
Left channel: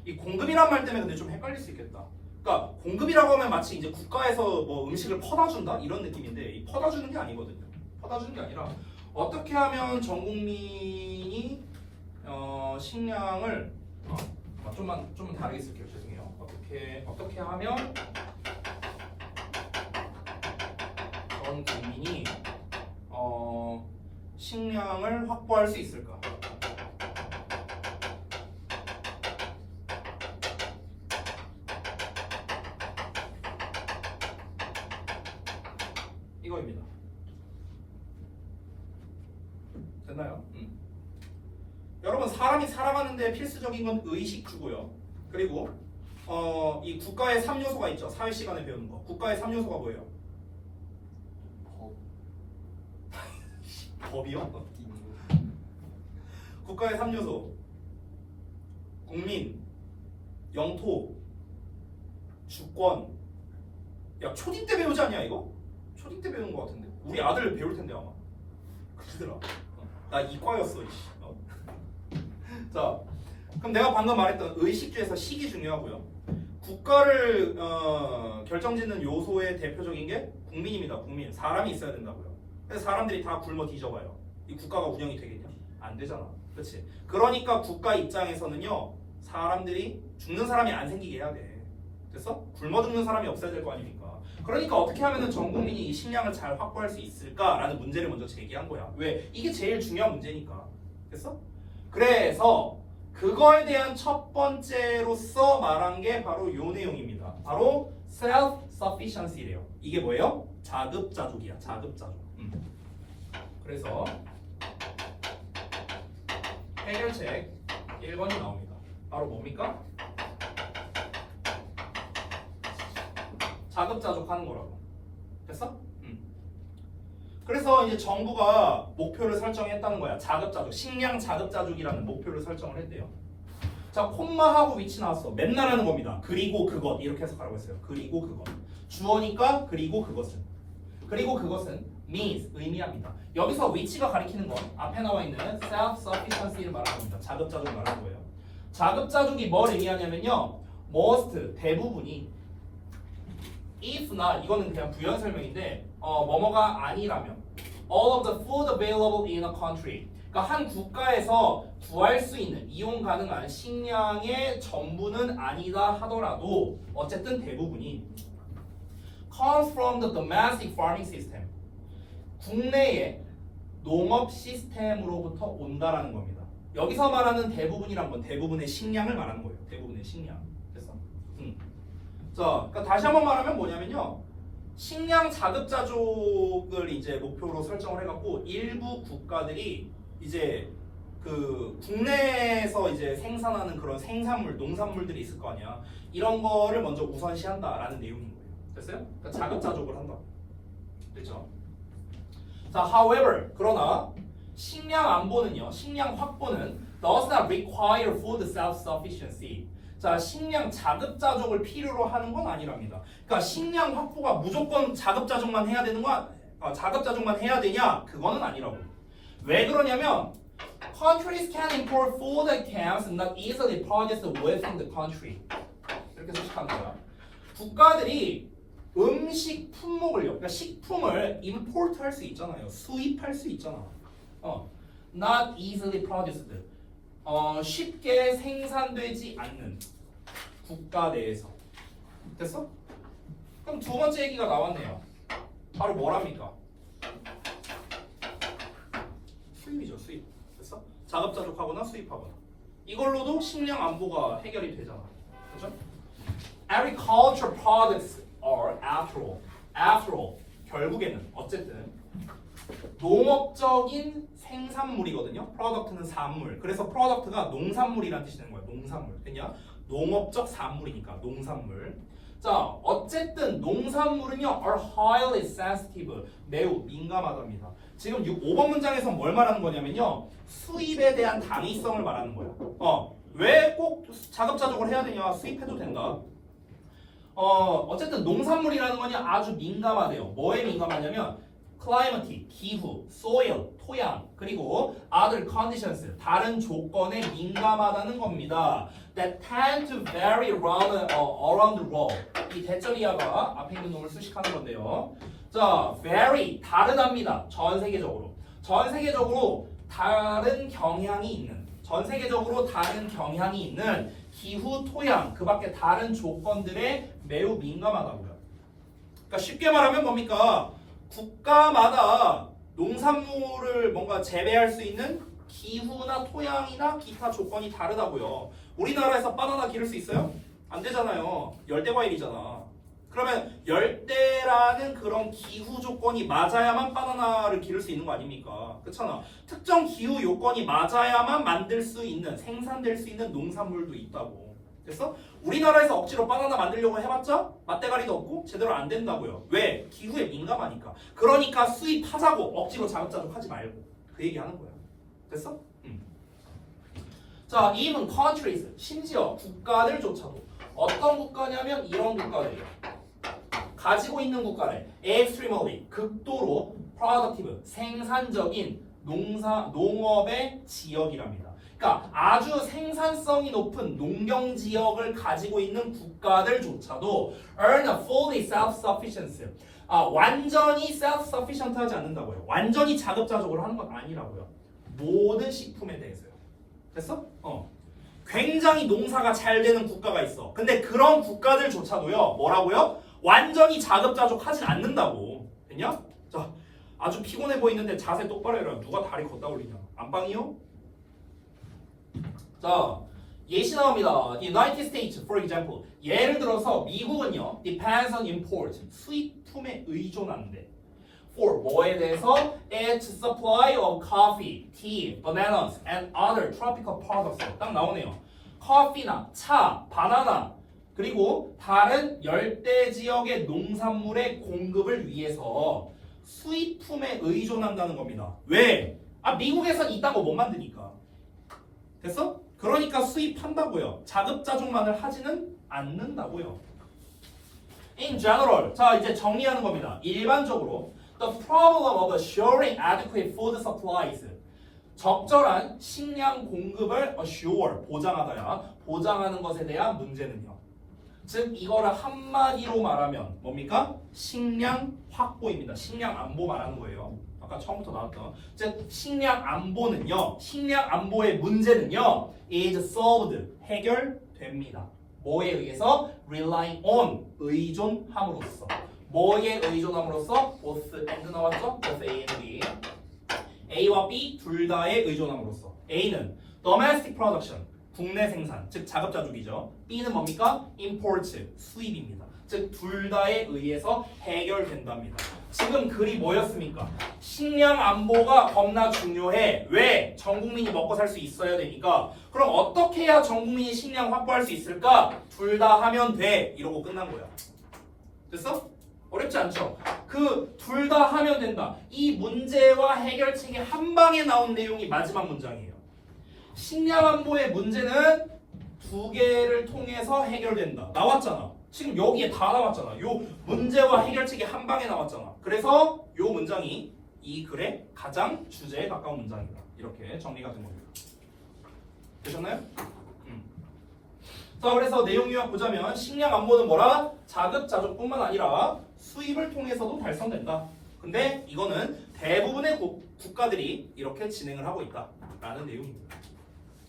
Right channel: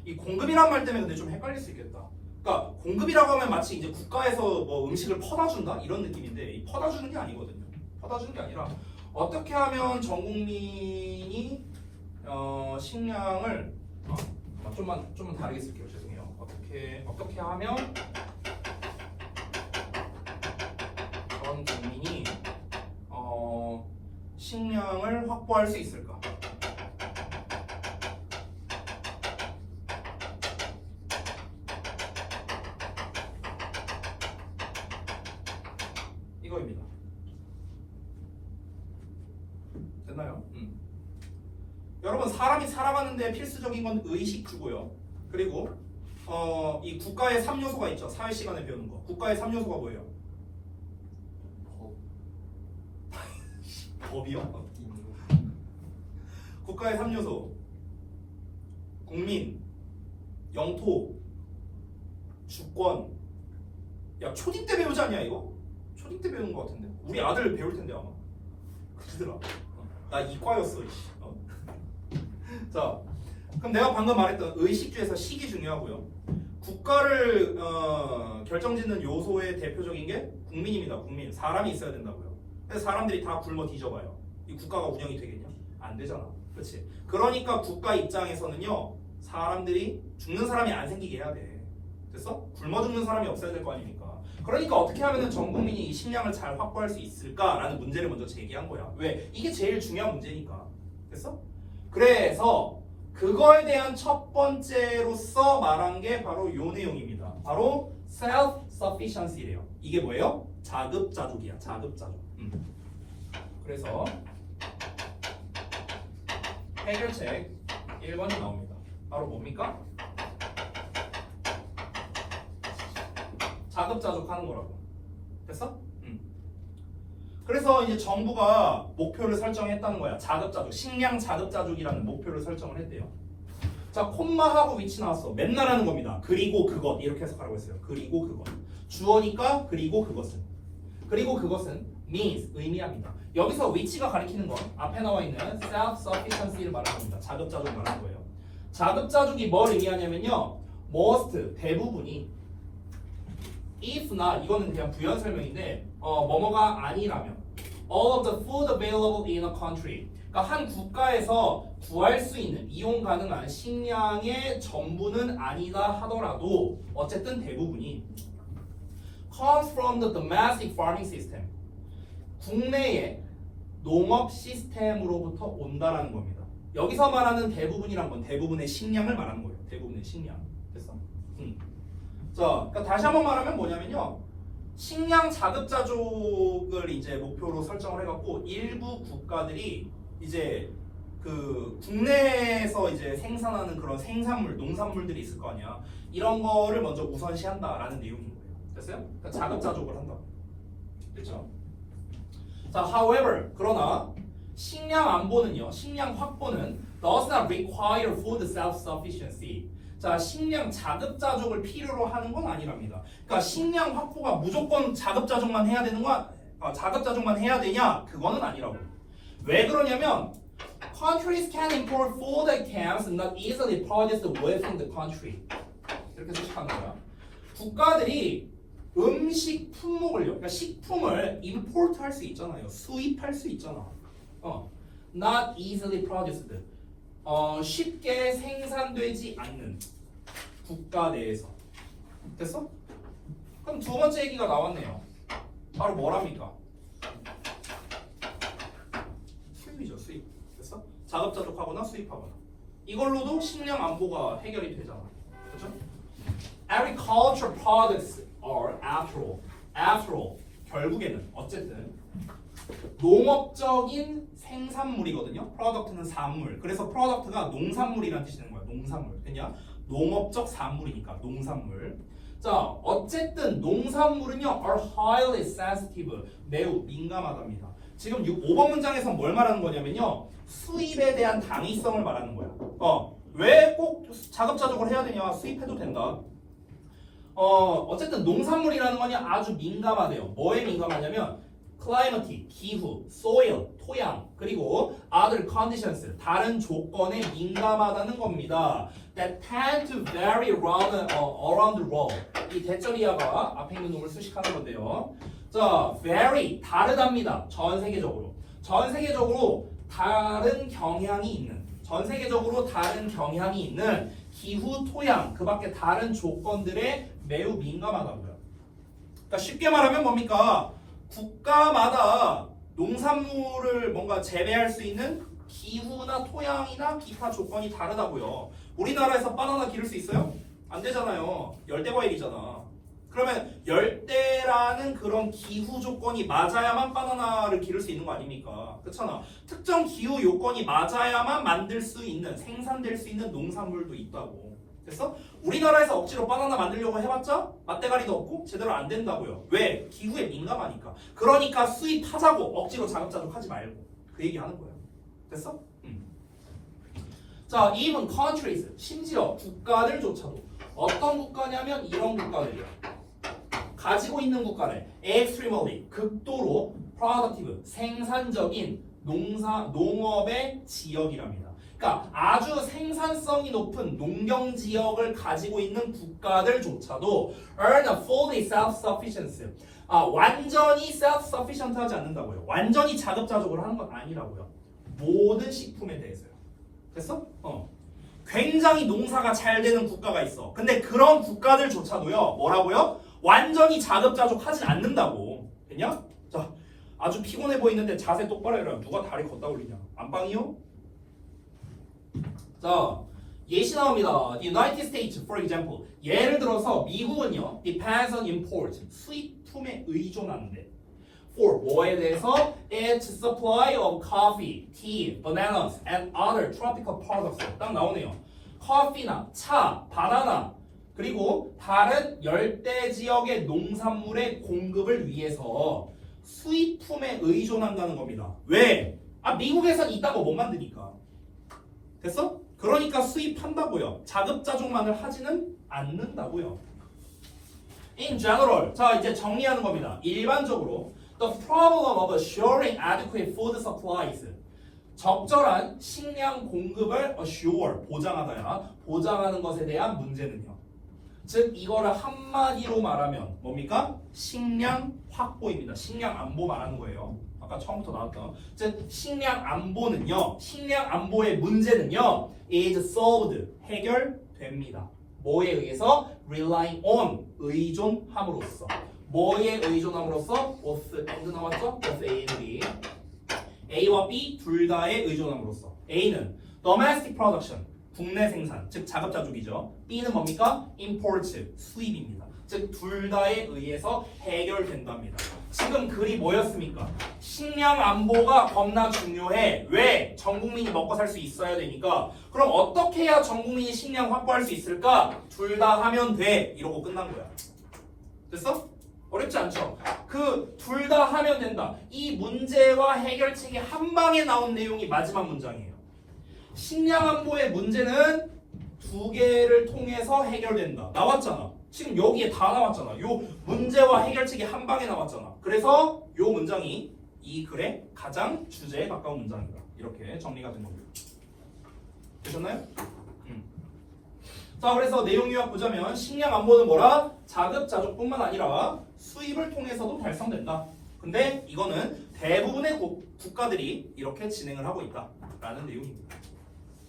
이 공급이란 말 때문에 근데 좀 헷갈릴 수 있겠다. 그러니까 공급이라고 하면 마치 이제 국가에서 뭐 음식을 퍼다 준다 이런 느낌인데 이 퍼다 주는 게 아니거든요. 퍼다 주는 게 아니라 어떻게 하면 전 국민이 식량을 좀만 다르게 쓸게요. 죄송해요. 어떻게 하면 전 국민이 식량을 확보할 수 있을까? 이거입니다. 됐나요? 여러분 사람이 살아가는데 필수적인 건 의식주고요. 그리고 이 국가의 3요소가 있죠. 사회 시간에 배우는 거. 국가의 3요소가 뭐예요? 법이요? 국가의 3요소. 국민, 영토, 주권. 야 초딩 때 배우지 않냐 이거? 초딩 때 배운 거 같은데. 우리 아들 배울 텐데 아마. 그러더라. 나 이과였어. 자, 그럼 내가 방금 말했던 의식주에서 식이 중요하고요. 국가를 결정짓는 요소의 대표적인 게 국민입니다. 국민. 사람이 있어야 된다고요. 그래서 사람들이 다 굶어 뒤져봐요. 이 국가가 운영이 되겠냐? 안 되잖아. 그렇지? 그러니까 국가 입장에서는요. 사람들이 죽는 사람이 안 생기게 해야 돼. 됐어? 굶어 죽는 사람이 없어야 될 거 아닙니까? 그러니까 어떻게 하면 전 국민이 이 식량을 잘 확보할 수 있을까라는 문제를 먼저 제기한 거야. 왜? 이게 제일 중요한 문제니까. 됐어? 그래서 그거에 대한 첫 번째로서 말한 게 바로 요 내용입니다. 바로 self-sufficiency래요. 이게 뭐예요? 자급자족이야. 자급자족. 그래서 해결책 1번이 나옵니다. 바로 뭡니까? 자급자족하는 거라고. 됐어? 그래서 이제 정부가 목표를 설정했다는 거야. 자급자족, 식량 자급자족이라는 목표를 설정을 했대요. 자, 콤마하고 위치 나왔어. 맨날 하는 겁니다. 그리고 그것 이렇게 해석하라고 했어요. 그리고 그것. 주어니까 그리고 그것은. 그리고 그것은 means 의미합니다. 여기서 위치가 가리키는 건 앞에 나와 있는 self-sufficiency를 말하는 겁니다. 자급자족 말하는 거예요. 자급자족이 뭘 의미하냐면요. most 대부분이 if not 이거는 그냥 부연 설명인데 뭐뭐가 아니라면 all of the food available in a country 그러니까 한 국가에서 구할 수 있는 이용 가능한 식량의 전부는 아니다 하더라도 어쨌든 대부분이 comes from the domestic farming system 국내의 농업 시스템으로부터 온다라는 겁니다. 여기서 말하는 대부분이란 건 대부분의 식량을 말하는 거예요. 대부분의 식량. 됐어? 자, 그러니까 다시 한번 말하면 뭐냐면요. 식량 자급자족을 이제 목표로 설정을 해갖고 일부 국가들이 이제 그 국내에서 이제 생산하는 그런 생산물, 농산물들이 있을 거 아니야. 이런 거를 먼저 우선시한다라는 내용인 거예요. 됐어요? 그러니까 자급자족을 한다. 됐죠? 자, however, 그러나 식량 안보는요, 식량 확보는 does not require food self-sufficiency. 자, 식량 자급자족을 필요로 하는 건 아니랍니다. 그러니까 식량 확보가 무조건 자급자족만 해야 되는 거, 자급자족만 해야 되냐? 그거는 아니라고. 왜 그러냐면 countries can import food items not easily produced within the country. 이렇게 생각하는 거야. 국가들이 음식 품목을요, 그러니까 식품을 import 할 수 있잖아요. 수입할 수 있잖아. not easily produced. 쉽게 생산되지 않는 국가 내에서. 됐어? 그럼 두 번째 얘기가 나왔네요. 바로 뭐랍니까? 수입이죠, 수입. 됐어? 자급자족하거나 수입하거나. 이걸로도 식량 안보가 해결이 되잖아. 그렇죠? Agriculture products are after all 결국에는 어쨌든 농업적인 생산물이거든요. 프로덕트는 산물. 그래서 프로덕트가 농산물이라는 뜻이 되는 거야. 농산물. 그냥 농업적 산물이니까 농산물. 자, 어쨌든 농산물은요 are highly sensitive. 매우 민감하답니다. 지금 5번 문장에서 뭘 말하는 거냐면요. 수입에 대한 당위성을 말하는 거야. 왜 꼭 자급자족을 해야 되냐? 수입해도 된다. 어쨌든 농산물이라는 거냐 아주 민감하대요. 뭐에 민감하냐면 climate, 기후, soil, 토양, 그리고 other conditions, 다른 조건에 민감하다는 겁니다. That tend to vary around the world. 이 대절이야가 앞에 있는 놈을 수식하는 건데요. 자, vary, 다르답니다. 전 세계적으로. 전 세계적으로 다른 경향이 있는, 전 세계적으로 다른 경향이 있는 기후, 토양, 그 밖에 다른 조건들에 매우 민감하다고요. 그러니까 쉽게 말하면 뭡니까? 국가마다 농산물을 뭔가 재배할 수 있는 기후나 토양이나 기타 조건이 다르다고요. 우리나라에서 바나나 기를 수 있어요? 안 되잖아요. 열대 과일이잖아. 그러면 열대라는 그런 기후 조건이 맞아야만 바나나를 기를 수 있는 거 아닙니까? 그렇잖아. 특정 기후 요건이 맞아야만 만들 수 있는, 생산될 수 있는 농산물도 있다고. 됐어? 우리나라에서 억지로 바나나 만들려고 해봤자 맛대가리도 없고 제대로 안 된다고요. 왜? 기후에 민감하니까. 그러니까 수입하자고 억지로 자급자족 하지 말고 그 얘기하는 거야. 됐어? 자, even countries, 심지어 국가들조차도 어떤 국가냐면 이런 국가들이에요. 가지고 있는 국가를 extremely, 극도로 productive, 생산적인 농업의 지역이랍니다. 그러니까 아주 생산성이 높은 농경 지역을 가지고 있는 국가들조차도 earn a fully self-sufficiency. 완전히 self-sufficient 하지 않는다고요. 완전히 자급자족을 하는 건 아니라고요. 모든 식품에 대해서요. 됐어? 굉장히 농사가 잘 되는 국가가 있어. 근데 그런 국가들조차도요. 뭐라고요? 완전히 자급자족하진 않는다고. 됐냐? 자, 아주 피곤해 보이는데 자세 똑바로 해라. 누가 다리 걷다 올리냐? 안방이요? 자, 예시 나옵니다. The United States, for example. 예를 들어서 미국은요, depends on import, 수입품에 의존한대. For 뭐에 대해서? Its supply of coffee, tea, bananas, and other tropical products. 딱 나오네요. 커피나 차, 바나나, 그리고 다른 열대 지역의 농산물의 공급을 위해서 수입품에 의존한다는 겁니다. 왜? 미국에선 이딴 거 못 만드니까. 됐어? 그러니까 수입한다고요. 자급자족만을 하지는 않는다고요. In general, 자 이제 정리하는 겁니다. 일반적으로 the problem of assuring adequate food supplies, 적절한 식량 공급을 assure, 보장하는 것에 대한 문제는요. 즉 이거를 한마디로 말하면 뭡니까? 식량 확보입니다. 식량 안보 말하는 거예요. 아까 처음부터 나왔던. 즉 식량 안보는요. 식량 안보의 문제는요. is solved, 해결됩니다. 뭐에 의해서? rely on, 의존함으로써. 뭐에 의존함으로써? both and 나왔죠? both A and B. A와 B 둘 다에 의존함으로써. A는 domestic production, 국내 생산, 즉 자급자족이죠. B는 뭡니까? import, 수입입니다. 즉 둘 다에 의해서 해결된답니다. 지금 글이 뭐였습니까? 식량 안보가 겁나 중요해. 왜? 전 국민이 먹고 살 수 있어야 되니까. 그럼 어떻게 해야 전 국민이 식량 확보할 수 있을까? 둘 다 하면 돼. 이러고 끝난 거야. 됐어? 어렵지 않죠? 그 둘 다 하면 된다. 이 문제와 해결책이 한 방에 나온 내용이 마지막 문장이에요. 식량 안보의 문제는 두 개를 통해서 해결된다. 나왔잖아. 지금 여기에 다 나왔잖아. 요 문제와 해결책이 한 방에 나왔잖아. 그래서 요 문장이 이 글의 가장 주제에 가까운 문장이다. 이렇게 정리가 된 겁니다. 되셨나요? 자, 그래서 내용 요약 보자면 식량 안보는 뭐라? 자급자족뿐만 아니라 수입을 통해서도 달성된다. 근데 이거는 대부분의 국가들이 이렇게 진행을 하고 있다라는 내용입니다.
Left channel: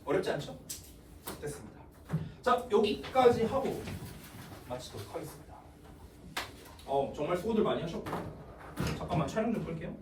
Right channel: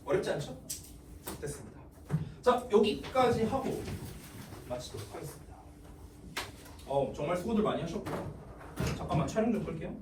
어렵지 않죠? 됐습니다. 자, 여기까지 하고 마치도록 하겠습니다. 정말 수고들 많이 하셨고요. 잠깐만 촬영 좀 끌게요.